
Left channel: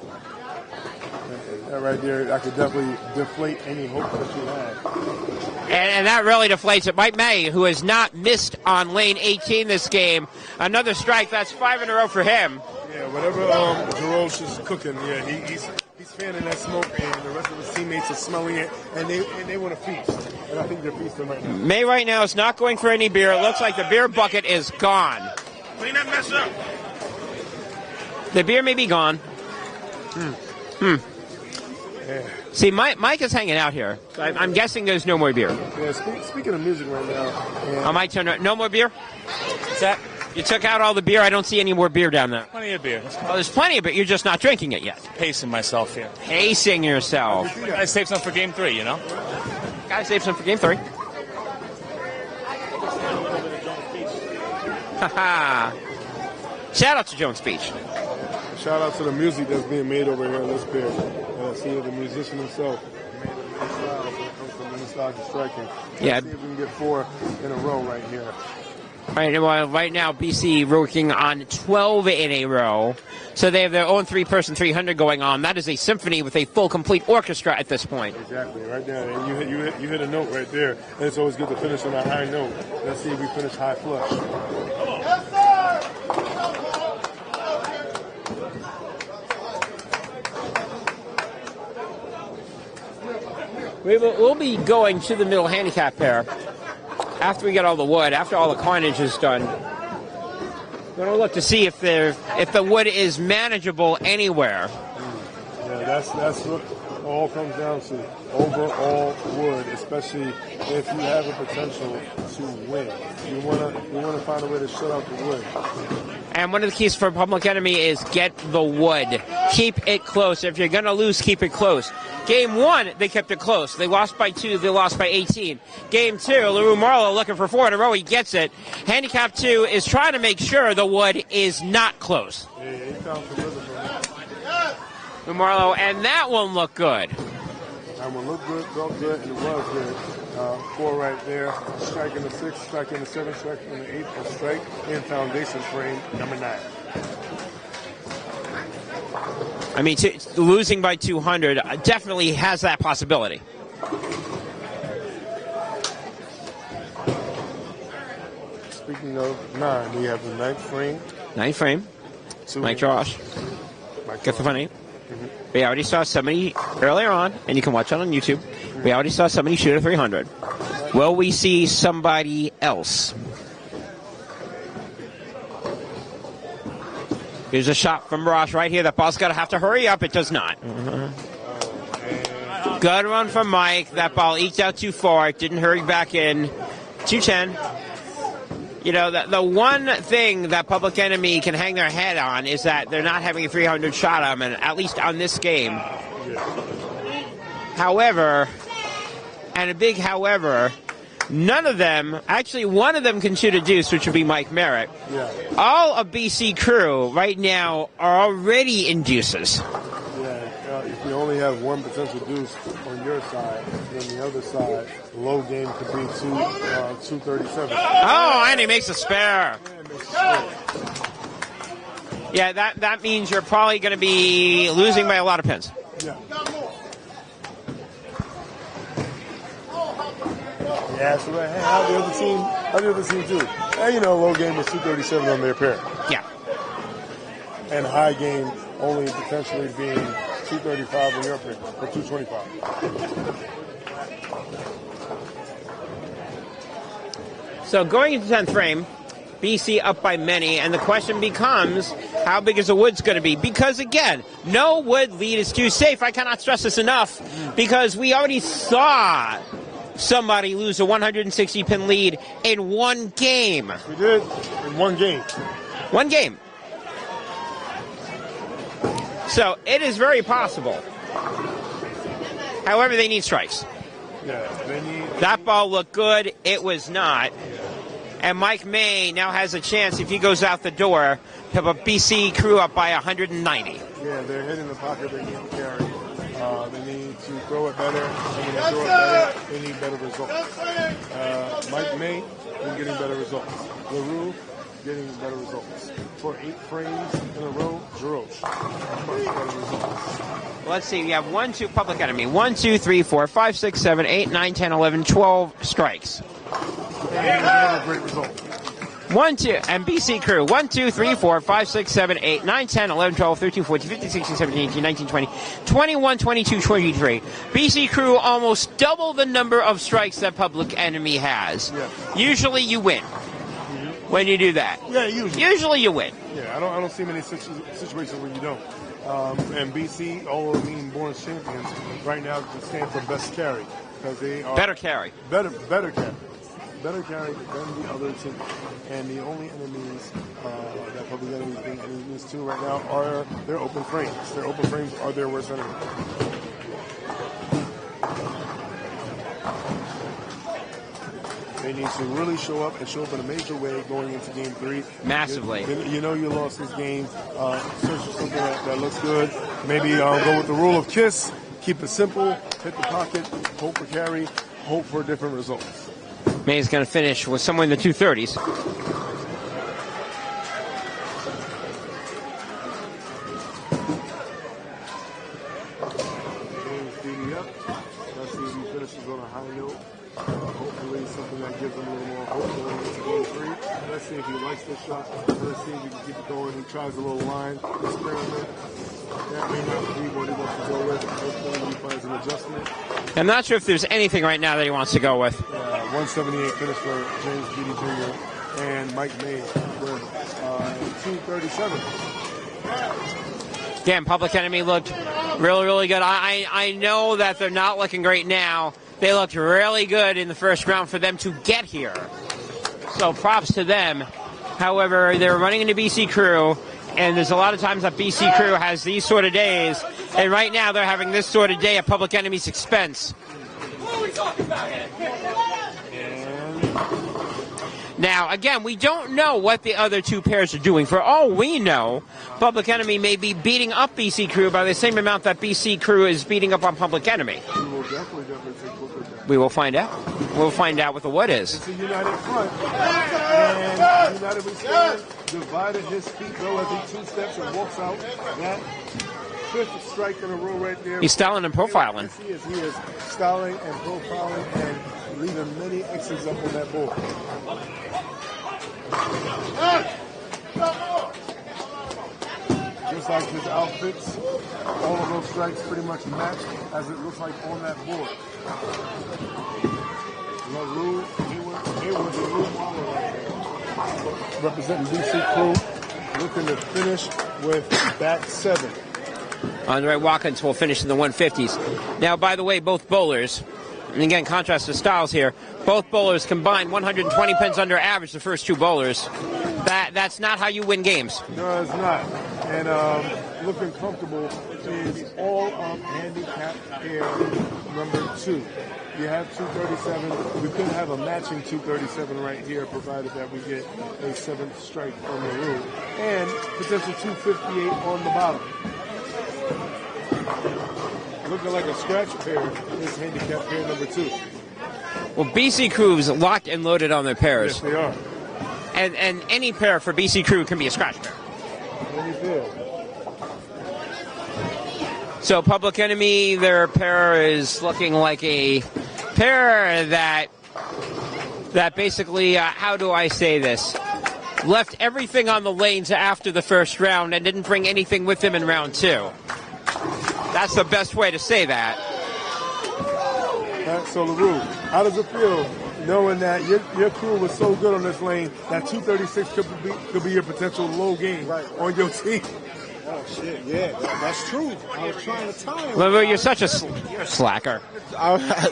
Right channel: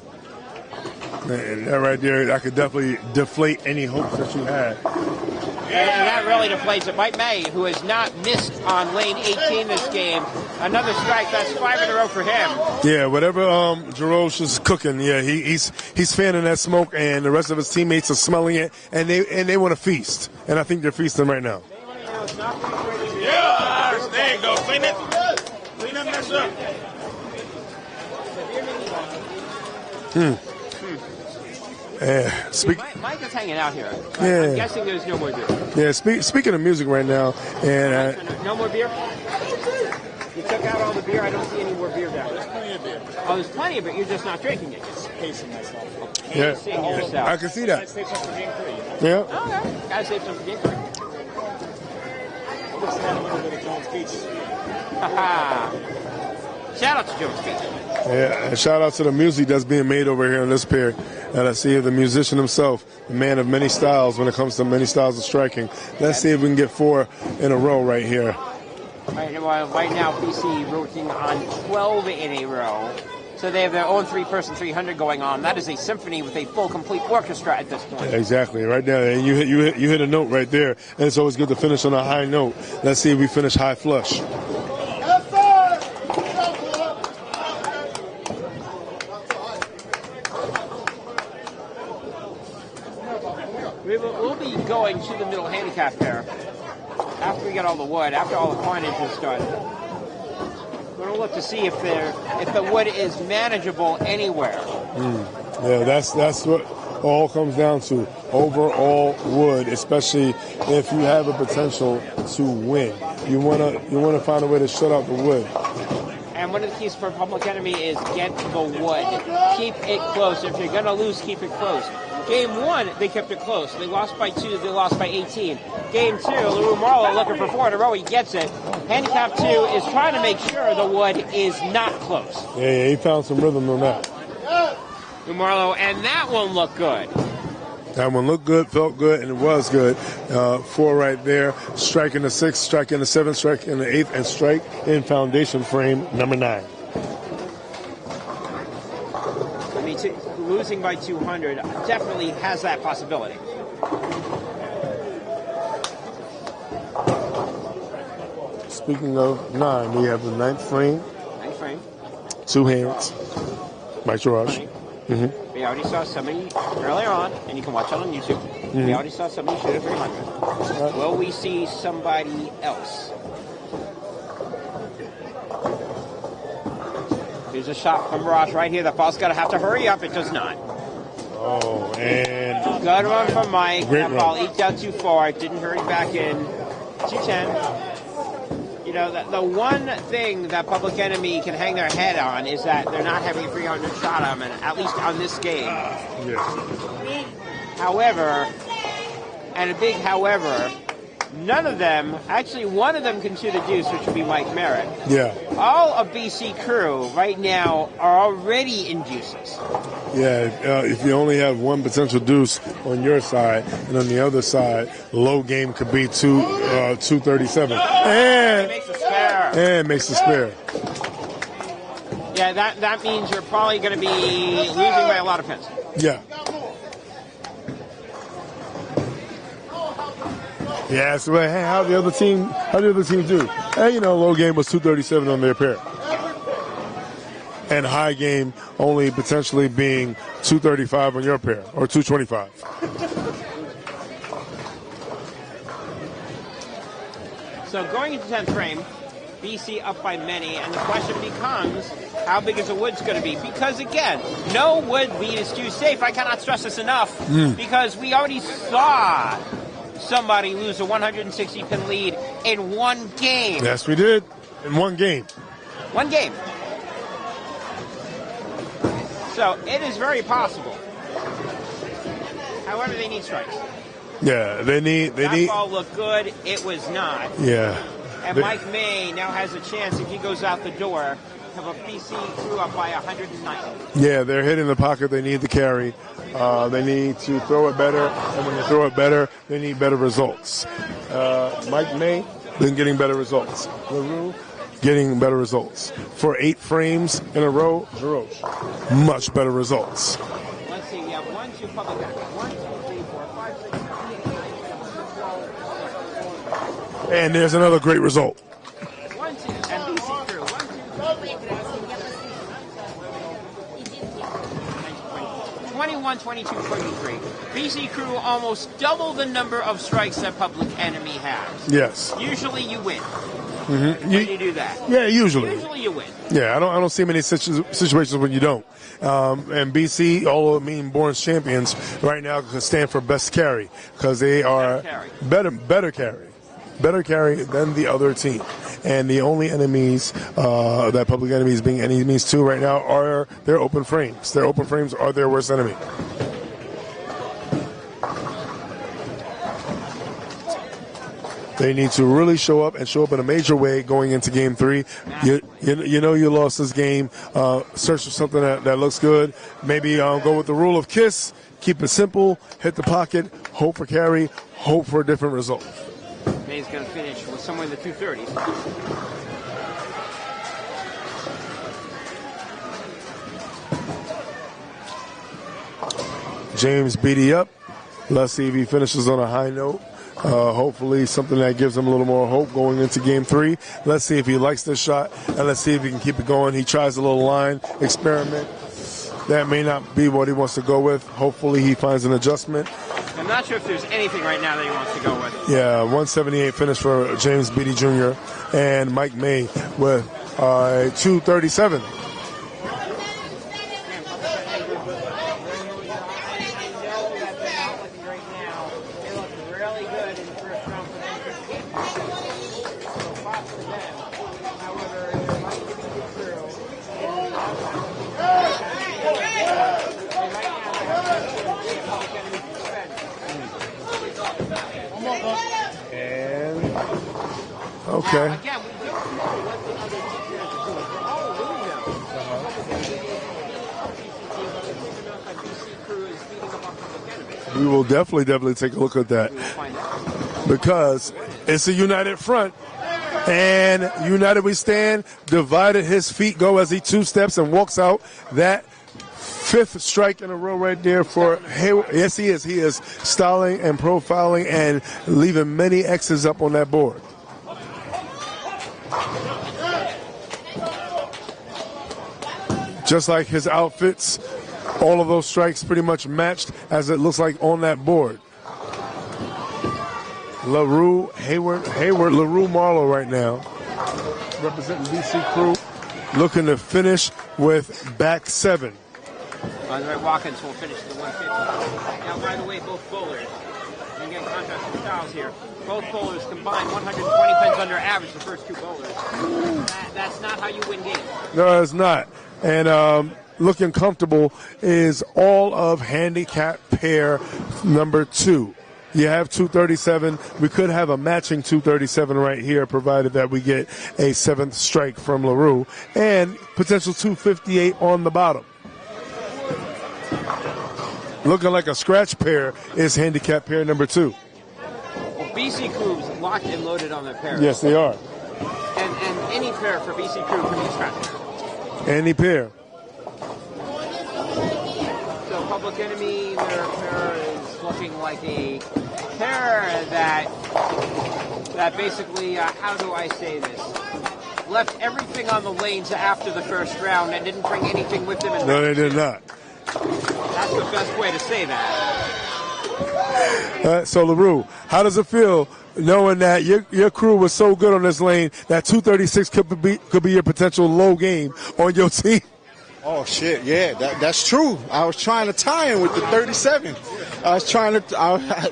And that right there, I could definitely deflate any hope that you had. And that really deflates it. Mike May, who has not missed on lane 18 this game, another strike. That's 5 in a row for him. Yeah, whatever Jarosh is cooking, he's fanning that smoke, and the rest of his teammates are smelling it, and they want to feast. And I think they're feasting right now. May right now is not going for any beer. It looks like the beer bucket is gone. Clean that mess up. The beer may be gone. Yeah. See, Mike is hanging out here. Yeah. I'm guessing there's no more beer. Yeah, speaking of music right now. And Mike turned no more beer? Zach, you took out all the beer. I don't see any more beer down there. Plenty of beer. Oh, there's plenty of it. You're just not drinking it yet. Pacing myself here. Pacing yourself. I can see that. I saved some for game 3, you know? Yeah. Gotta save some for game 3. Haha. Shout out to Jones Beach. Yeah, and shout out to the music that's being made over here in this pair. And I see the musician himself, a man of many styles when it comes to many styles of striking. Let's see if we can get 4 in a row right here. Right now, BC working on 12 in a row. So they have their own 3-person 300 going on. That is a symphony with a full, complete orchestra at this point. Exactly, right there. And you hit a note right there. And it's always good to finish on a high note. Let's see if we finish high flush. We'll be going to the middle handicap pair after we get all the wood, after all the coinage is done. We're going to look to see if the wood is manageable anywhere. Yeah, that's what all comes down to. Overall wood, especially if you have the potential to win. You want to find a way to shut out the wood. And one of the keys for Public Enemy is get the wood. Keep it close. If you're going to lose, keep it close. Game 1, they kept it close. They lost by 2. They lost by 18. Game 2, LaRue Marlowe looking for 4 in a row. He gets it. Handicap 2 is trying to make sure the wood is not close. Yeah, he found some rhythm on that. Marlowe, and that one looked good. That one looked good, felt good, and it was good. 4 right there. Strike in the 6th, strike in the 7th, strike in the 8th, and strike in foundation frame number 9. I mean, losing by 200 definitely has that possibility. Speaking of 9, we have the 9th frame. 9th frame. 2 Mike hands. Mike Josh. We already saw somebody earlier on, and you can watch it on YouTube. We already saw somebody shoot a 300. Will we see somebody else? Here's a shot from Ross right here. That ball's going to have to hurry up. It does not. Oh, and good one from Mike. Great that ball run. eked out too far. It didn't hurry back in. 210. You know, the one thing that Public Enemy can hang their head on is that they're not having a 300 shot on them, at least on this game. However, and a big however, none of them, actually one of them can shoot a deuce, which would be Mike Merritt. Yeah. All of BC Crew right now are already in deuces. Yeah, if you only have one potential deuce on your side, and on the other side, low game could be 237. And he makes a spare. And makes a spare. Yeah, that means you're probably going to be losing by a lot of pins. Yeah. Yeah, so how the other team do? And you know, low game was 237 on their pair. Yeah. and high game only potentially being 235 on your pair or 225. So going into 10th frame, BC up by many, and the question becomes, how big is the wood's going to be? Because again, no wood lead is too safe. I cannot stress this enough, because we already saw somebody lose a 160-pin lead in one game. Yes, we did. In one game. One game. So it is very possible. However, they need strikes. Yeah, they need. That ball looked good. It was not. Yeah. And Mike May now has a chance, if he goes out the door, to have a BC crew up by 190. Yeah, they're hitting the pocket. They need to carry. They need to throw it better. And when they throw it better, they need better results. Mike May been getting better results. Getting better results. For 8 frames in a row, much better results. Let's see, we have 1, 2, Public Enemy. 1, 2, 3, 4, 5, 6, 7, 8, 9, 10, 11, 12 strikes. And there's another great result. 1, 2, and BC crew. 1, 2, 3, 4, 5, 6, 7, 8, 9, 10, 11, 12, 13, 14, 15, 16, 17, 18, 19, 20, 21, 22, 23. BC crew almost double the number of strikes that Public Enemy has. Yes. Usually you win. When you do that. Yeah, usually. Usually you win. Yeah, I don't see many situations when you don't. And BC, although being born champions, right now can stand for best carry because they are better carry. Better carry than the other team. And the only enemies that Public Enemies being enemies to right now are their open frames. Their open frames are their worst enemy. They need to really show up and show up in a major way going into Game 3. Massively. You know you lost this game. Search for something that looks good. Maybe go with the rule of KISS. Keep it simple. Hit the pocket. Hope for carry. Hope for a different result. May's going to finish with somewhere in the 230s. James Beatty up. Let's see if he finishes on a high note. Hopefully something that gives him a little more hope going into Game 3. Let's see if he likes this shot, and let's see if he can keep it going. He tries a little line experiment. That may not be what he wants to go with. Hopefully he finds an adjustment. I'm not sure if there's anything right now that he wants to go with. Yeah, 178 finish for James Beatty Jr. and Mike May with 237. Again, Public Enemy looked really, really good. I know that they're not looking great now. They looked really good in the first round for them to get here. So props to them. However, they're running into BC Crew, and there's a lot of times that BC Crew has these sort of days, and right now they're having this sort of day at Public Enemy's expense. And okay. Now, again, we don't know what the other two pairs are doing. For all we know, Public Enemy may be beating up BC Crew by the same amount that BC Crew is beating up on Public Enemy. We will definitely take a look at that. We will find out. We'll find out what the what is. It's a united front. And united we stand, divided his feet go as he 2 steps and walks out. That 5th strike in a row right there. He's styling and profiling. Yes, he is. He is styling and profiling and leaving many X's up on that board. Just like his outfits, all of those strikes pretty much matched as it looks like on that board. LaRue Marlowe right now, representing BC Crew, looking to finish with back 7. Andre Watkins will finish in the 150s. Now, by the way, both bowlers, and again, contrast to styles here, both bowlers combined 120 pins under average, the first 2 bowlers. That's not how you win games. No, it's not. And looking comfortable is all of handicap pair number 2. You have 237. We could have a matching 237 right here, provided that we get a 7th strike from LaRue, and potential 258 on the bottom. Looking like a scratch pair is handicap pair number 2. Well, BC Crew's locked and loaded on their pairs. Yes, they are. And any pair for BC Crew can be a scratch pair. Any pair. So Public Enemy, their pair is looking like a pair that basically, how do I say this? left everything on the lanes after the first round and didn't bring anything with them in No, round they two. did not. That's the best way to say that. So LaRue, how does it feel knowing that your crew was so good on this lane that 236 could be your potential low game on your team? Oh shit, yeah, that's true. I was trying to tie him. Well, with you're the such a 37. slacker. I was trying to.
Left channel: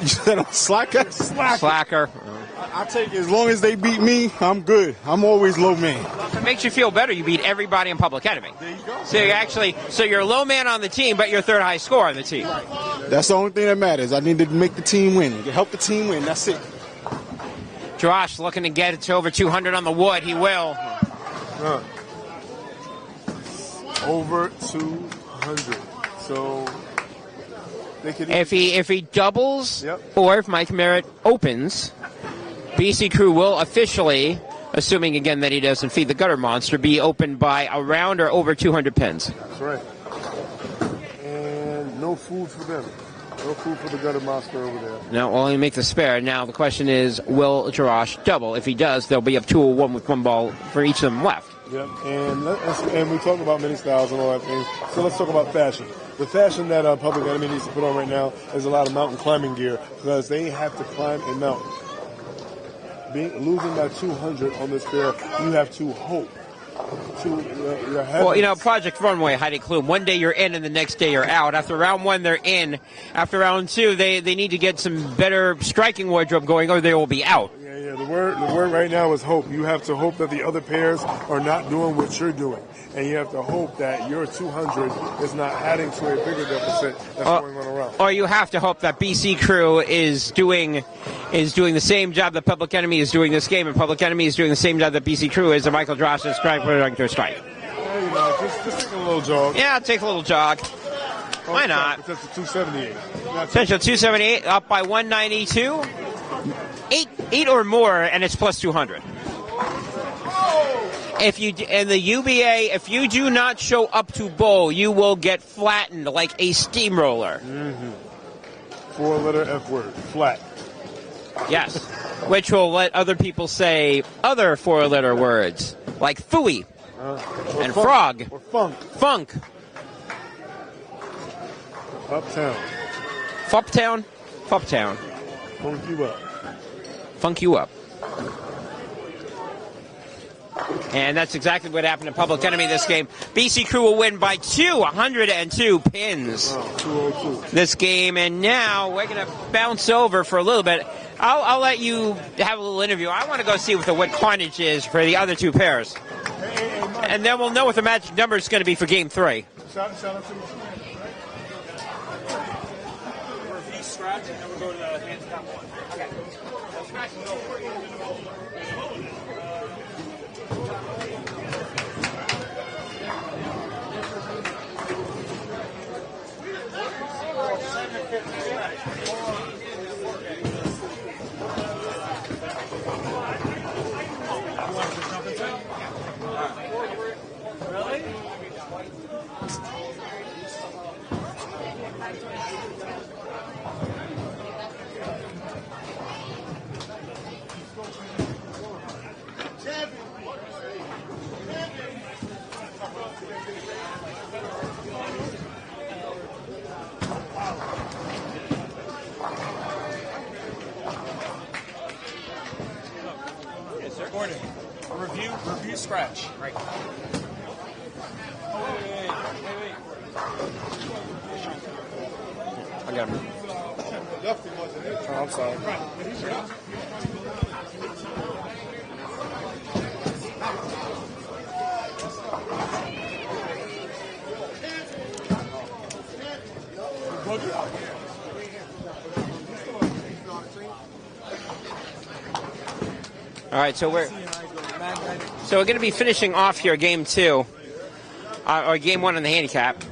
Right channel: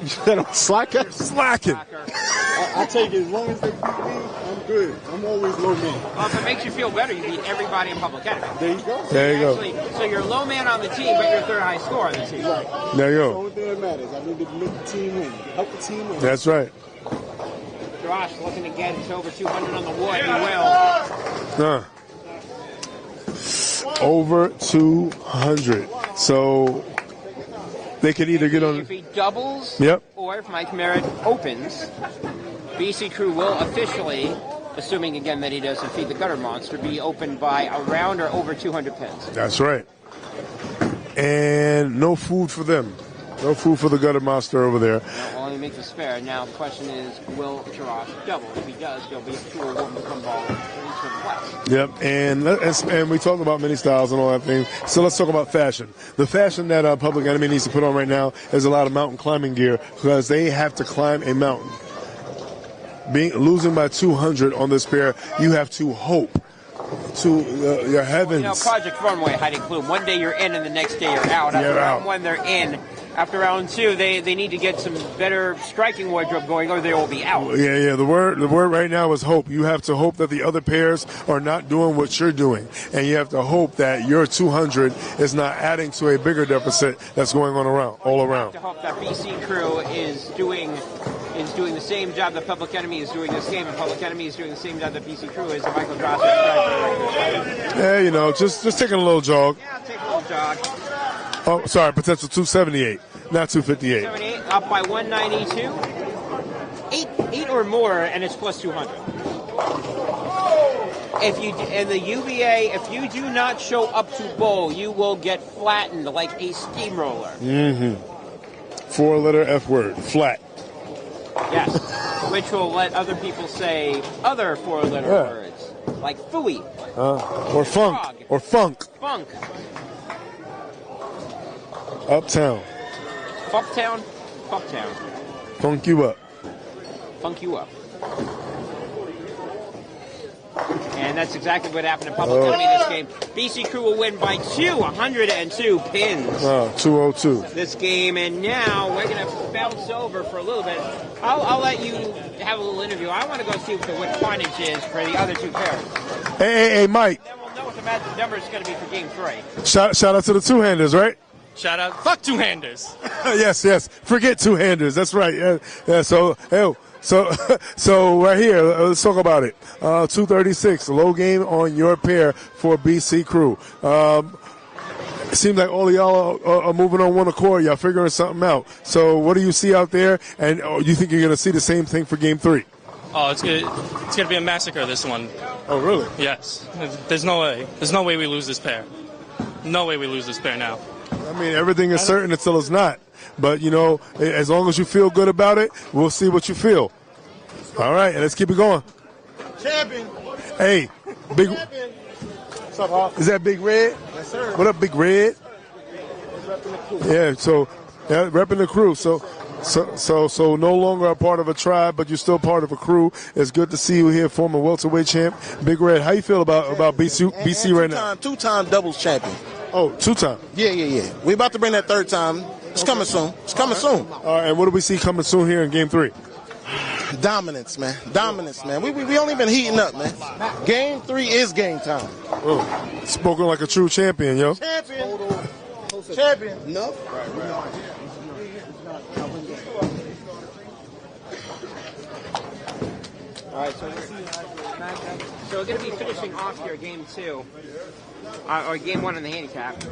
You said I'm slacker. Slacker. I take it as long as they beat me, I'm good. I'm always low man. Well, if it makes you feel better, you beat everybody in Public Enemy. There you go. So you're low man on the team, but you're third high score on the team. That's the only thing that matters. I need to make the team win. To help the team win. That's right. Josh looking to get it to over 200 on the wood. He will. Over 200. So they could either if he doubles, Yep. or if Mike Merritt opens, BC Crew will officially, assuming again that he doesn't feed the gutter monster, be opened by around or over 200 pins. That's right. And no food for them. No food for the gutter monster over there. Now, we'll only make the spare. Now, the question is, will Jarash double? If he does, they'll be up 201 with one ball for each of them left. Yep, and we talk about mini styles and all that thing. So let's talk about fashion. The fashion that Public Enemy needs to put on right now is a lot of mountain climbing gear because they have to climb a mountain. Losing by 200 on this pair, you have to hope to your heavens. Well, you know, Project Runway, hiding clue. One day you're in and the next day you're out. After round one, they're in. After round two, they need to get some better striking wardrobe going or they will be out. Yeah. The word right now is hope. You have to hope that the other pairs are not doing what you're doing. And you have to hope that your 200 is not adding to a bigger deficit that's going on around. Or you have to hope that BC Crew is doing the same job that Public Enemy is doing this game, and Public Enemy is doing the same job that BC Crew is, and Michael Dross is going through strike. Yeah, you know, just taking a little jog. Yeah, take a little jog. Oh, I'm sorry, potential 278. Not 258. Potential 278, up by 192. 8 or more, and it's plus 200. If you in the UBA, if you do not show up to bowl, you will get flattened like a steamroller. Mm-hmm. 4-letter F word, flat. Yes, which will let other people say other 4-letter words like phooey or and funk, frog or funk. Funk. Uptown. Fucktown. Fucktown. Funk you up. Funk you up. And that's exactly what happened in Public Enemy this game. BC Crew will win by 102 pins. 202. This game, and now we're going to bounce over for a little bit. I'll let you have a little interview. I want to go see what the win carnage is for the other two pairs. Hey, Mike. And then we'll know what the magic number is going to be for game 3. Shout out to the two-handers, right? Shout out. Fuck two-handers. Yes. Forget two-handers. That's right. Yeah. So right here, let's talk about it. 236, low game on your pair for BC Crew. It seems like all of y'all are moving on one accord. Y'all figuring something out. So what do you see out there? And you think you're going to see the same thing for game 3? Oh, it's good. It's going to be a massacre, this one. Oh, really? Yes. There's no way. There's no way we lose this pair. No way we lose this pair now. I mean, everything is certain until it's not. But, you know, as long as you feel good about it, we'll see what you feel. All right, let's keep it going. Champion. Hey, Big. Is that Big Red? Yes, sir. What up, Big Red? Yeah, so repping the crew. So no longer a part of a tribe, but you're still part of a crew. It's good to see you here, former welterweight champ, Big Red. How you feel about BC right now? Two-time doubles champion. Oh, 2-time. Yeah. We about to bring that 3rd time. It's coming soon. All right, and what do we see coming soon here in game 3? Dominance, man. We only been heating up, man. Game 3 is game time. Oh, spoken like a true champion, yo. Champion. No. All right, so we're going to be finishing off here game 2, or game 1 on the handicap.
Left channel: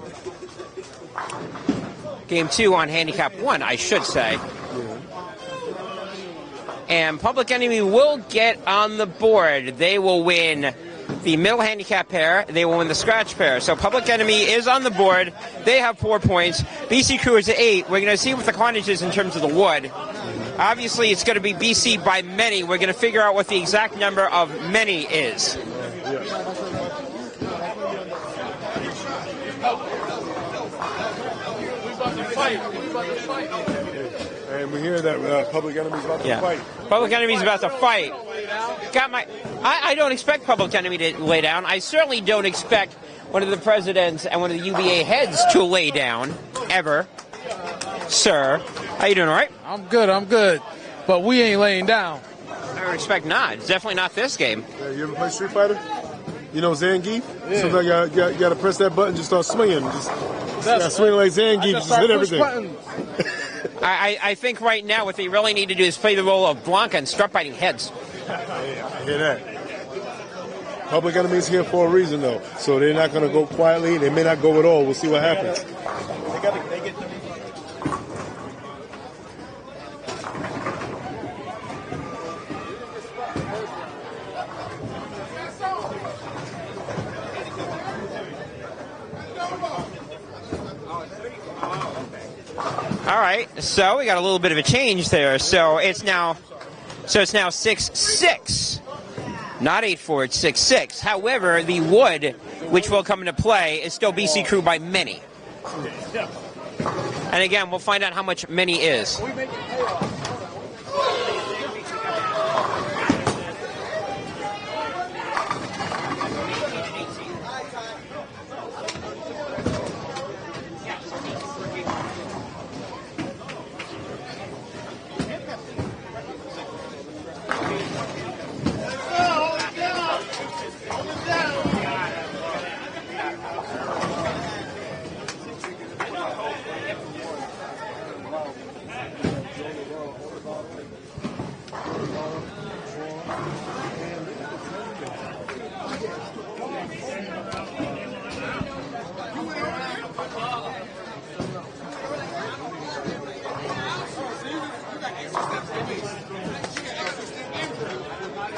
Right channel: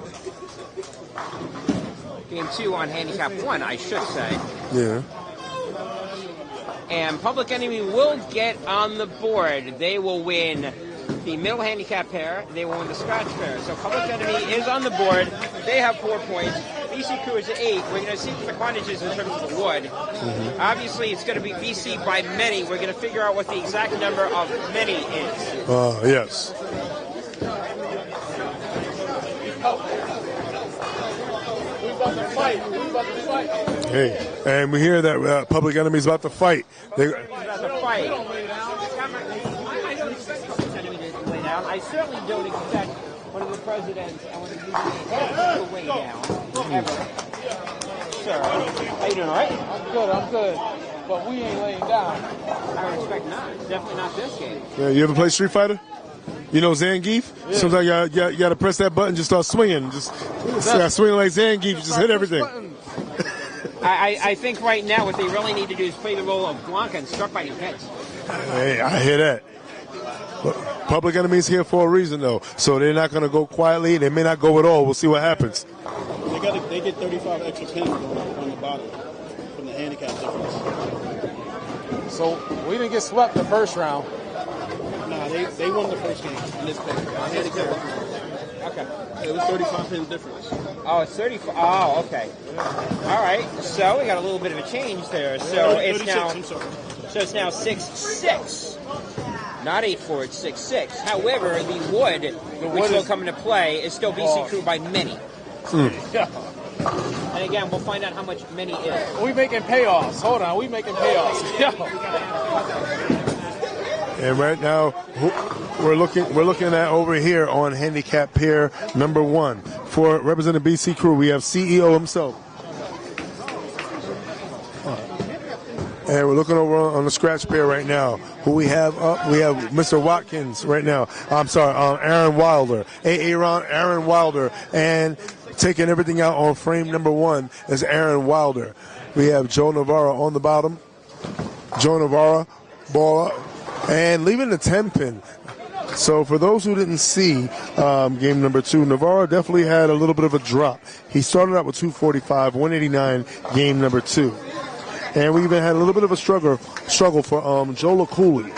Game 2 on handicap 1, I should say. Yeah. And Public Enemy will get on the board. They will win the middle handicap pair. They will win the scratch pair. So Public Enemy is on the board. They have 4 points. BC Crew is at 8. We're going to see what the quantage is in terms of the wood. Obviously, it's going to be BC by many. We're going to figure out what the exact number of many is. Yes. Hey, and we hear that Public Enemy's about to fight. Public Enemy's about to fight. I don't expect Public Enemy to lay down. I certainly don't expect one of the presidents and one of the UBA heads to lay down, ever. Sir, how you doing, all right? I'm good. But we ain't laying down. I would expect not. It's definitely not this game. Yeah, you ever play Street Fighter? You know Zangief? Yeah. Sometimes you got to press that button, just start swinging. Just swing like Zangief, just hit everything. I think right now what they really need to do is play the role of Blanca and start biting heads. Hey, I hear that. But Public Enemy's here for a reason, though. So they're not going to go quietly. They may not go at all. We'll see what happens. They get 35 extra pins from the bottom, from the handicap. So we didn't get swept the first round. No, they won the first game in this pair. Okay. It was 35 pin difference. Oh, it's 35. Oh, okay. All right. So we got a little bit of a change there. So it's now 6-6. Not 8-4, it's 6-6. However, the wood, which will come into play, is still BC Crew by many. And again, we'll find out how much many is. We making payoffs. Hold on, we making payoffs. And right now, we're looking at over here on handicap pair number 1 for representing BC Crew. We have CEO himself. And we're looking over on the scratch pair right now. Who we have up? We have Mr. Watkins right now. I'm sorry, Aaron Wilder. Aaron Wilder. And taking everything out on frame number 1 is Aaron Wilder. We have Joe Navarro on the bottom. Joe Navarro, baller. And leaving the 10 pin. So for those who didn't see game number 2, Navarro definitely had a little bit of a drop. He started out with 245, 189 game number 2. And we even had a little bit of a struggle for Joe LaCooley.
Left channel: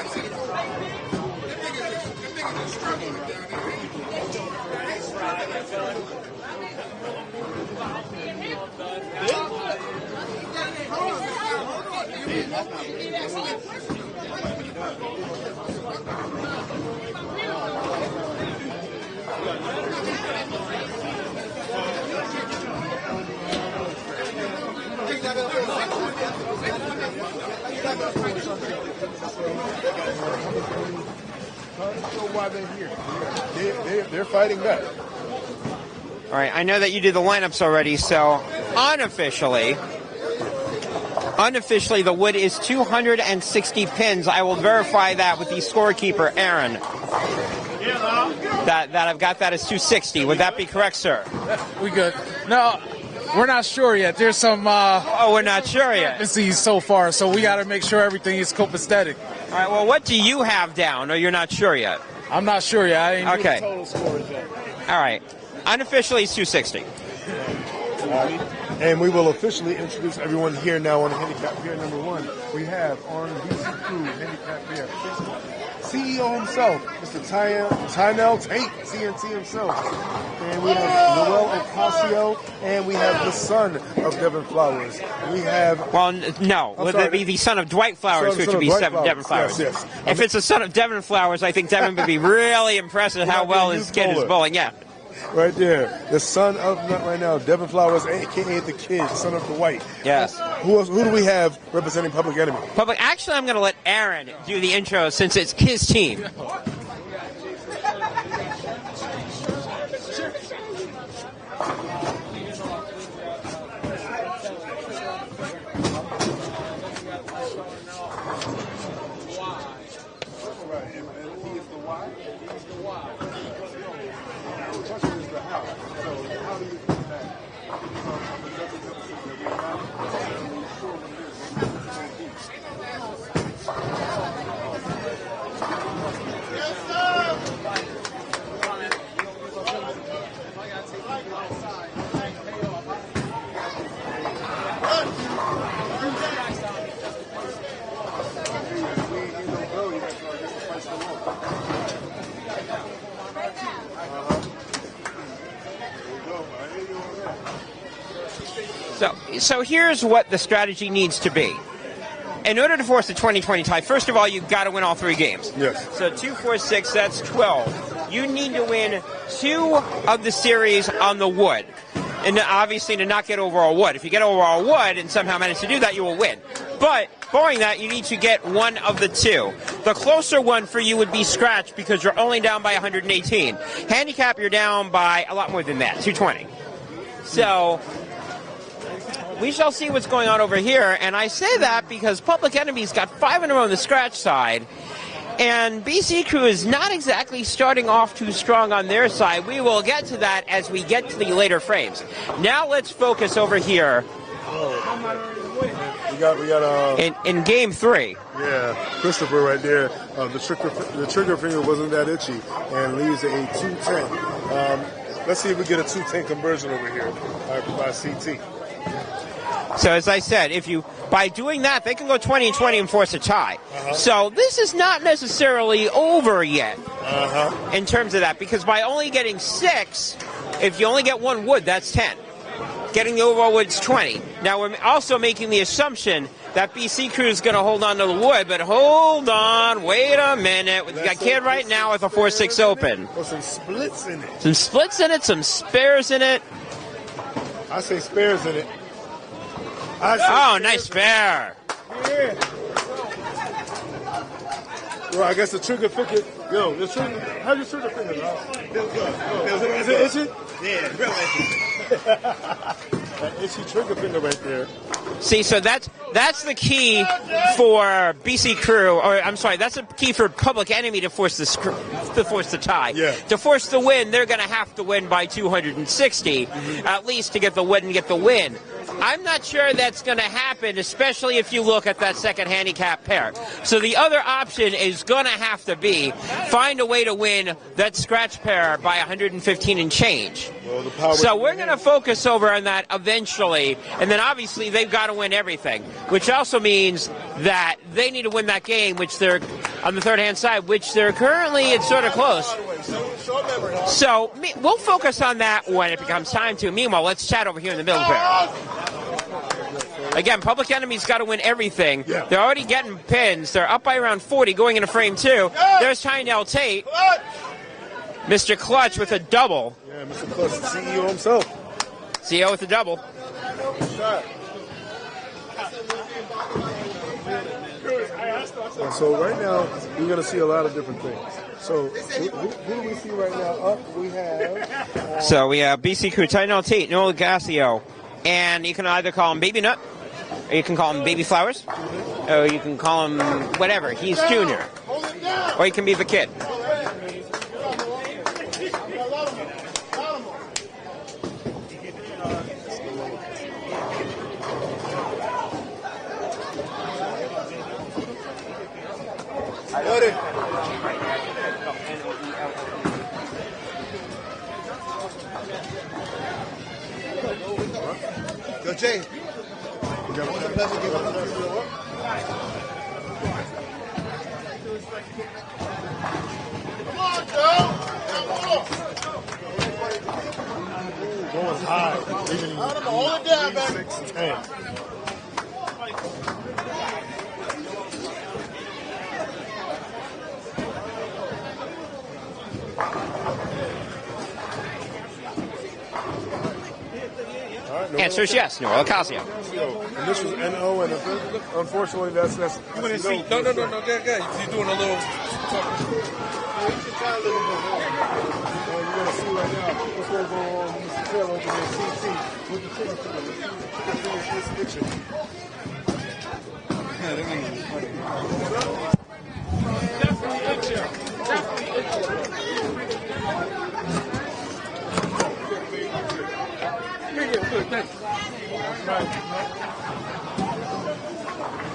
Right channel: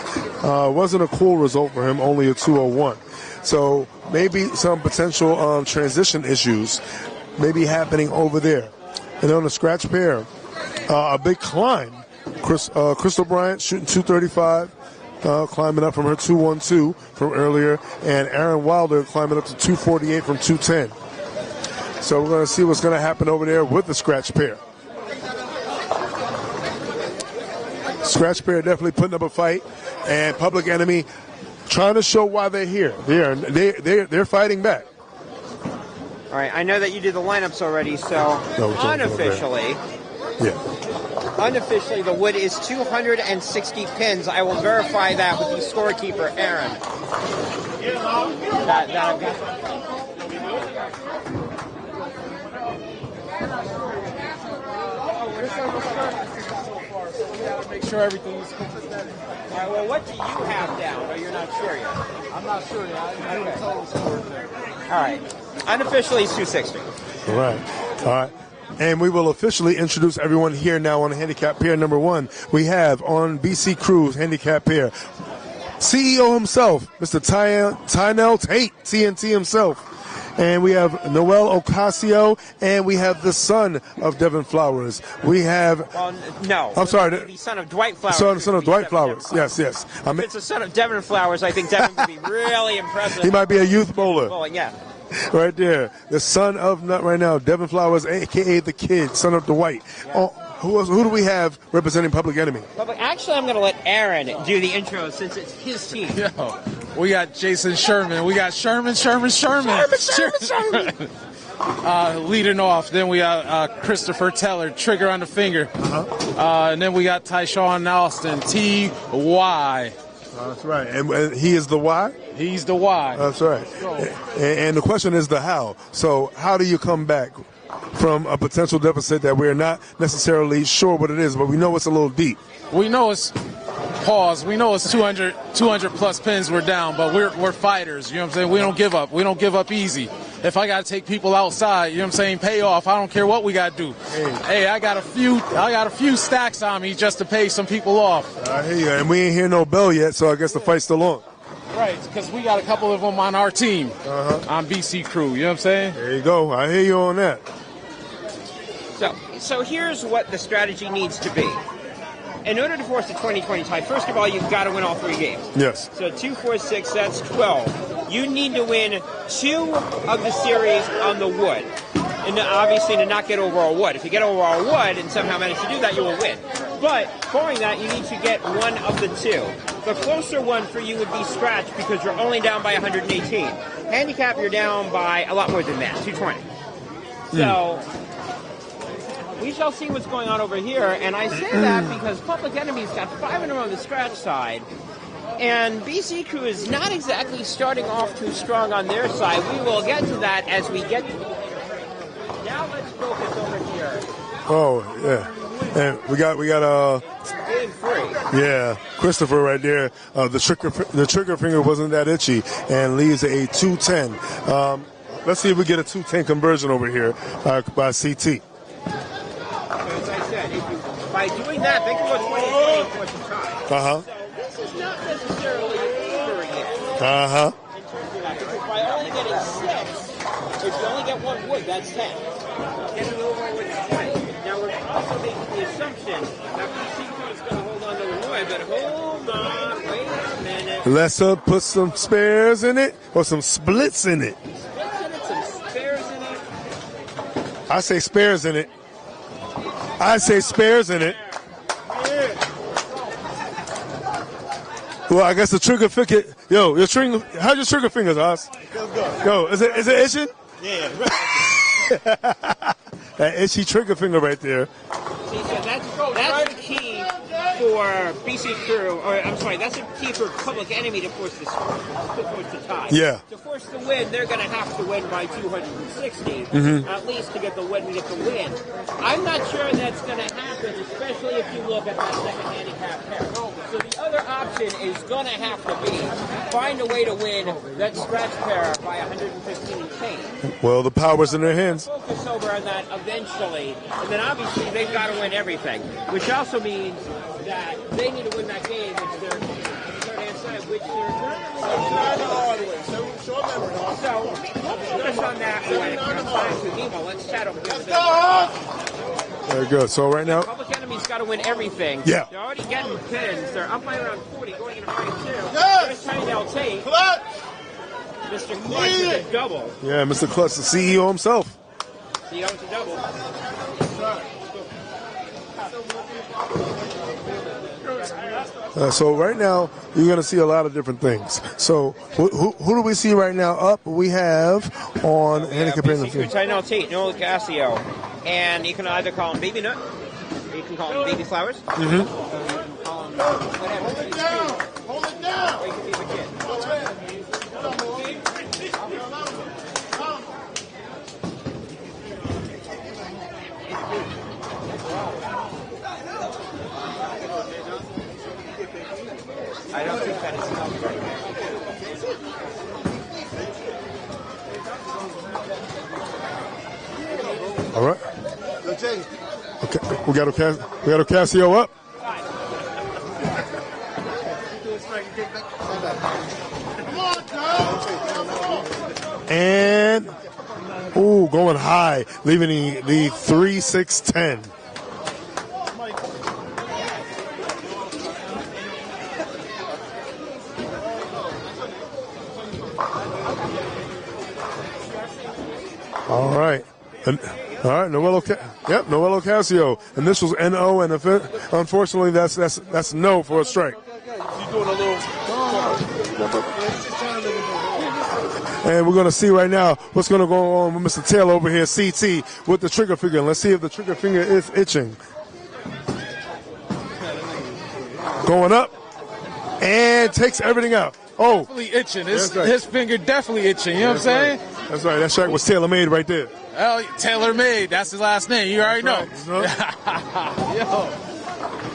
Wasn't a cool result for him, only a 201. So maybe some potential transition issues may be happening over there. And on the scratch pair, a big climb. Crystal Bryant shooting 235, climbing up from her 212 from earlier, and Aaron Wilder climbing up to 248 from 210. So we're going to see what's going to happen over there with the scratch pair. Scratch pair definitely putting up a fight, and Public Enemy trying to show why they're here. They're fighting back. All right, I know that you did the lineups already, so unofficially, unofficially the wood is 260 pins. I will verify that with the scorekeeper, Aaron. That I've got that as 260. Would that be correct, sir? We good. No, we're not sure yet. There's some... we're not sure yet. So far, so we got to make sure everything is copacetic. All right, well, what do you have down, or you're not sure yet? I'm not sure yet. I ain't doing the total scores yet. All right. Unofficially, it's 260. All right. And we will officially introduce everyone here now on handicap pair number 1. We have on BC Crew's handicap pair CEO himself, Mr. Tynell Tate, TNT himself. And we have Noel Ocasio, and we have the son of Devin Flowers. We have... Well, no. I'm Would sorry. be the son of Dwight Flowers, Son which of would be Dwight Devin Flowers. Yes. If it's the son of Devin Flowers, I think Devin would be really impressed with He how might be a well his youth kid bowler. is bowling. Yeah. Right there. The son of, not right now, Devin Flowers, a.k.a. the kid, son of Dwight. Yes. Who do we have representing Public Enemy? Actually, I'm going to let Aaron do the intro since it's his team. We got Jason Sherman. We got Sherman. Leading off. Then we got Christopher Teller, trigger on the finger. And then we got Tyshawn Alston, T-Y. That's right. And he is the Y? He's the Y. That's right. And the question is the how. So how do you come back from a potential deficit that we're not necessarily sure what it is, but we know it's a little deep? We know it's we know it's 200 plus pins we're down, but we're fighters. You know what I'm saying? We don't give up. We don't give up easy. If I got to take people outside, you know what I'm saying, pay off. I don't care what we got to do. Hey, I got a few stacks on me just to pay some people off. I hear you. And we ain't hear no bell yet, so I guess the fight's still on. Right, because we got a couple of them on our team, on BC Crew. You know what I'm saying? There you go. I hear you on that. So here's what the strategy needs to be. In order to force the 20-20 tie, first of all, you've got to win all 3 games. Yes. So 2, 4, 6, that's 12. You need to win 2 of the series on the wood. And obviously to not get over all wood. If you get over all wood and somehow manage to do that, you will win. But barring that, you need to get 1 of the 2. The closer one for you would be scratch because you're only down by 118. Handicap, you're down by a lot more than that, 220. So we shall see what's going on over here. And I say that because Public Enemy's got 5 in a row on the scratch side. And BC Crew is not exactly starting off too strong on their side. We will get to that as we get to the later frames. Now let's focus over here. Oh, yeah. And we got in game 3. Yeah, Christopher right there. The trigger finger wasn't that itchy and leaves a 210. Let's see if we get a 210 conversion over here by CT. So as I said, by doing that, they can go 20-20 and force a tie. So this is not necessarily over yet in terms of that, because by only getting 6, if you only get 1 wood, that's 10. Getting the overall wood's 20. Now we're also making the assumption that BC Crew is going to hold on to the wood, but hold on, wait a minute. We've got Kid right now with a 4-6 open. Or some splits in it. Some splits in it, some spares in it. I say spares in it. I say spares in it. Yeah. Well, I guess the trigger finger. Yo, how's your trigger fingers, Oz? Yo, is it itching? Yeah. That itchy trigger finger right there. See, so that's the key for BC Crew, or I'm sorry, that's the key for Public Enemy to force the tie. Yeah. To force the win, they're going to have to win by 260, at least to get the win and get the win. I'm not sure that's going to happen, especially if you look at that second handicap pair. So the other option is going to have to be find a way to win that scratch pair by 115 and change. Well, the power's so in their we're going to hands. focus over on that eventually, and then obviously they've got to win everything, which also means that they need to win that game, which they're on the third hand side, which they're currently, it's sort of close. So we'll focus on that when it becomes time to. Meanwhile, let's chat over here in the middle ground. Very good. So right Again, now, Public Enemy's got to win everything. Yeah. They're already getting pins. They're up by around 40 going into frame 2. There's Tyndale Tate. Mr. Clutch with a double. Yeah, Mr. Clutch, the CEO himself. CEO with a double. So right now, you're going to see a lot of different things. So who do we see right now up? We have on... So we have BC Crew, Tyndale Tate, Noel Gassio. And you can either call him Baby Nut, or you can call him Baby Flowers, or you can call him whatever. He's Junior. Or he can be the kid. All right. Go, Jay. Okay. We got a Casio up. And going high, leaving the 3-6-10. All right. Noel Casio. Initials NO, and unfortunately, that's no for a strike. You're doing a little. And we're going to see right now what's going to go on with Mr. Taylor over here, CT, with the trigger finger. Let's see if the trigger finger is itching. Going up and takes everything out. Oh, Definitely itching. His finger definitely itching. You know what I'm saying? That's right. That shot was tailor-made right there. Well, tailor-made. That's his last name. You already know.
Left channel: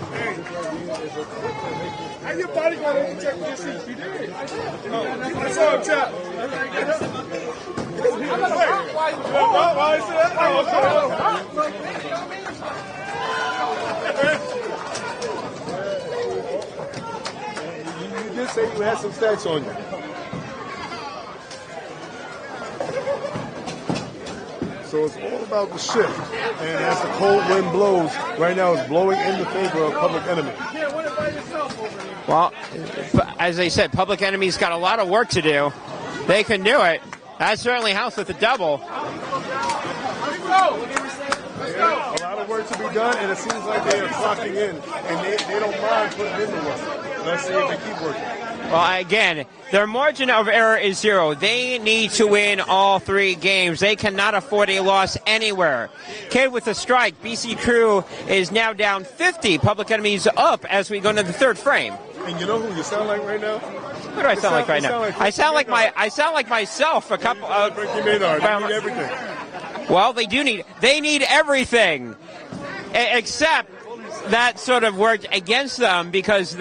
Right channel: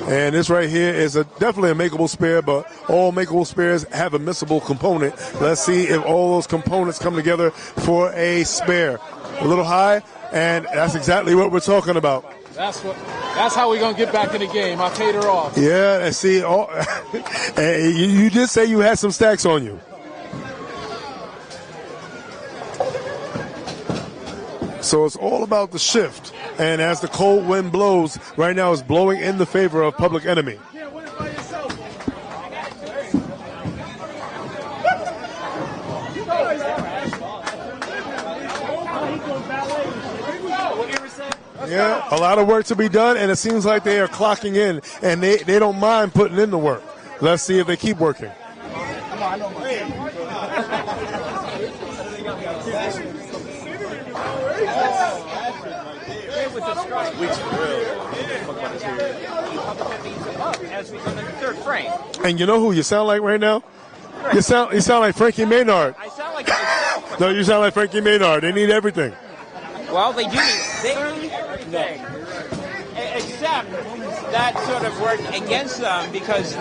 And this right here is definitely a makeable spare, but all makeable spares have a missable component. Let's see if all those components come together for a spare. A little high, and that's exactly what we're talking about. That's how we're going to get back in the game. I paid her off. Yeah, and see, you did say you had some stacks on you. So it's all about the shift. And as the cold wind blows, right now it's blowing in the favor of Public Enemy. Well, as I said, Public Enemy's got a lot of work to do. They can do it. That certainly helps with the double. Yeah, a lot of work to be done, and it seems like they are clocking in, and they don't mind putting in the work. Let's see if they keep working. Well, again, their margin of error is 0. They need to win all 3 games. They cannot afford a loss anywhere. Okay, with the strike, BC Crew is now down 50. Public Enemy's up as we go into the 3rd frame. And you know who you sound like right now? Who do I sound like right now? You sound like Frankie Maynard. I sound like myself. No, you sound like Frankie Maynard. They need everything. Well, they need everything, except that sort of worked against them because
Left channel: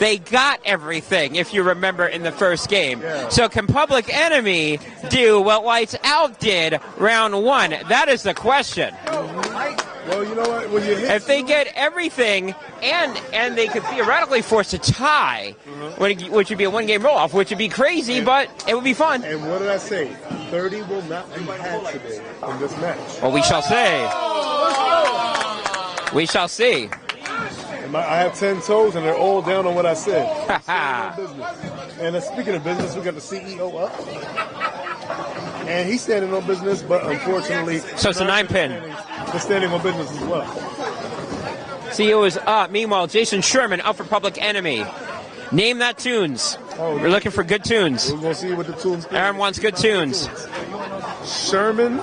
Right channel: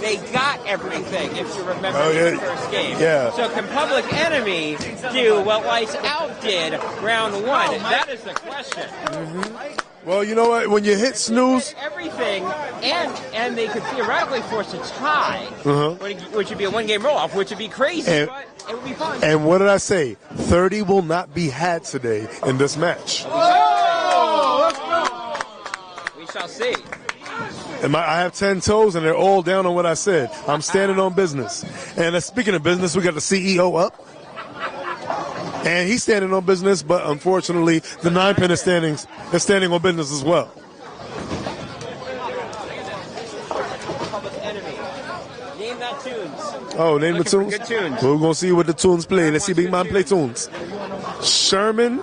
they got everything, if you remember, in the first game. Yeah. So can Public Enemy do what Lights Out did round 1? That is the question. Mm-hmm. Well, you know what? When you hit if snooze, they get everything, and they could theoretically force a tie, which would be a 1-game roll-off, which would be crazy, but it would be fun. And what did I say? 30 will not be had today in this match. Well, we shall see. We shall see. I have 10 toes, and they're all down on what I said. I'm standing on business. And speaking of business, we got the CEO up. And he's standing on business, but unfortunately, the 9 pin is standing on business as well. CEO is up. Meanwhile, Jason Sherman up for Public Enemy. Name that tunes. Oh, we're looking for good tunes. We're going to see what the tunes play. Let's see Big Mom play tunes. Sherman,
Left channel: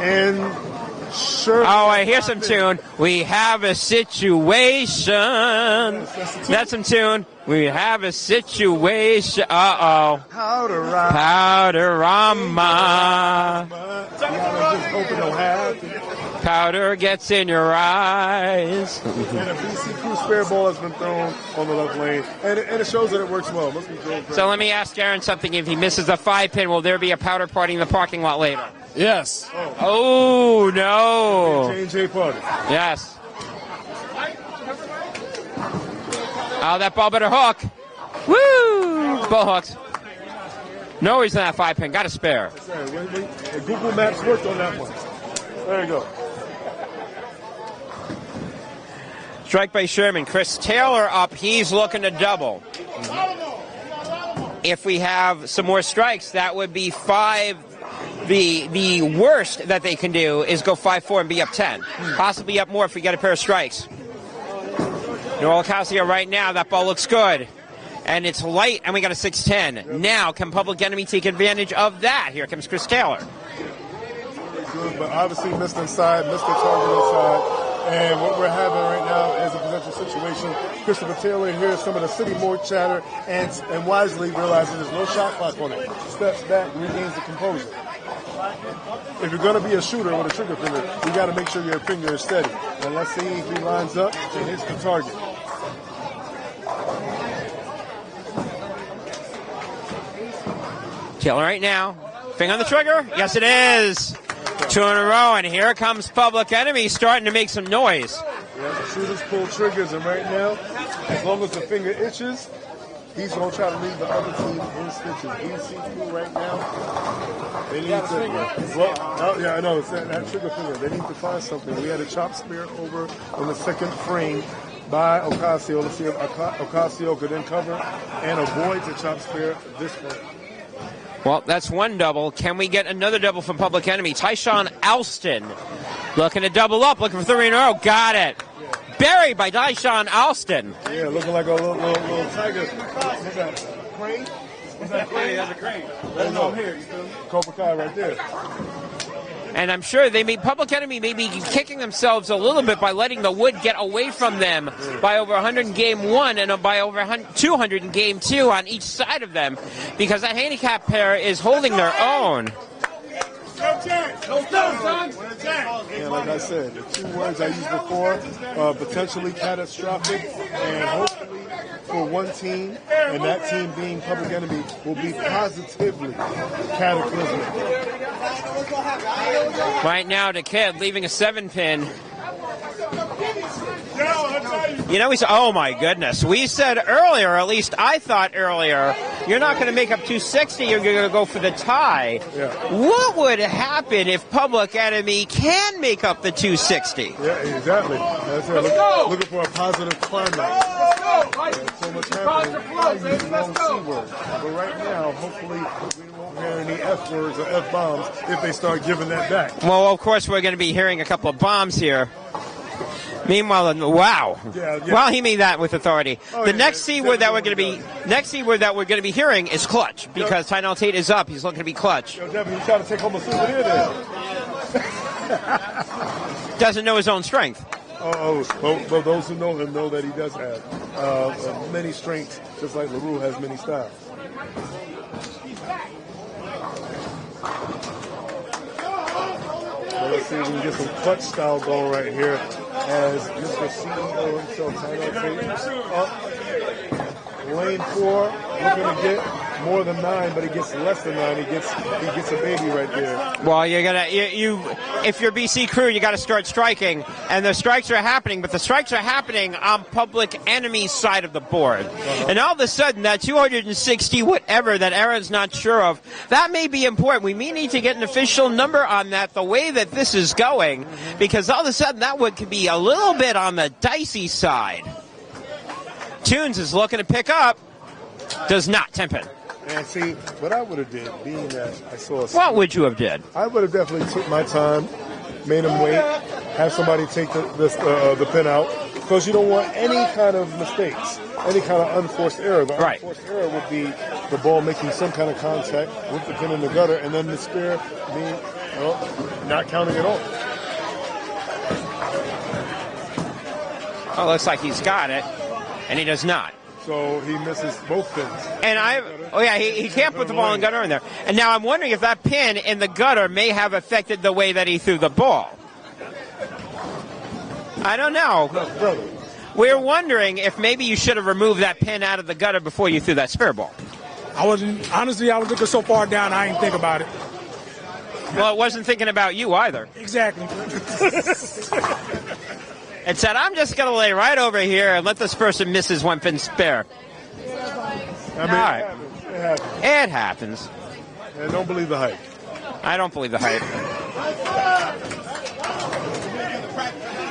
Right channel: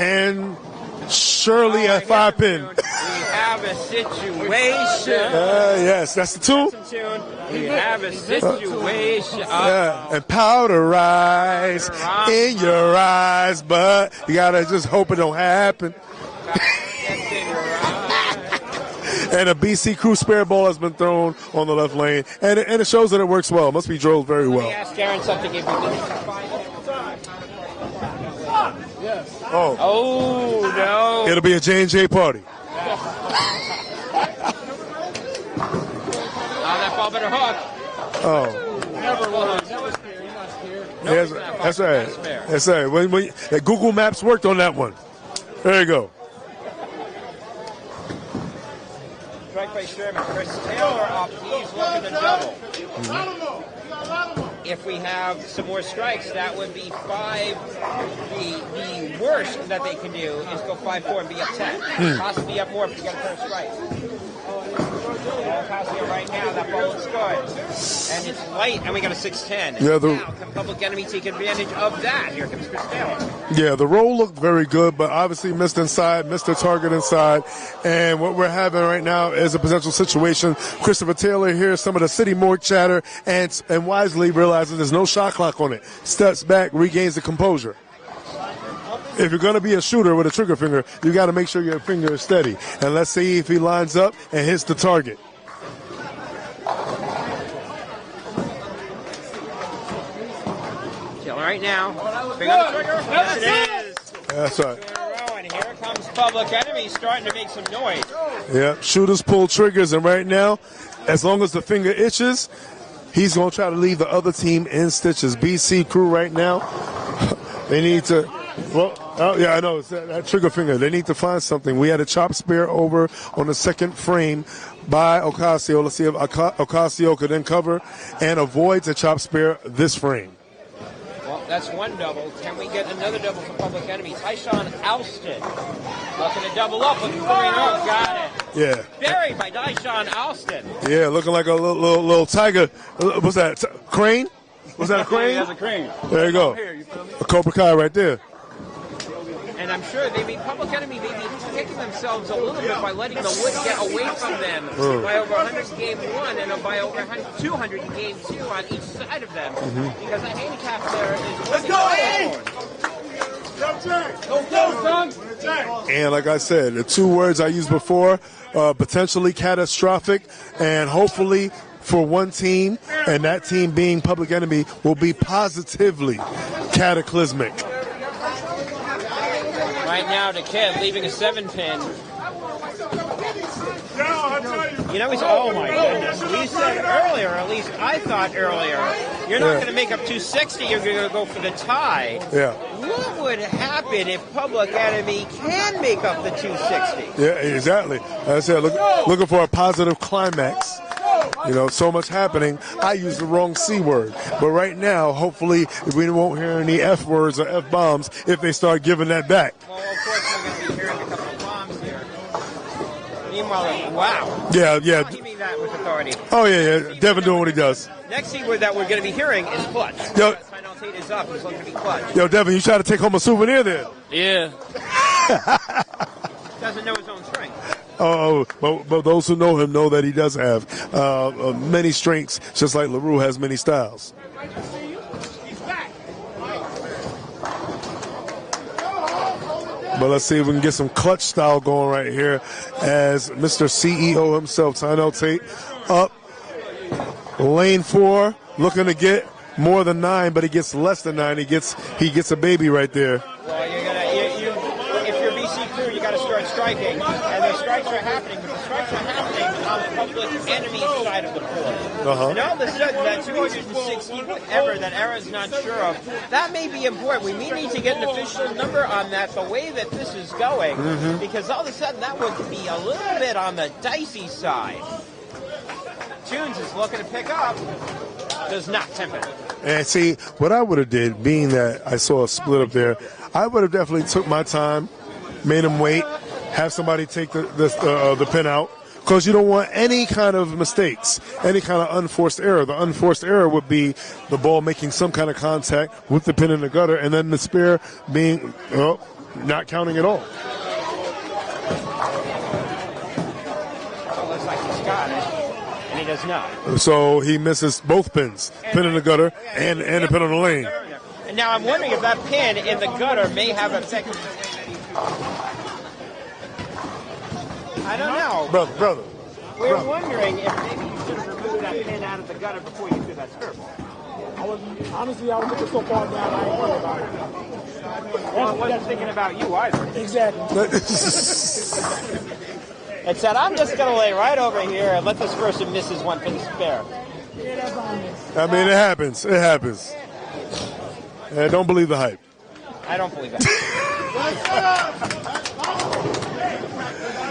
and Shirley at here's 5 some pin. tune. We have a situation. Yes, that's the tune. That's some tune. We have a situation. Uh-oh. And powder rise in your eyes, but you gotta just hope it don't happen. Powder gets in your eyes. And a BC Crew spare ball has been thrown on the left lane, and it shows that it works well. It must be drove very well. So let me ask Darren something. If he misses a 5-pin, will there be a powder party in the parking lot later? Yes. Oh, no. It'll be a J&J party. Yes. Oh, that ball better hook. Woo! Ball hooks. No reason that 5-pin. Got a spare. That's right. When Google Maps worked on that one. There you go. Strike by Sherman. Chris Taylor up. He's looking to double. If we have some more strikes, that would be 5. The worst that they can do is go 5-4 and be up 10. Possibly up more if we get a pair of strikes. Noel Ocasio right now. That ball looks good. And it's light, and we got a 6-10. Yeah, now, can Public Enemy take advantage of that? Here comes Chris Taylor. Yeah, the roll looked very good, but obviously missed inside, missed the target inside. And what we're having right now is a potential situation. Christopher Taylor hears some of the city morgue chatter and wisely realizes there's no shot clock on it. Steps back, regains the composure. If you're going to be a shooter with a trigger finger, you got to make sure your finger is steady. And let's see if he lines up and hits the target. Taylor right now. Finger on the trigger. Yes, it is. Right. 2 in a row, and here comes Public Enemy starting to make some noise. Yeah, shooters pull triggers, and right now, as long as the finger itches, he's going to try to leave the other team in stitches. BC Crew right now, they need to, yeah, I know, that trigger finger, they need to find something. We had a chop spear over on the 2nd frame by Ocasio. Let's see if Ocasio could then cover and avoid the chop spear this frame. Well, that's 1 double. Can we get another double for Public Enemy? Tyshawn Alston looking to double up, looking for 3 in a row. Got it. Yeah. Buried by Tyshawn Alston. Yeah, looking like a little tiger. What's that? Crane? Was that a crane? Yeah, that's a crane. There you go. A Cobra Kai right there. And I'm sure Public Enemy may be kicking themselves a little bit by letting the wood get away from them by over 100 in game 1 and by over 200 in game 2 on each side of them, because that handicap pair is holding their own. And like I said, the 2 words I used before, potentially catastrophic, and hopefully for one team, and that team being Public Enemy, will be positively cataclysmic. Right now, the kid leaving a 7-pin. You know, oh my goodness. We said earlier, or at least I thought earlier, you're not going to make up 260, you're going to go for the tie. Yeah. What would happen if Public Enemy can make up the 260? Yeah, exactly. Like I said, looking for a positive climax. You know, so much happening. I used the wrong C word. But right now, hopefully, we won't hear any F words or F bombs if they start giving that back. Well, of course, we're going to be hearing a couple of bombs here. Meanwhile, wow. Yeah. Well, he made that with authority. Oh, the yeah. next C word that we're going to does. next C word that we're going to be hearing is clutch. Because Tynell Tate is up. He's looking to be clutch. Yo, Devin, you try to take home a souvenir there. Yeah. Doesn't know his own strength. Oh, but those who know him know that he does have many strengths, just like LaRue has many styles. But let's see if we can get some clutch style going right here as Mr. CEO himself, Tynell Tate, up. Lane 4, looking to get more than 9, but he gets less than 9. He gets a baby right there. Well, you're gonna if you're BC Crew, you got to start striking, and the strikes are happening, but the strikes are happening on Public Enemy's side of the board. And all of a sudden, that 260 whatever that Aaron's not sure of, that may be important. We may need to get an official number on that. The way that this is going, because all of a sudden that one could be a little bit on the dicey side. Tunes is looking to pick up, does not 10-pin. And see, what I would have did, being that I saw a split What would you there, have did? I would have definitely took my time, made him wait, have somebody take the pin out, because you don't want any kind of mistakes, any kind of unforced error. The unforced error would be the ball making some kind of contact with the pin in the gutter, and then the spear being not counting at all. Oh, looks like he's got it. And he does not. So he misses both pins, pin in the gutter and he the can't pin put on the the ball in lane. the gutter in there. And now I'm wondering if that pin in the gutter may have affected the way that he threw the ball. I don't know. Brother. We're wondering if maybe you should have removed that pin out of the gutter before you threw that spare ball. I was looking so far down, I didn't think about it. Well, it wasn't thinking about you either. Exactly. It said, I'm just going to lay right over here and let this person miss his one pin spare. I mean, it happens. It happens. It happens. And don't believe the hype. I don't believe the hype.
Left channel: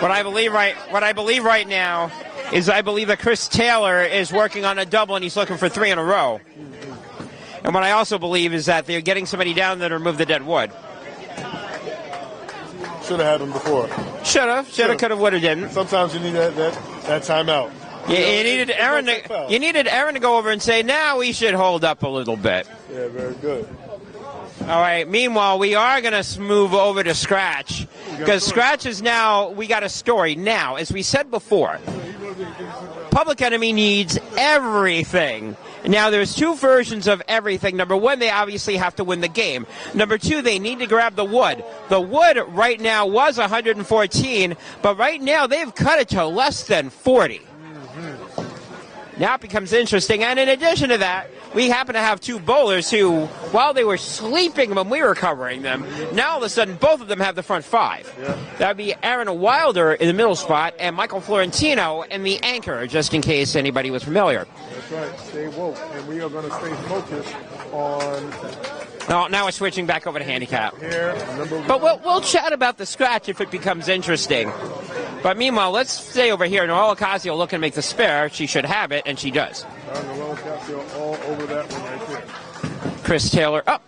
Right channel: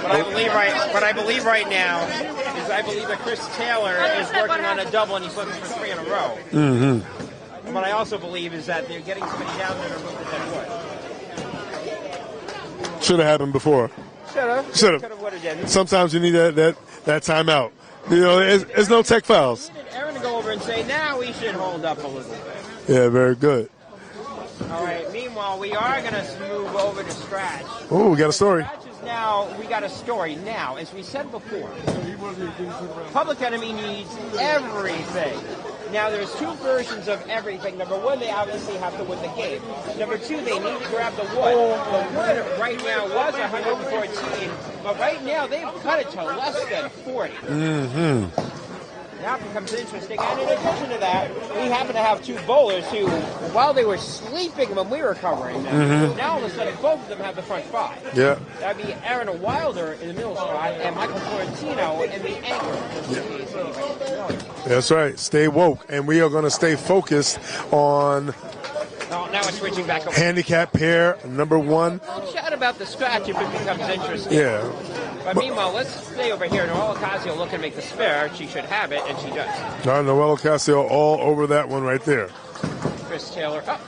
What I believe right now is I believe that Chris Taylor is working on a double and he's looking for 3 in a row. And what I also believe is that they're getting somebody down there to remove the dead wood. Should have had him before. Should have, could have, would have, didn't. Sometimes you need that timeout. There's no tech fouls. You needed Aaron to go over and say, "Now we should hold up a little bit." Yeah, very good. All right. Meanwhile, we are going to move over to Scratch. Oh, we got a story. Scratch is now, we got a story. Now, as we said before, Public Enemy needs everything. Now, there's 2 versions of everything. Number 1, they obviously have to win the game. Number 2, they need to grab the wood. The wood right now was 114, but right now they've cut it to less than 40. Now it becomes interesting. And in addition to that, we happen to have 2 bowlers who, while they were sleeping when we were covering them, now all of a sudden both of them have the front 5. Yeah. That would be Aaron Wilder in the middle spot and Michael Florentino in the anchor, just in case anybody was familiar. That's right. Stay woke. And we are going to stay focused on now we're switching back over handicap to handicap. pair, number 1. But we'll chat about the scratch if it becomes interesting. Yeah. But meanwhile, let's stay over here. Noelle Ocasio looking to make the spare. She should have it, and she does. Noelle Ocasio all over that one right there. Chris Taylor up.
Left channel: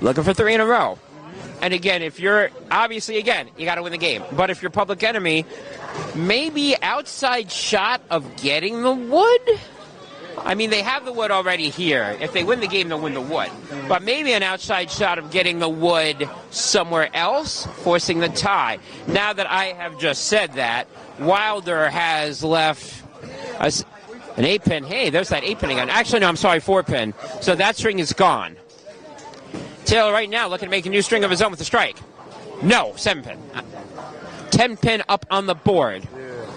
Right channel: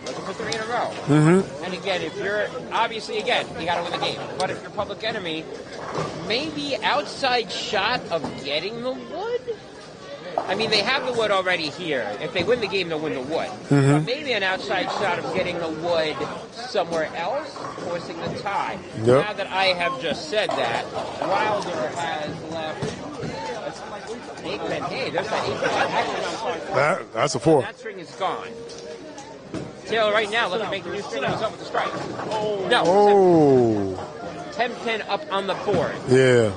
Looking for 3 in a row. And again, if you're, obviously, again, you got to win the game. But if you're Public Enemy, maybe outside shot of getting the wood? I mean, they have the wood already here. If they win the game, they'll win the wood. But maybe an outside shot of getting the wood somewhere else, forcing the tie. Yep. Now that I have just said that, Wilder has left an 8-pin. Hey, there's that 8-pin again. Actually, no, I'm sorry, 4-pin. That's a 4. So that string is gone. Taylor right now looking to make a new string of his own with the strike. No, 7-pin. 10-pin up on the board. Yeah.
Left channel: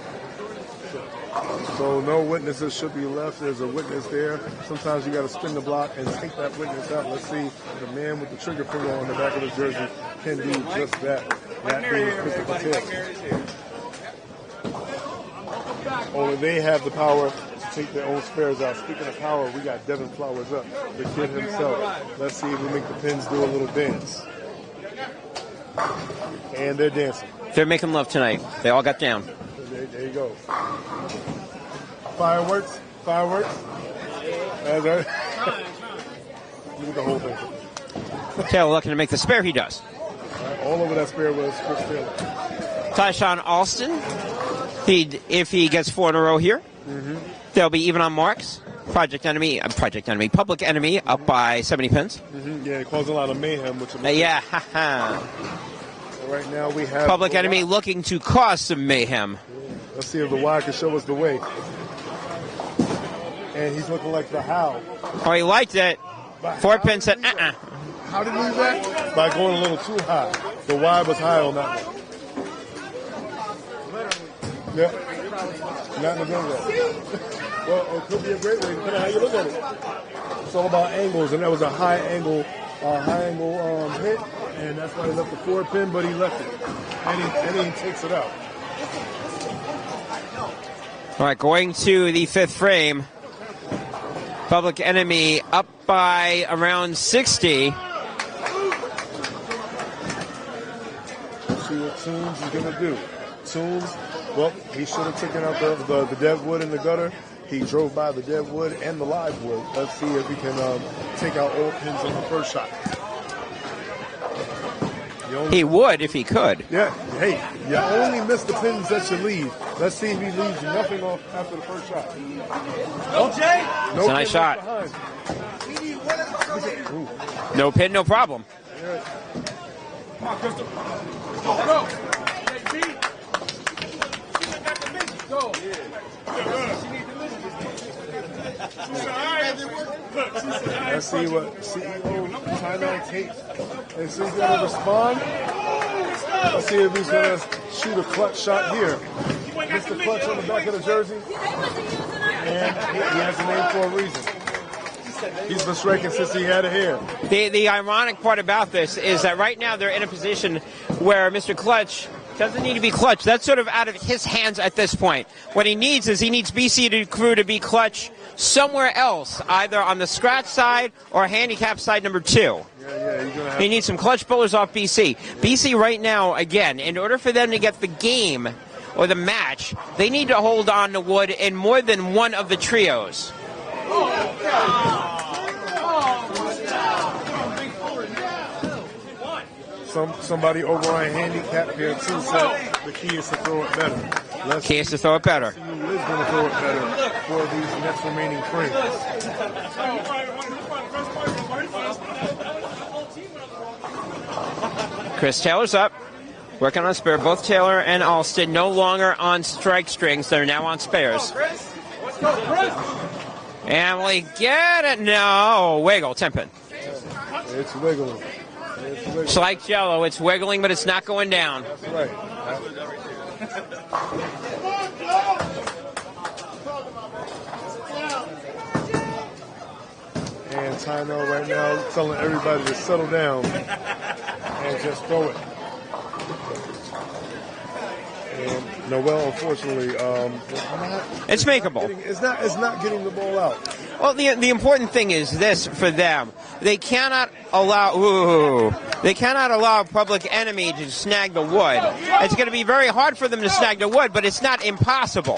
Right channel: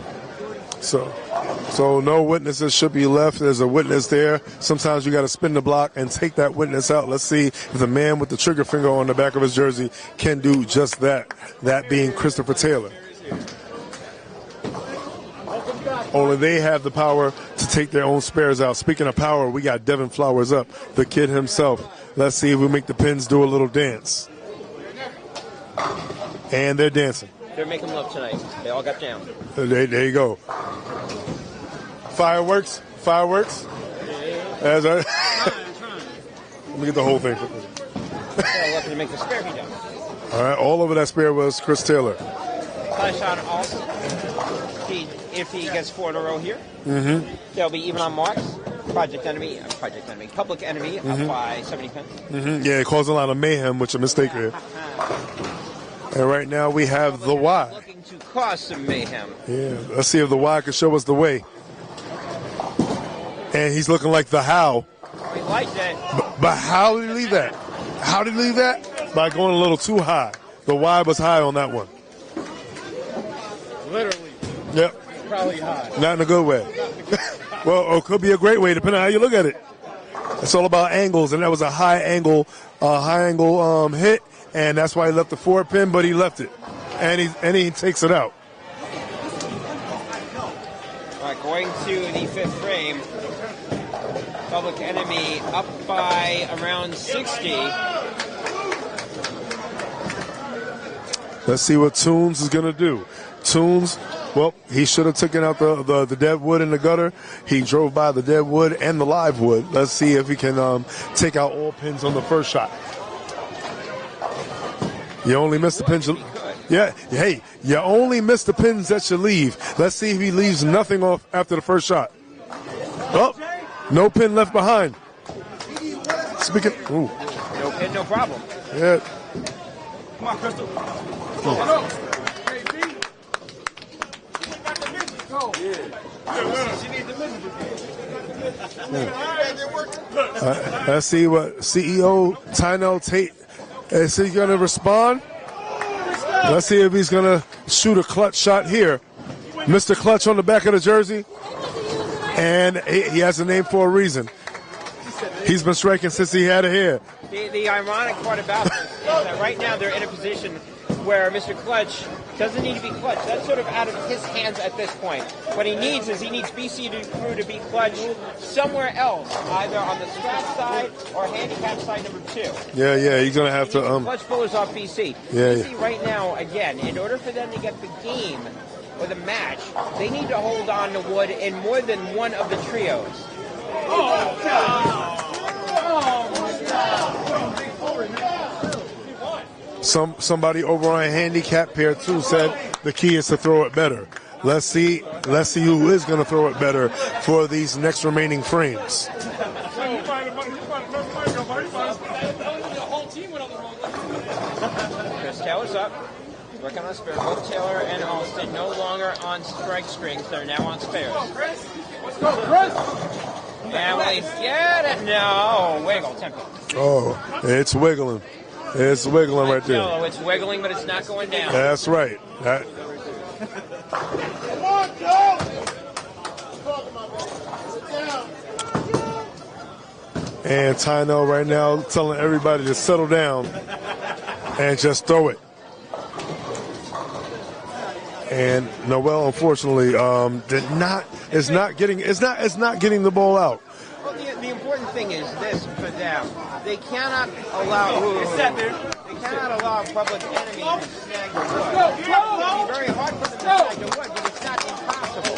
So no witnesses should be left. There's a witness there. Sometimes you got to spin the block and take that witness out. Let's see if the man with the trigger finger on the back of his jersey can do just that. That being Christopher Taylor. Only they have the power to take their own spares out. Speaking of power, we got Devin Flowers up, the kid himself. Let's see if we make the pins do a little dance. And they're dancing. They're making love tonight. They all got down. There you go. Fireworks. As Let me get the whole thing. Taylor looking to make the spare. He does. All right, all over that spare was Chris Taylor. Tyshawn Alston. If he gets 4 in a row here, they'll be even on marks. Public Enemy up by 70 pins. Yeah, it caused a lot of mayhem, which is a mistake here. And right now we have Public the Enemy Y. looking to cause some mayhem. Yeah, let's see if the Y can show us the way. And he's looking like the How. Oh, he liked it. But how did he leave that? How did he leave that? By going a little too high. The Y was high on that one. Literally. Yeah. Probably high. Not in a good way. Well, it could be a great way, depending on how you look at it. It's all about angles, and that was a high angle hit, and that's why he left the 4 pin, but he left it, and he takes it out. All right, going to the 5th frame. Public Enemy up by around 60. Let's see what Tunes is going to do. Tunes, well, he should have taken out the dead wood in the gutter. He drove by the dead wood and the live wood. Let's see if he can take out all pins on the first shot. You only miss the pins if he could. Yeah, hey, you only miss the pins that you leave. Let's see if he leaves nothing off after the first shot. Oh, no pin left behind. Ooh. No pin, no problem. Yeah. Come on, Crystal. Go. Go. Let's see what CEO Tynell Tate is he going to respond. Let's see if he's going to shoot a clutch shot here. Mr. Clutch on the back of the jersey, and he has a name for a reason. He's been striking since he had a hair. The ironic part about this is that right now they're in a position where Mr. Clutch doesn't need to be clutch. That's sort of out of his hands at this point. What he needs is BC Crew to be clutch somewhere else, either on the scratch side or handicap side number 2. Yeah, he's going to have to. He needs some clutch pullers off BC. Yeah, BC right now, again, in order for them to get the game or the match, they need to hold on to wood in more than one of the trios. Oh, God. Somebody over on handicap pair 2 said the key is to throw it better. Let's see who is going to throw it better for these next remaining frames. Chris Taylor's up, working on a spare. Both Taylor and Alston no longer on strike strings. They're now on spares. Let's go, Chris. And we get it. No, wiggle, 10 pin. Oh, it's wiggling. It's wiggling It's like right there. yellow. It's wiggling, but it's not going down. That's right. And Tynell right now telling everybody to settle down and just throw it. And Noel, unfortunately, is not getting the ball out. Well, the important thing is this for them. They cannot allow Public Enemy to snag the wood. It's going to be very hard for them to snag the wood, but it's not impossible.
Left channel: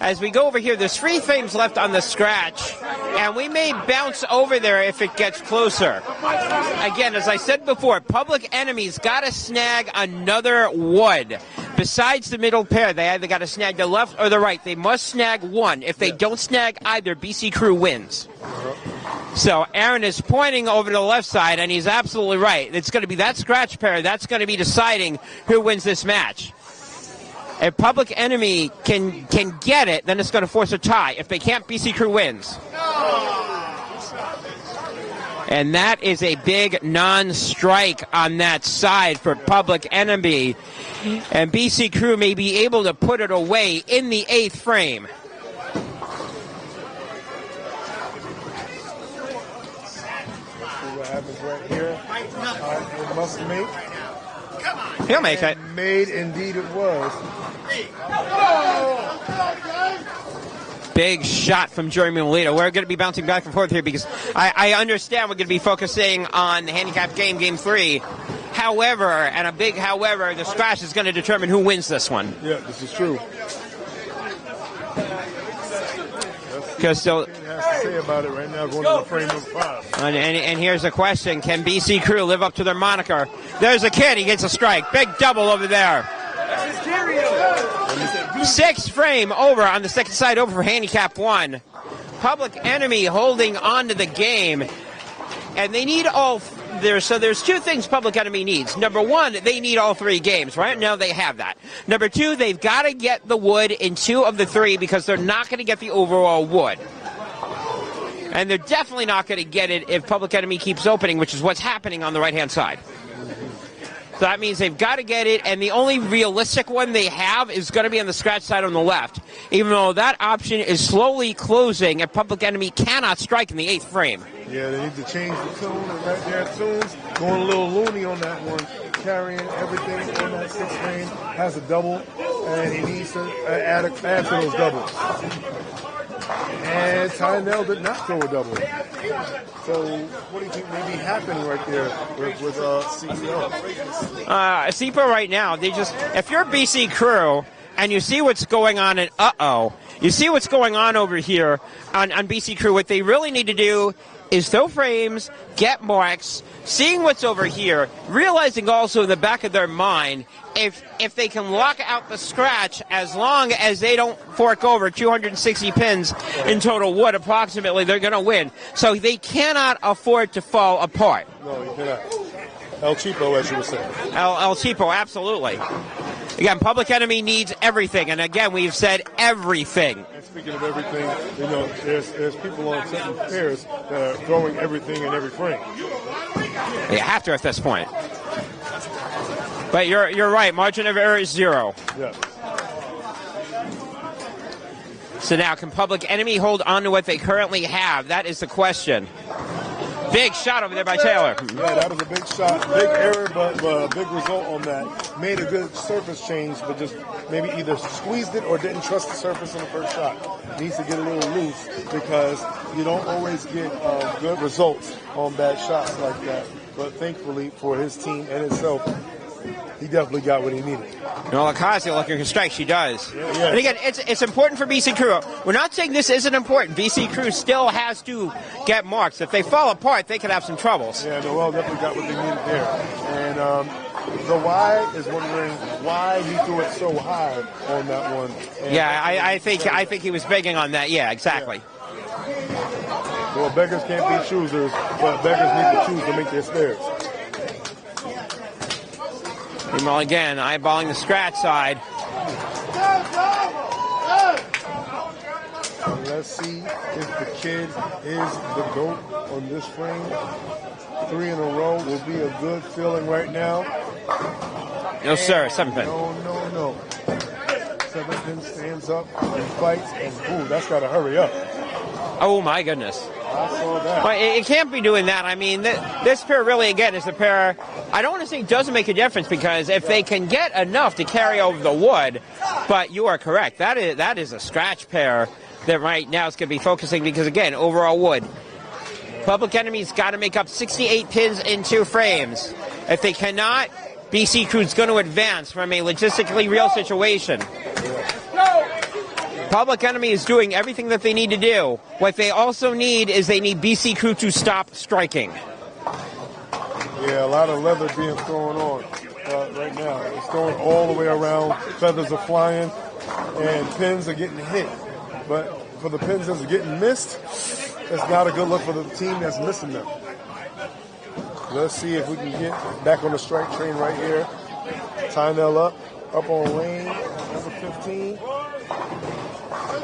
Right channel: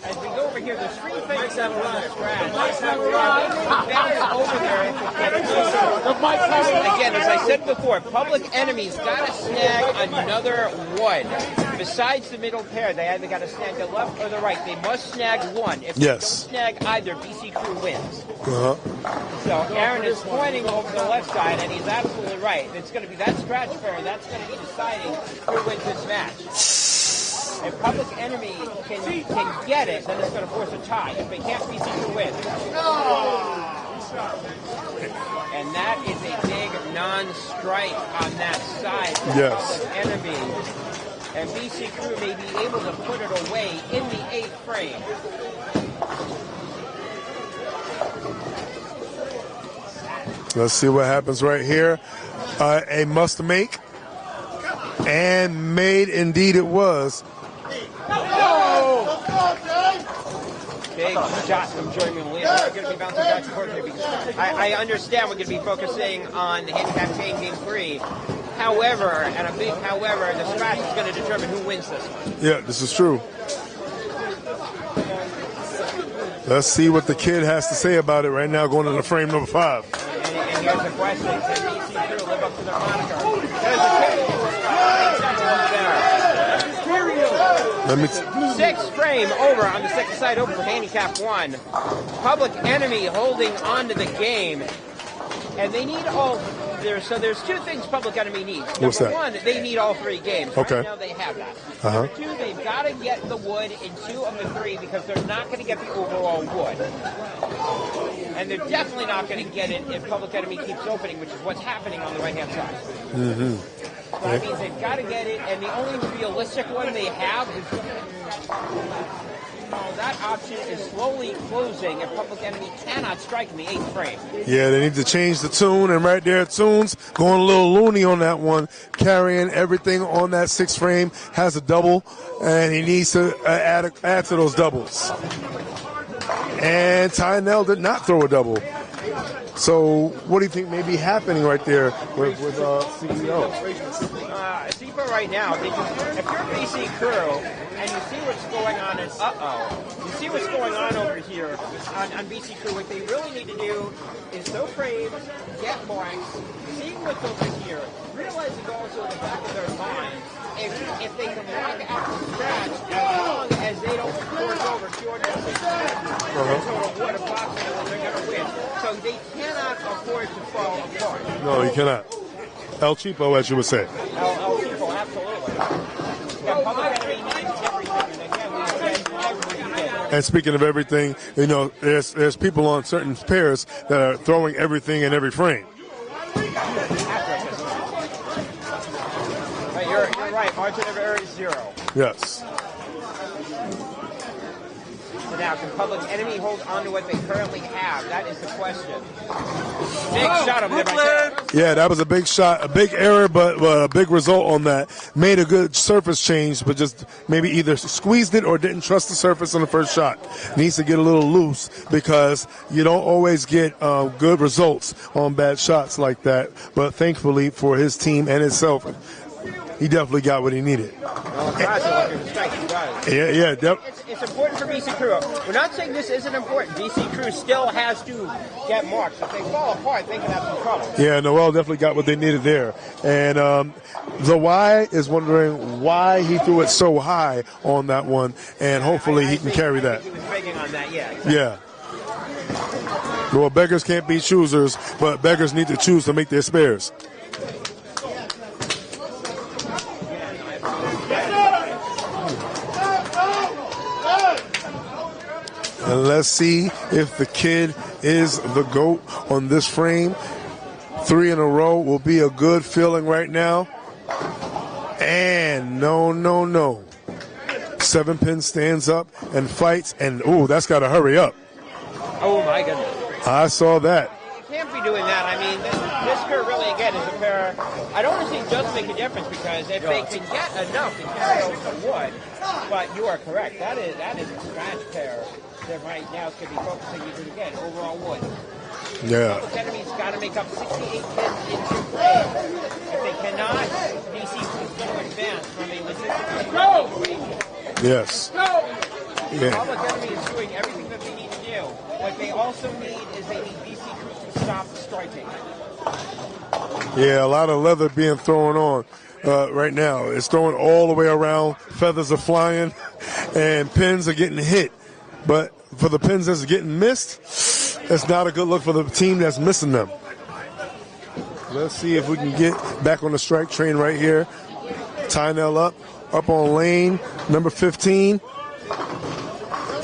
As we go over here, there's 3 frames left on the scratch, and we may bounce over there if it gets closer. Again, as I said before, Public Enemy's got to snag another wood. Besides the middle pair, they either got to snag the left or the right. They must snag one. If they don't snag either, BC Crew wins. So Aaron is pointing over to the left side, and he's absolutely right. It's going to be that scratch pair that's going to be deciding who wins this match. If Public Enemy can get it, then it's going to force a tie. If they can't, BC Crew wins. And that is a big non-strike on that side for Public Enemy. And BC Crew may be able to put it away in the 8th frame. Let's see what happens right here. A must make. And made indeed it was. Big shot from Jeremy Molina. We're going to be bouncing back and forth here because I understand we're going to be focusing on the handicap game, game 3. However, and a big however, the scratch is going to determine who wins this one. Yeah, this is true. Let's see what the kid has to say about it right now, going into frame number 5. And here's the question. Can BC Crew live up to their moniker? There's a kid. He gets a strike. Big double over there. 6th frame over on the second side over for handicap 1. Public Enemy holding on to the game. And they need all... So there's 2 things Public Enemy needs. Number 1, they need all 3 games. Right now they have that. Number 2, they've got to get the wood in 2 of the 3 because they're not going to get the overall wood. And they're definitely not going to get it if Public Enemy keeps opening, which is what's happening on the right-hand side. So that means they've got to get it, and the only realistic one they have is going to be on the scratch side on the left. Even though that option is slowly closing, and Public Enemy cannot strike in the 8th frame. Yeah, they need to change the tune, and right there, Tunes going a little loony on that one, carrying everything on that 6th frame, has a double, and he needs to add to those doubles. And Tynell did not throw a double. So what do you think may be happening right there with CEO? CPO right now, if you're BC Crew, and you see what's going on in you see what's going on over here on BC Crew, what they really need to do is throw frames, get marks, seeing what's over here, realizing also in the back of their mind, if they can lock out the scratch, as long as they don't fork over 260 pins in total wood approximately, they're going to win. So they cannot afford to fall apart. No, you cannot. El Cheapo, as you would say. El Cheapo, absolutely. Again, Public Enemy needs everything, and again, we've said everything. And speaking of everything, you know, there's people on certain pairs that are throwing everything in every frame. They have to at this point. But you're right. Margin of error is 0. Yes. So now, can Public Enemy hold on to what they currently have? That is the question. Big shot over there by Taylor. Yeah, that was a big shot, a big error, but a big result on that. Made a good surface change, but just maybe either squeezed it or didn't trust the surface on the first shot. Needs to get a little loose because you don't always get good results on bad shots like that. But thankfully for his team and himself, he definitely got what he needed. No, Lacazette looking for strike. She does. Yeah. And again, it's important for BC Crew. We're not saying this isn't important. BC Crew still has to get marks. If they fall apart, they can have some troubles. Yeah, Noel definitely got what they needed there. And the why is wondering why he threw it so high on that one. And hopefully he can carry that. I think he was begging on that. Yeah, exactly. Yeah. Well, beggars can't be choosers, but beggars need to choose to make their spares. Well, again, eyeballing the scratch side. And let's see if the kid is the GOAT on this frame. 3 in a row will be a good feeling right now. And no. 7 pin stands up and fights, and that's got to hurry up. Oh, my goodness. I saw that. Well, it can't be doing that. I mean, this pair really, again, is a pair, I don't want to say it doesn't make a difference, because if they can get enough to carry over the wood, but you are correct. That is a scratch pair that right now is going to be focusing, because, again, overall wood. Yeah. Public Enemy's got to make up 68 pins in 2 frames. If they cannot, BC Crew's going to advance from a logistically real situation. Yes. Yeah. Public Enemy is doing everything that they need to do. What they also need is they need BC Crew to stop striking. Yeah, a lot of leather being thrown on right now. It's throwing all the way around. Feathers are flying, and pins are getting hit. But for the pins that's getting missed, it's not a good look for the team that's missing them. Let's see if we can get back on the strike train right here. Tynell up on lane number 15.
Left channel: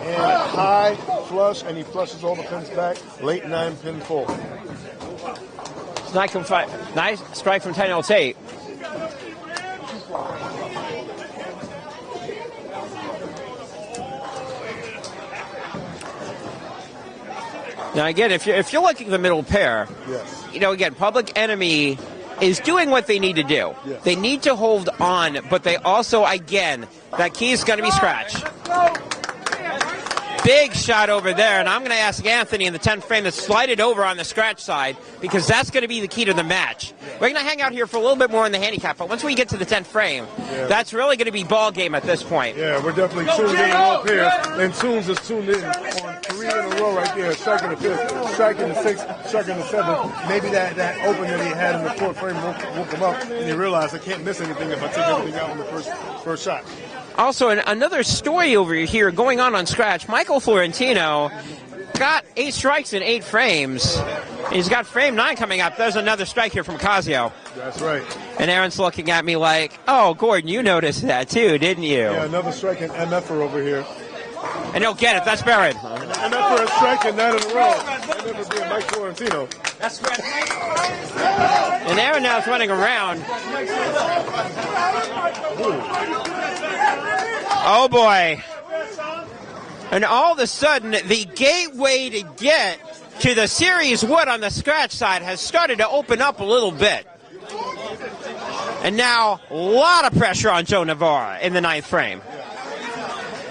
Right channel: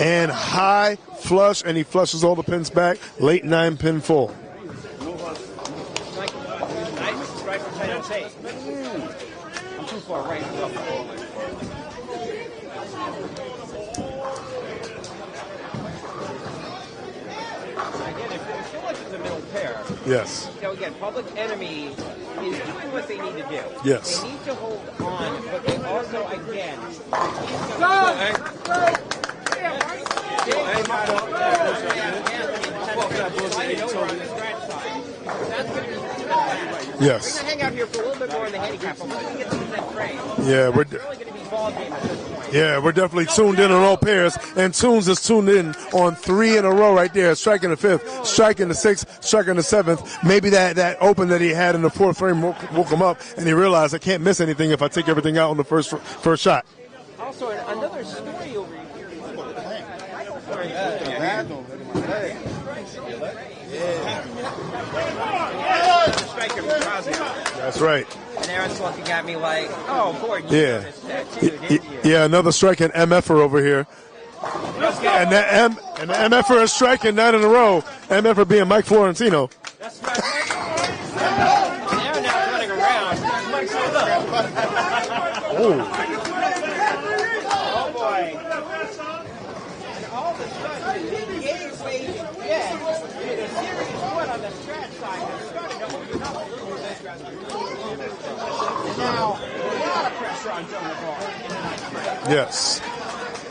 And high flush, and he flushes all the pins back. Late 9-pin full. Nice strike from Tynell Tate. Now again, if you're looking at the middle pair, yes, you know, again, Public Enemy is doing what they need to do. Yes. They need to hold on, but they also, again, that key is going to be scratched. Big shot over there, and I'm going to ask Anthony in the 10th frame to slide it over on the scratch side, because that's going to be the key to the match. Yes. We're going to hang out here for a little bit more in the handicap, but once we get to the 10th frame, Yeah, that's really going to be ball game at this point. Yeah, we're definitely tuned in on all pairs, and Tunes is tuned in on 3 in a row right there, striking the 5th, striking the 6th, striking the 7th. Maybe that open that he had in the 4th frame woke him up, and he realized I can't miss anything if I take everything out on the first shot. Also, another story over here going on scratch. Michael Florentino got 8 strikes in 8 frames. He's got frame 9 coming up. There's another strike here from Casio. That's right. And Aaron's looking at me like, oh, Gordon, you noticed that too, didn't you? Yeah, another strike and MFer over here. And he'll get it. That's buried. And the MFer is striking 9 in a row. MFer being Mike Florentino. That's right. And Aaron now is running around. Ooh. Oh boy. And all of a sudden, the gateway to get to the series wood on the scratch side has started to open up a little bit. And now, a lot of pressure on Joe Navarra in the 9th frame. Yes.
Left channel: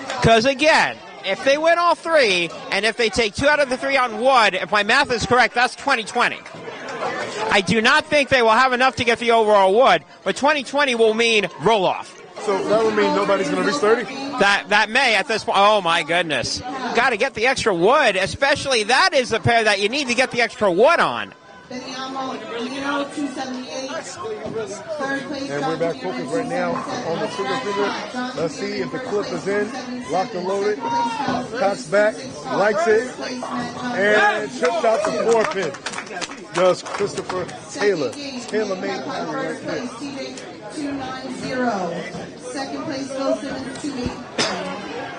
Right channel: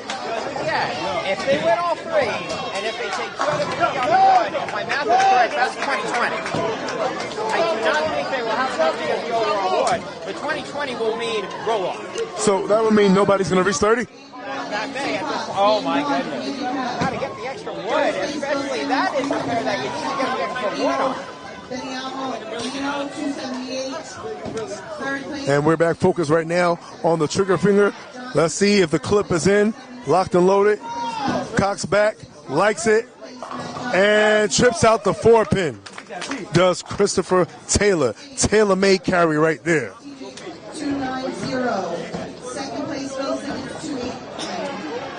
Because again, if they win all 3, and if they take 2 out of the 3 on wood, if my math is correct, that's 20-20. I do not think they will have enough to get the overall wood, but 20-20 will mean roll-off. So that would mean nobody's going to reach 30? That may at this point. Oh my goodness. Got to get the extra wood, especially that is the pair that you need to get the extra wood on. And we're back focused right now on the trigger finger. Let's see if the clip is in, locked and loaded. Cocks back, likes it, and trips out the 4-pin. Does Christopher Taylor. Tailor-made carry right there. 290. Second place, Phil Simmons, 280.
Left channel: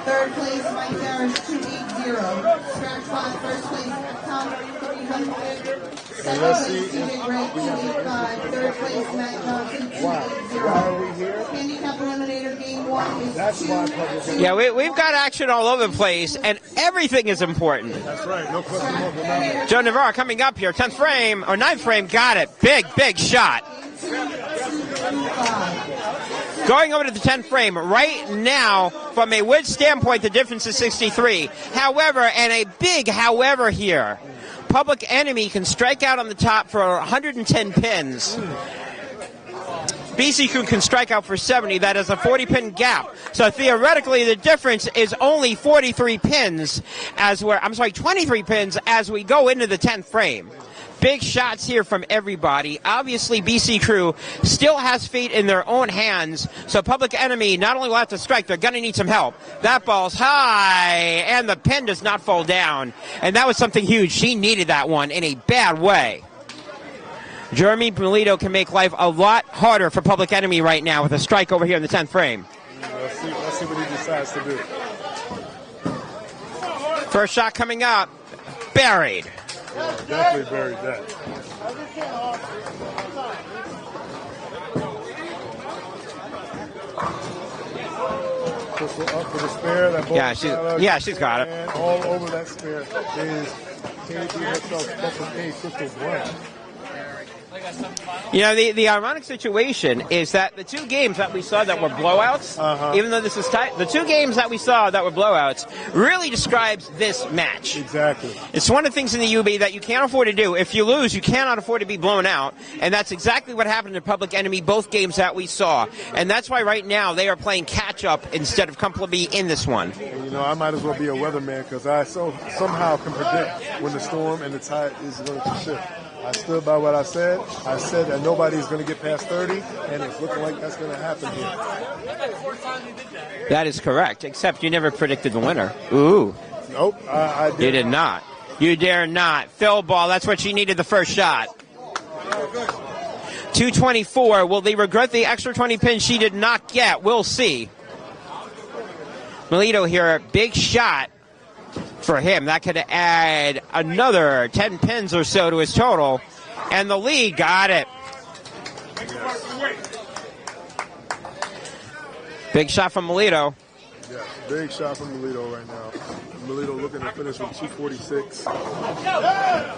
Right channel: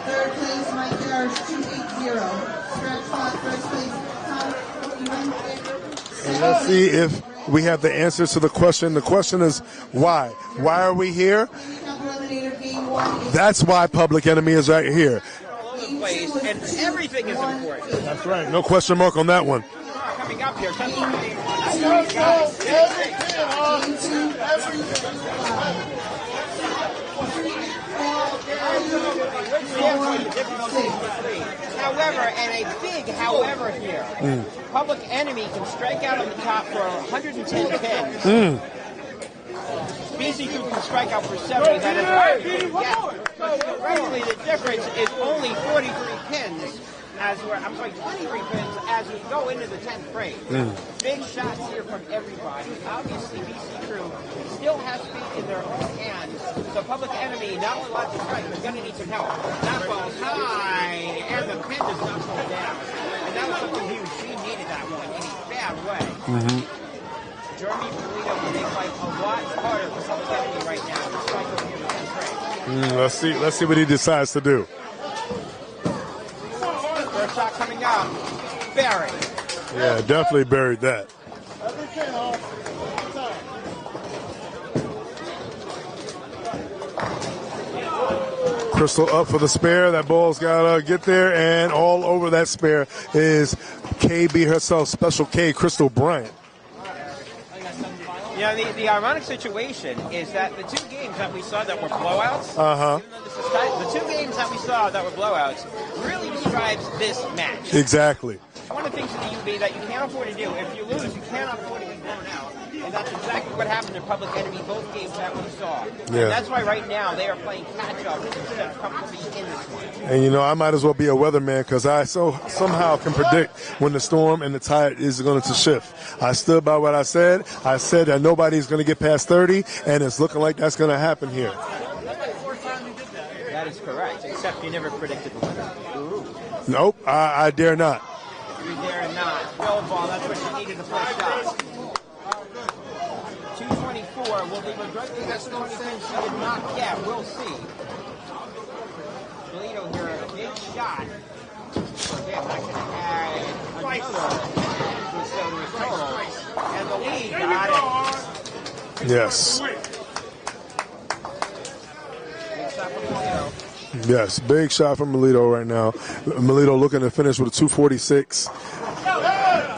Third place, Mike Harris, 280. Scratch spot, first place, Tom. And let's see if we have the answers to the question. The question is why? Why are we here? That's why Public Enemy is right here. We've got action all over the place, and everything is important. That's right. No question mark on that one. Joe Navarro coming up here. 10th frame, or 9th frame, got it. Big shot. Going over to the 10th frame, right now, from a wood standpoint, the difference is 63. However, and a big however here, Public Enemy can strike out on the top for 110 pins. BC Crew can strike out for 70. That is a 40-pin gap. So theoretically, the difference is only 43 pins as we're, 23 pins as we go into the 10th frame. Big shots here from everybody. Obviously, BC Crew still has fate in their own hands. So Public Enemy not only will have to strike, they're going to need some help. That ball's high, and the pin does not fall down. And that was something huge. She needed that one in a bad way. Jeremy Melito can make life a lot harder for Public Enemy right now with a strike over here in the 10th frame. Let's see what he decides to do. First shot coming up. Buried. Yeah, definitely buried that. Crystal up for the spare. That ball's got to get there, and all over that spare is KB herself, Special K, Crystal Bryant. You know, the ironic situation is that the 2 games that we saw that were blowouts, even though this is tight, the 2 games that we saw that were blowouts really describes this match. Exactly. It's one of the things in the UB that you can't afford to do. If you lose, you cannot afford to be blown out, and that's exactly what happened to Public Enemy both games that we saw. Yeah. And that's why right now they are playing catch-up instead of comfortably in this one. And, you know, I might as well be a weatherman because I somehow can predict when the storm and the tide is going to shift. I stood by what I said. I said that nobody's going to get past 30, and it's looking like that's going to happen here. That is correct, except you never predicted the winner. Ooh. Nope, I dare not. You did not. You dare not. Phil ball, that's what she needed the first shot. 224. Will they regret the extra 20 pins she did not get? We'll see. Melito here, a big shot for him. That could add another 10 pins or so to his total. And the lead got it. Yes. Big shot from Melito. Yes, big shot from Melito right now. Melito looking to finish with a 246.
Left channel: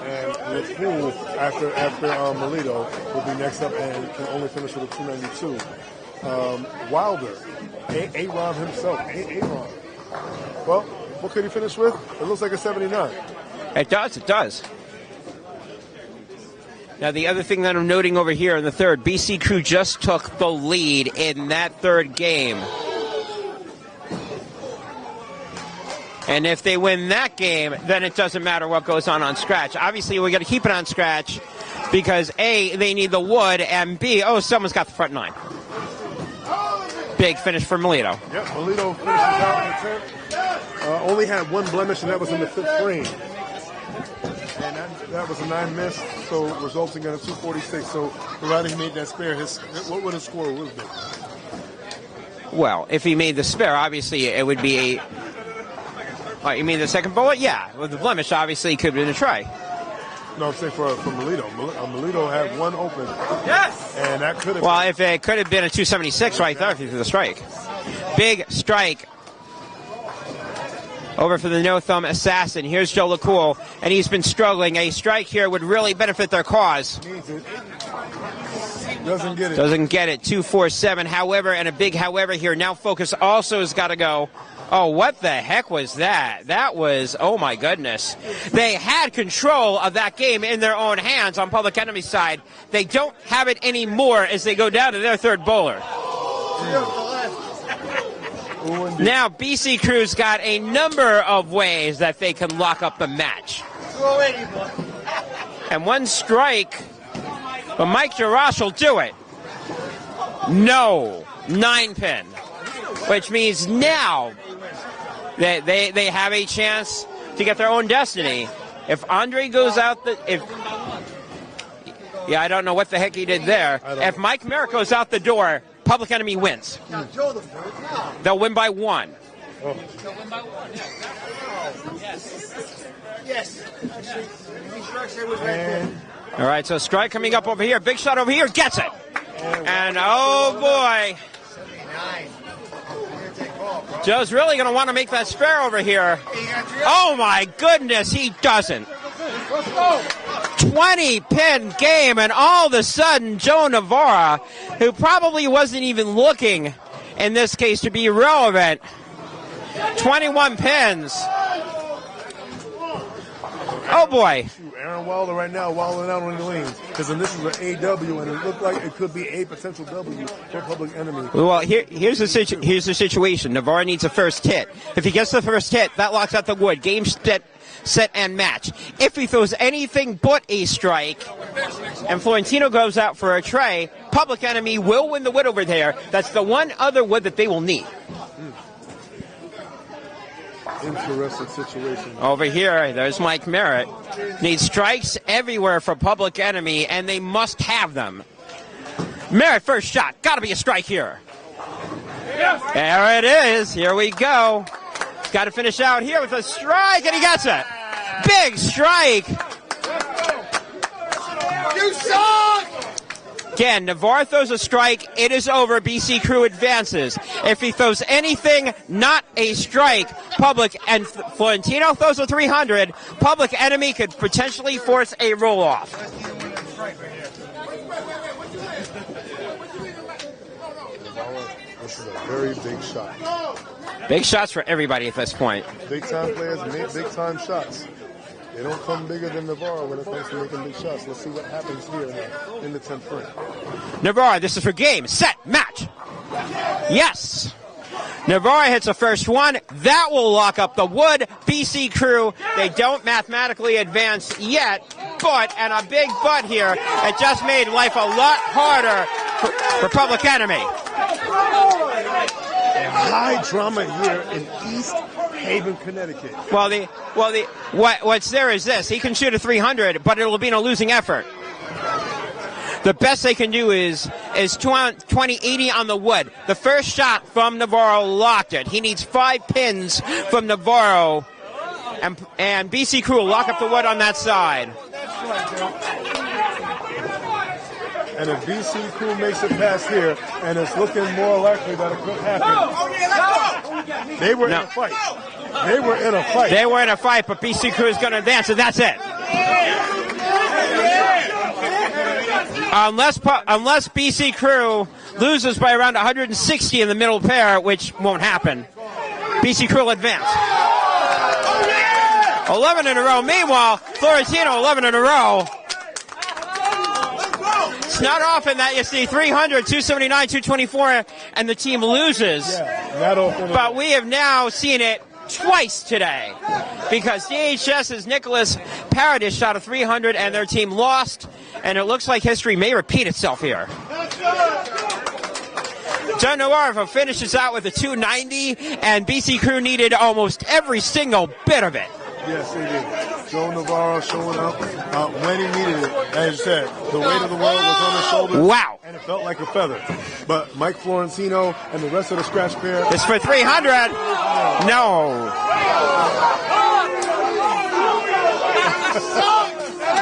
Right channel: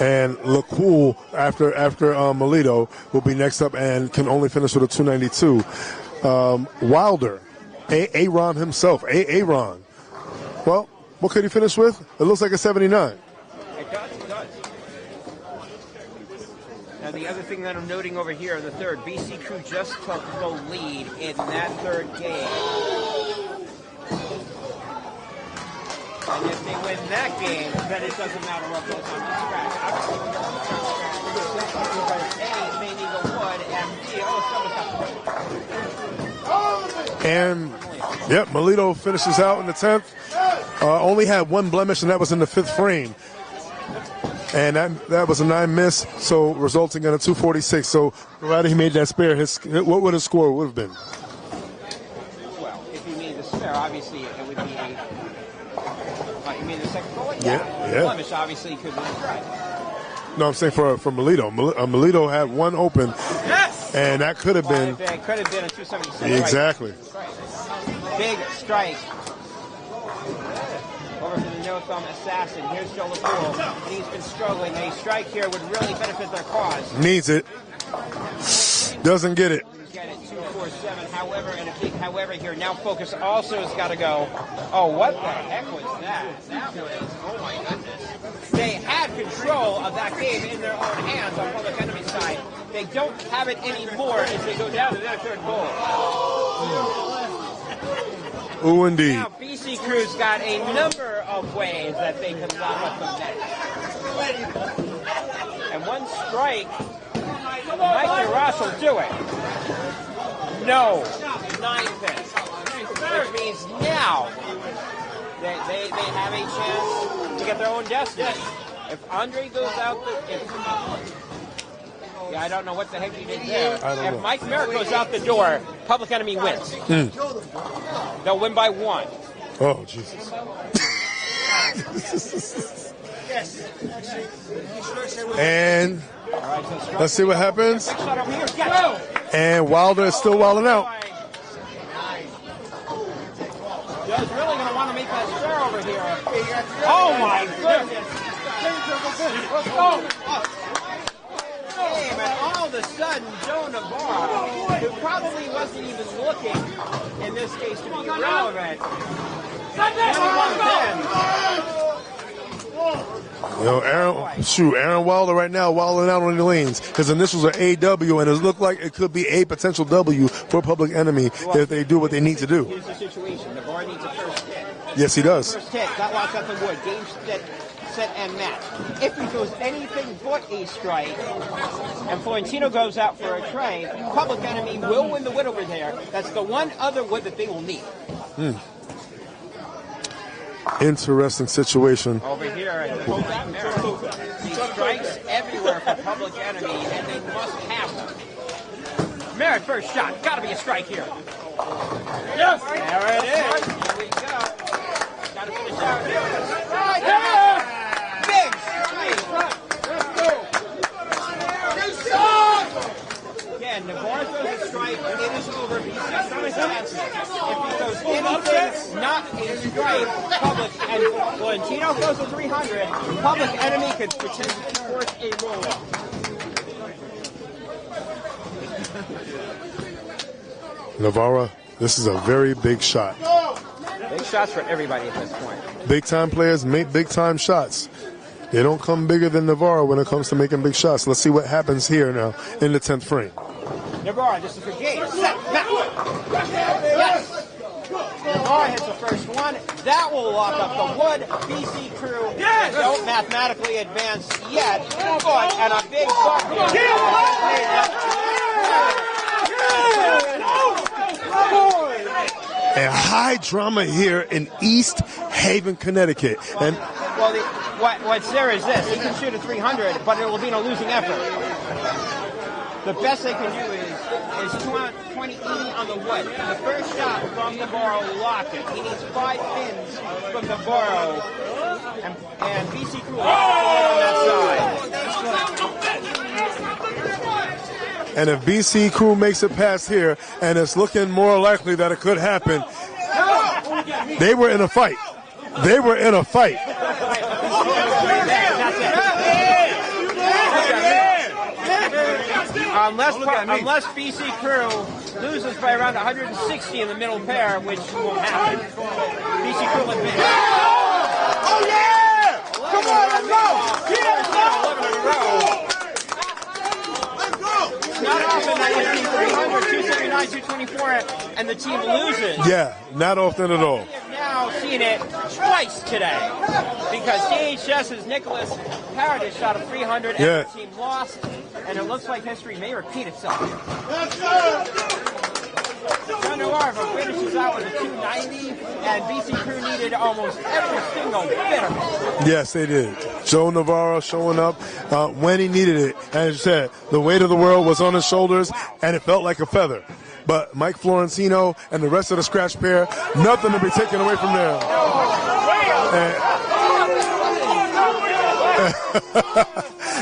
And LaCool, after Melito, will be next up and can only finish with a 292. Wilder, Aaron himself, Aaron. Well, what could he finish with? It looks like a 79. It does. Now, the other thing that I'm noting over here in the third, BC Crew just took the lead in that third game. And if they win that game, then it doesn't matter what goes on scratch. Obviously, we got to keep it on scratch because A, they need the wood, and B, someone's got the front nine. Big finish for Melito. Yep, Melito finishes out in the 10th. Only had one blemish, and that was in the 5th frame. And that was a 9 miss, so resulting in a 246. So provided he made that spare, what would his score would have been? Well, if he made the spare, obviously it would be a... you mean the second bullet? Yeah. Well, the blemish obviously could have been a try. No, I'm saying for Melito. Melito had one open. Yes! And that could have been... Well, if it could have been a 276 right there for the strike. Big strike. Over for the no-thumb assassin. Here's Joe LaCool, and he's been struggling. A strike here would really benefit their cause. Needs it. Doesn't get it. Doesn't get it. 247. However, and a big however here. Now focus also has got to go. Oh, what the heck was that? That was, oh my goodness. They had control of that game in their own hands on Public Enemy's side. They don't have it anymore as they go down to their third bowler. Ooh, indeed. Now, BC Crew's got a number of ways that they can lock up the match. And one strike, but Mike Jarash will do it. No, 9 pin, which means now that they have a chance to get their own destiny. If Andre goes out, I don't know what the heck he did there. If Mike Merrick goes out the door, Public Enemy wins. They'll win by 1. Oh, Jesus. And all right, so strike coming up over here. Big shot over here. Gets it. And Wilder is still wilding out. Joe's really going to want to make that spare over here. Oh, my goodness, he doesn't. 20-pin game, and all of a sudden, Joe Navarra, who probably wasn't even looking, in this case, to be relevant, 21 pins. Aaron, boy. Shoot, Aaron Wilder right now, wilding out on the lanes. His initials are AW, and it looked like it could be a potential W for Public Enemy if they do what they need to do. Here's the situation. Navarra needs a first hit. If he gets the first hit, that locks out the wood. Game, set, and match. If he throws anything but a strike, and Florentino goes out for a tray, Public Enemy will win the wood over there. That's the one other wood that they will need. Interesting situation. Over here, there's Mike Merritt. Needs strikes everywhere for Public Enemy, and they must have them. Merritt, first shot. Got to be a strike here. Yes. There it is. Here we go. Got to finish out here with a strike, and he gets it. Big strike. You suck! Again, Navarre throws a strike. It is over. BC Crew advances. If he throws anything not a strike, Public and Florentino throws a 300, Public Enemy could potentially force a roll-off. Navarra, this is a very big shot. Big shots for everybody at this point. Big-time players make big-time shots. They don't come bigger than Navarro when it comes to making big shots. Let's see what happens here now in the 10th frame. Navarro, this is for game, set, match. Yes. Navarro hits the first one. That will lock up the wood. BC Crew, they don't mathematically advance yet, but, and a big but here, it just made life a lot harder for Public Enemy. And high drama here in East Haven, Connecticut. What's there is this. He can shoot a 300, but it will be no losing effort. The best they can do is 20-80 on the wood. The first shot from Navarro locked it. He needs 5 pins from Navarro, and BC Crew will lock up the wood on that side. And if BC Crew makes it past here, and it's looking more likely that it could happen, they were in a fight. They were in a fight. They were in a fight, but BC Crew is going to advance, and that's it. Unless BC Crew loses by around 160 in the middle pair, which won't happen, BC Crew will advance. 11 in a row. Meanwhile, Florentino 11 in a row. It's not often that it's the 300, 279, 224, and the team loses. Yeah, not often at all. But we have now seen it twice today because DHS's Nicholas Paradis shot a 300 and their team lost, and it looks like history may repeat itself here. Joe Navarro finishes out with a 290, and BC Crew needed almost every single bit of it. Yes, they did. Joe Navarro showing up when he needed it. And as you said, the weight of the world was on his shoulders. Wow. And it felt like a feather. But Mike Florentino and the rest of the scratch pair, it's for nothing 300. to be taken away from there. No.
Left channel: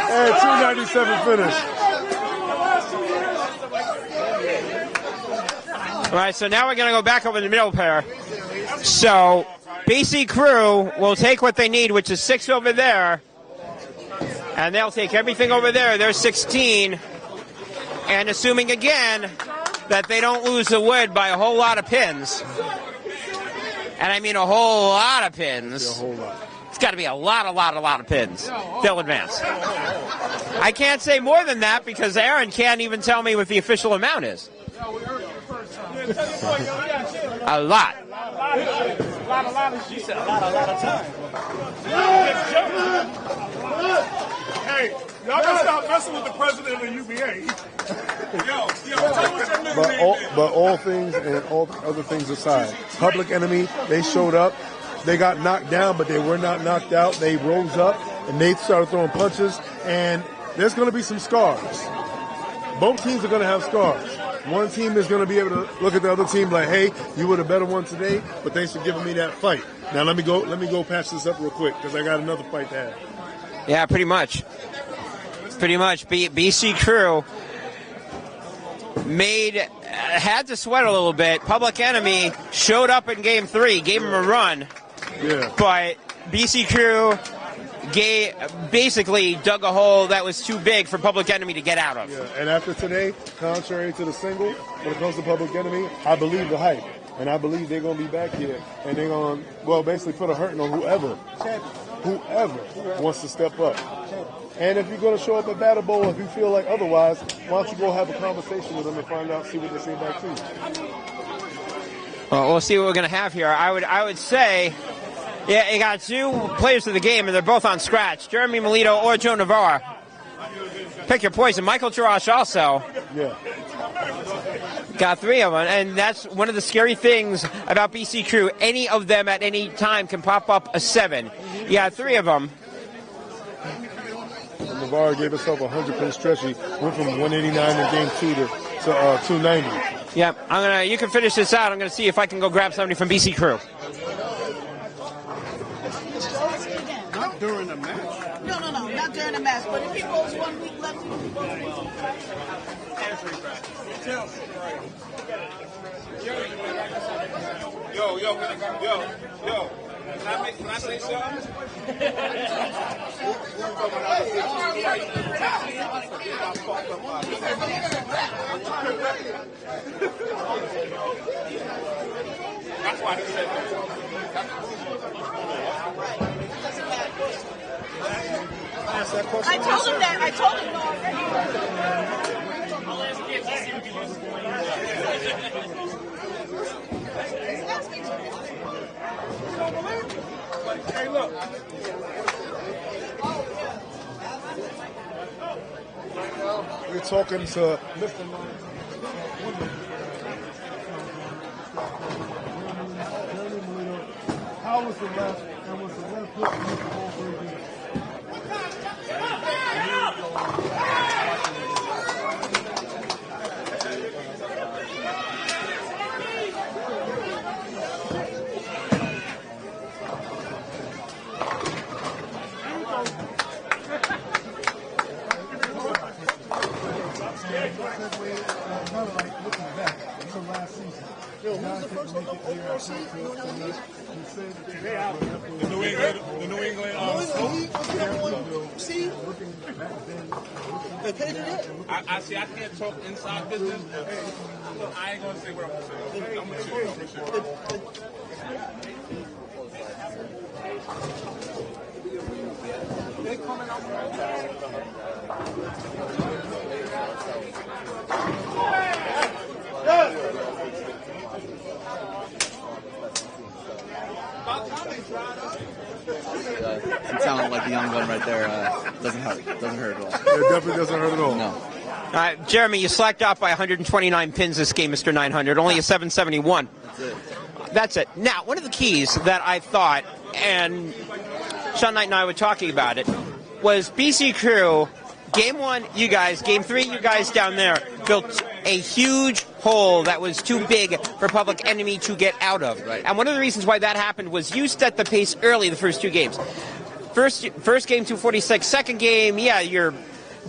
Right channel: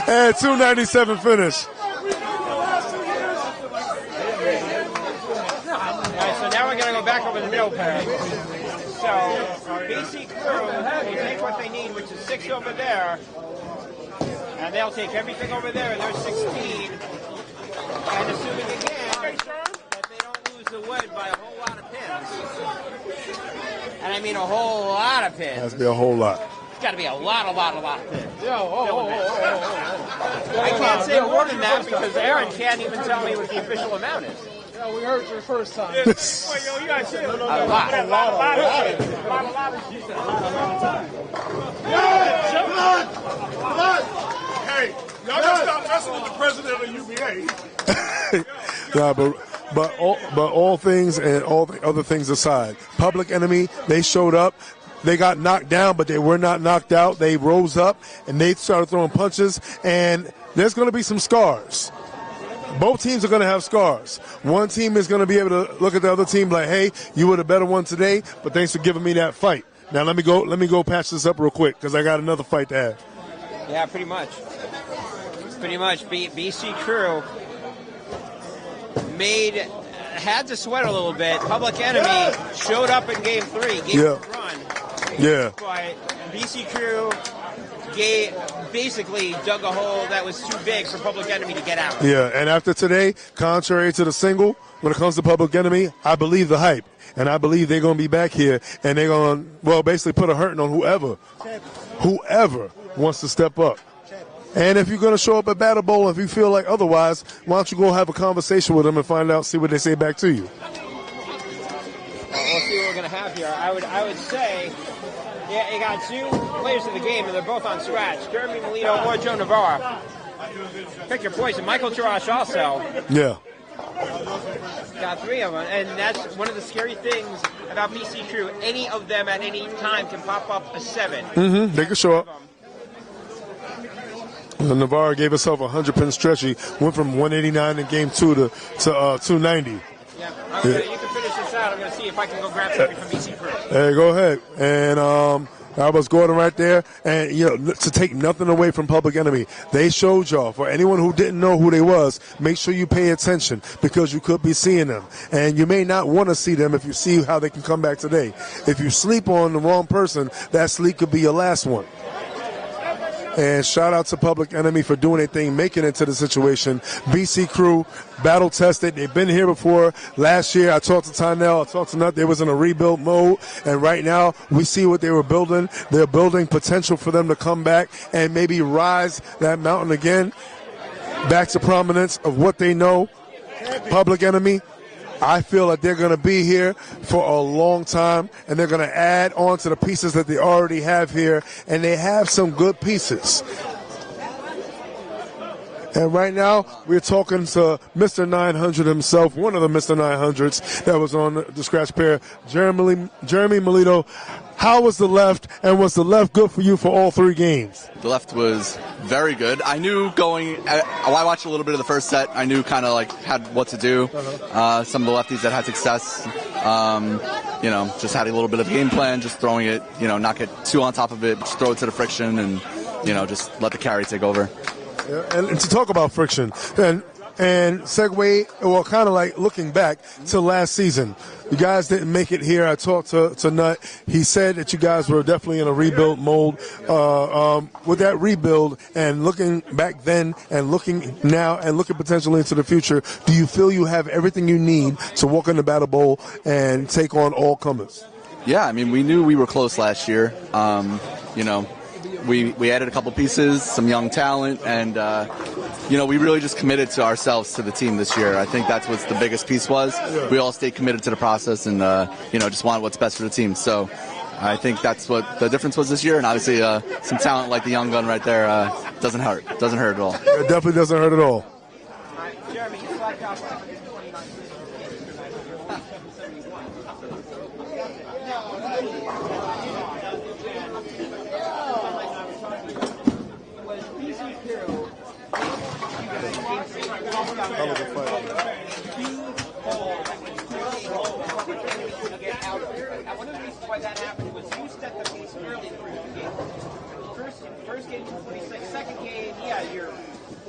And 297 finish. All right, so now we're going to go back over the middle pair. So BC Crew will take what they need, which is 6 over there, and they'll take everything over there. They're 16, and assuming again that they don't lose the wood by a whole lot of pins, and I mean a whole lot of pins. That's a whole lot. It's got to be a lot of pins. They'll advance. I can't say more than that because Aaron can't even tell me what the official amount is. Yeah, we heard your first time. A lot. She said a lot of time. Hey, y'all just stop messing with the president of the UBA. But all things and all the other things aside, Public Enemy, they showed up. They got knocked down, but they were not knocked out. They rose up, and they started throwing punches, and there's going to be some scars. Both teams are going to have scars. One team is going to be able to look at the other team like, hey, you were the better one today, but thanks for giving me that fight. Now let me go patch this up real quick because I got another fight to have. Yeah, pretty much. BC Crew had to sweat a little bit. Public Enemy showed up in game 3, gave him a run. Yeah. But BC Crew basically dug a hole that was too big for Public Enemy to get out. Yeah, and after today, contrary to the single, when it comes to Public Enemy, I believe the hype. And I believe they're going to be back here, and they're going to, well, basically put a hurting on whoever wants to step up. And if you're going to show up at Battle Bowl, if you feel like otherwise, why don't you go have a conversation with them and find out, see what they say back to you. Well, we'll see what we're going to have here. I would say, yeah, you got 2 players of the game, and they're both on scratch. Jeremy Melito or Joe Navarro. Pick your poison. Michael Tarash also. Yeah. Got 3 of them, and that's one of the scary things about BC Crew. Any of them at any time can pop up a 7. Mm-hmm. You got 3 of them. Navarro gave himself a 100-pin stretch. He went from 189 in game 2 to 290. Yep. You can finish this out. I'm going to see if I can go grab somebody from BC Crew. Hey, go ahead. And I was Gordon right there. And, to take nothing away from Public Enemy, they showed y'all. For anyone who didn't know who they was, make sure you pay attention because you could be seeing them. And you may not want to see them if you see how they can come back today. If you sleep on the wrong person, that sleep could be your last one. And shout out to Public Enemy for doing their thing, making it to the situation. BC Crew, battle tested. They've been here before. Last year, I talked to Tynell. I talked to Nut. They was in a rebuild mode. And right now, we see what they were building. They're building potential for them to come back and maybe rise that mountain again. Back to prominence of what they know. Public Enemy, I feel like they're going to be here for a long time, and they're going to add on to the pieces that they already have here, and they have some good pieces. And right now, we're talking to Mr. 900 himself, one of the Mr. 900s that was on the scratch pair, Jeremy Melito. How was the left, and was the left good for you for all 3 games? The left was very good. I knew I watched a little bit of the first set. I knew kind of like what to do. Some of the lefties that had success, just had a little bit of game plan, just throwing it, not get too on top of it, just throw it to the friction and, just let the carry take over. Yeah, and to talk about friction, and segue, well, kind of like looking back to last season. You guys didn't make it here. I talked to Nut. He said that you guys were definitely in a rebuild mode. With that rebuild and looking back then and looking now and looking potentially into the future, do you feel you have everything you need to walk in the Battle Bowl and take on all comers? Yeah, I mean, we knew we were close last year. You know, we added a couple pieces, some young talent, and, you know, we really just committed to ourselves, to the team this year. I think that's what the biggest piece was. We all stayed committed to the process and, you know, just wanted what's best for the team. So I think that's what the difference was this year, and obviously some talent like the young gun right there doesn't hurt. Doesn't hurt at all. It definitely doesn't hurt at all. No. Jeremy, you slacked off by 129 pins this game, Mr. 900, only a 771. That's it. Now, one of the keys that I thought, and Sean Knight and I were talking about it, was BC Crew, game 1, you guys, game 3, you guys down there, built a huge hole that was too big for Public Enemy to get out of. Right. And one of the reasons why that happened was you set the pace early the first 2 games. First game, 246. Second game, yeah, you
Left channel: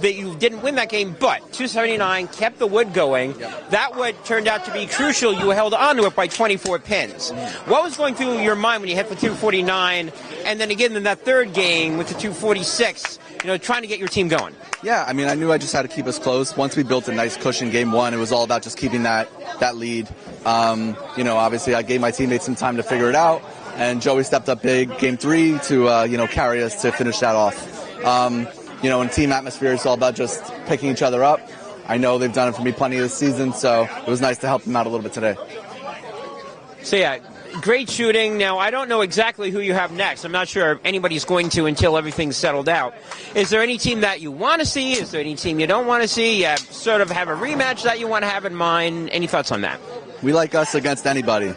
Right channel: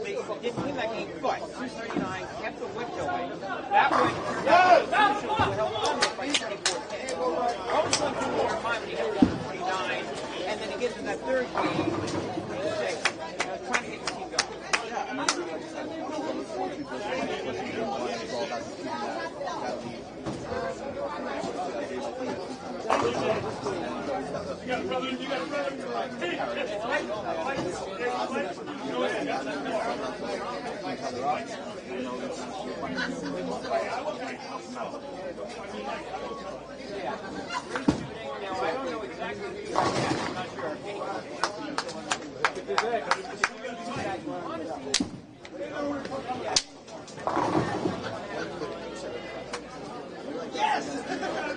didn't win that game, but 279 kept the wood going. That wood turned out to be crucial. You held on to it by 24 pins. What was going through your mind when you hit the 249, and then again in that third game with the 246, you know, trying to get your team going? Yeah, I mean, I knew I just had to keep us close. Once we built a nice cushion game 1, it was all about just keeping that lead. You know, obviously I gave my teammates some time to figure it out, and Joey stepped up big game 3 to, you know, carry us to finish that off. You know, in team atmosphere, it's all about just picking each other up. I know they've done it for me plenty this season, so it was nice to help them out a little bit today. So, yeah, great shooting. Now, I don't know exactly who you have next. I'm not sure if anybody's going to until everything's settled out. Is there any team that you want to see? Is there any team you don't want to see? You sort of have a rematch that you want to have in mind. Any thoughts on that? We like us against anybody.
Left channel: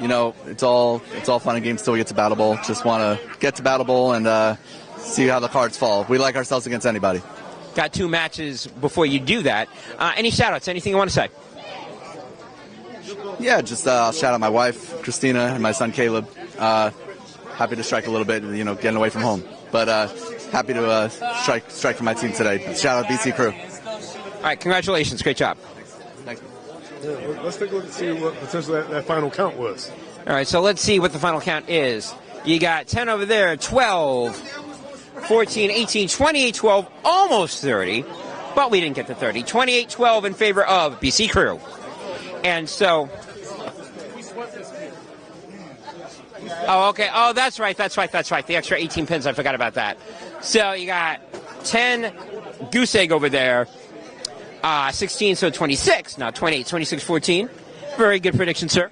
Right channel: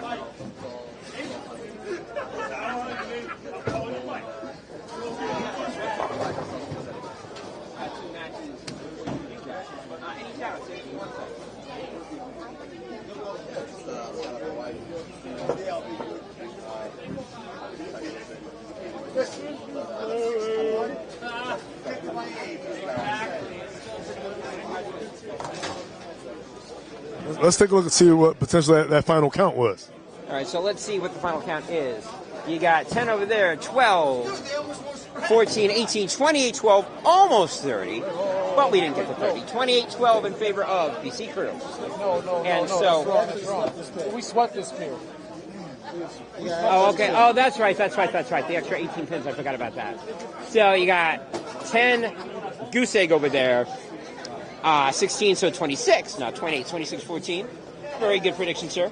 You know, it's all fun and games till we get to Battle Bowl. Just want to get to Battle Bowl and see how the cards fall. We like ourselves against anybody. Got 2 matches before you do that. Any shout-outs? Anything you want to say? Yeah, just shout out my wife, Christina, and my son, Caleb. Happy to strike a little bit, you know, getting away from home. But happy to strike for my team today. Shout out BC Crew. All right, congratulations. Great job. Thanks. Let's take a look and see what potentially that final count was. All right, so let's see what the final count is. You got 10 over there, 12, 14, 18, 28, 12, almost 30, but we didn't get to 30. 28, 12 in favor of BC Crew. And so... We swept this game. Oh, okay. Oh, that's right. The extra 18 pins, I forgot about that. So you got 10 goose egg over there, 16, so 26, not 20, 26, 14. Very good prediction, sir.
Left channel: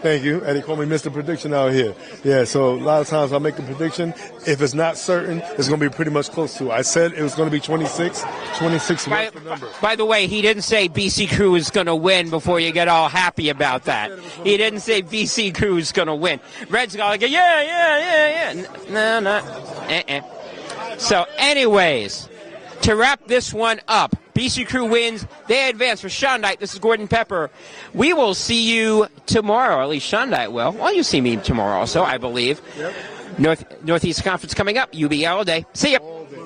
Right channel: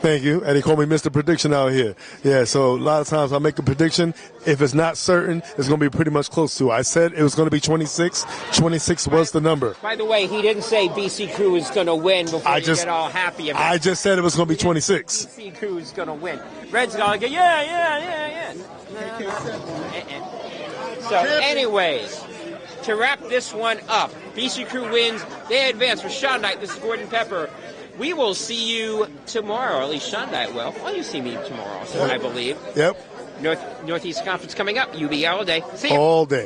Thank you. And he called me Mr. Prediction out here. Yeah, so a lot of times I make a prediction. If it's not certain, it's going to be pretty much close to. I said it was going to be 26. 26 was the number. By the way, he didn't say BC Crew is going to win before you get all happy about that. I just said it was going to be 26. He didn't say BC Crew is going to win. Red's going to go, yeah. No. So, anyways, to wrap this one up, BC Crew wins. They advance. For Sean Knight, this is Gordon Pepper. We will see you tomorrow, or at least Sean Knight will. Well, you'll see me tomorrow also, I believe. Yep. Northeast Conference coming up. UBA all day. See ya. All day.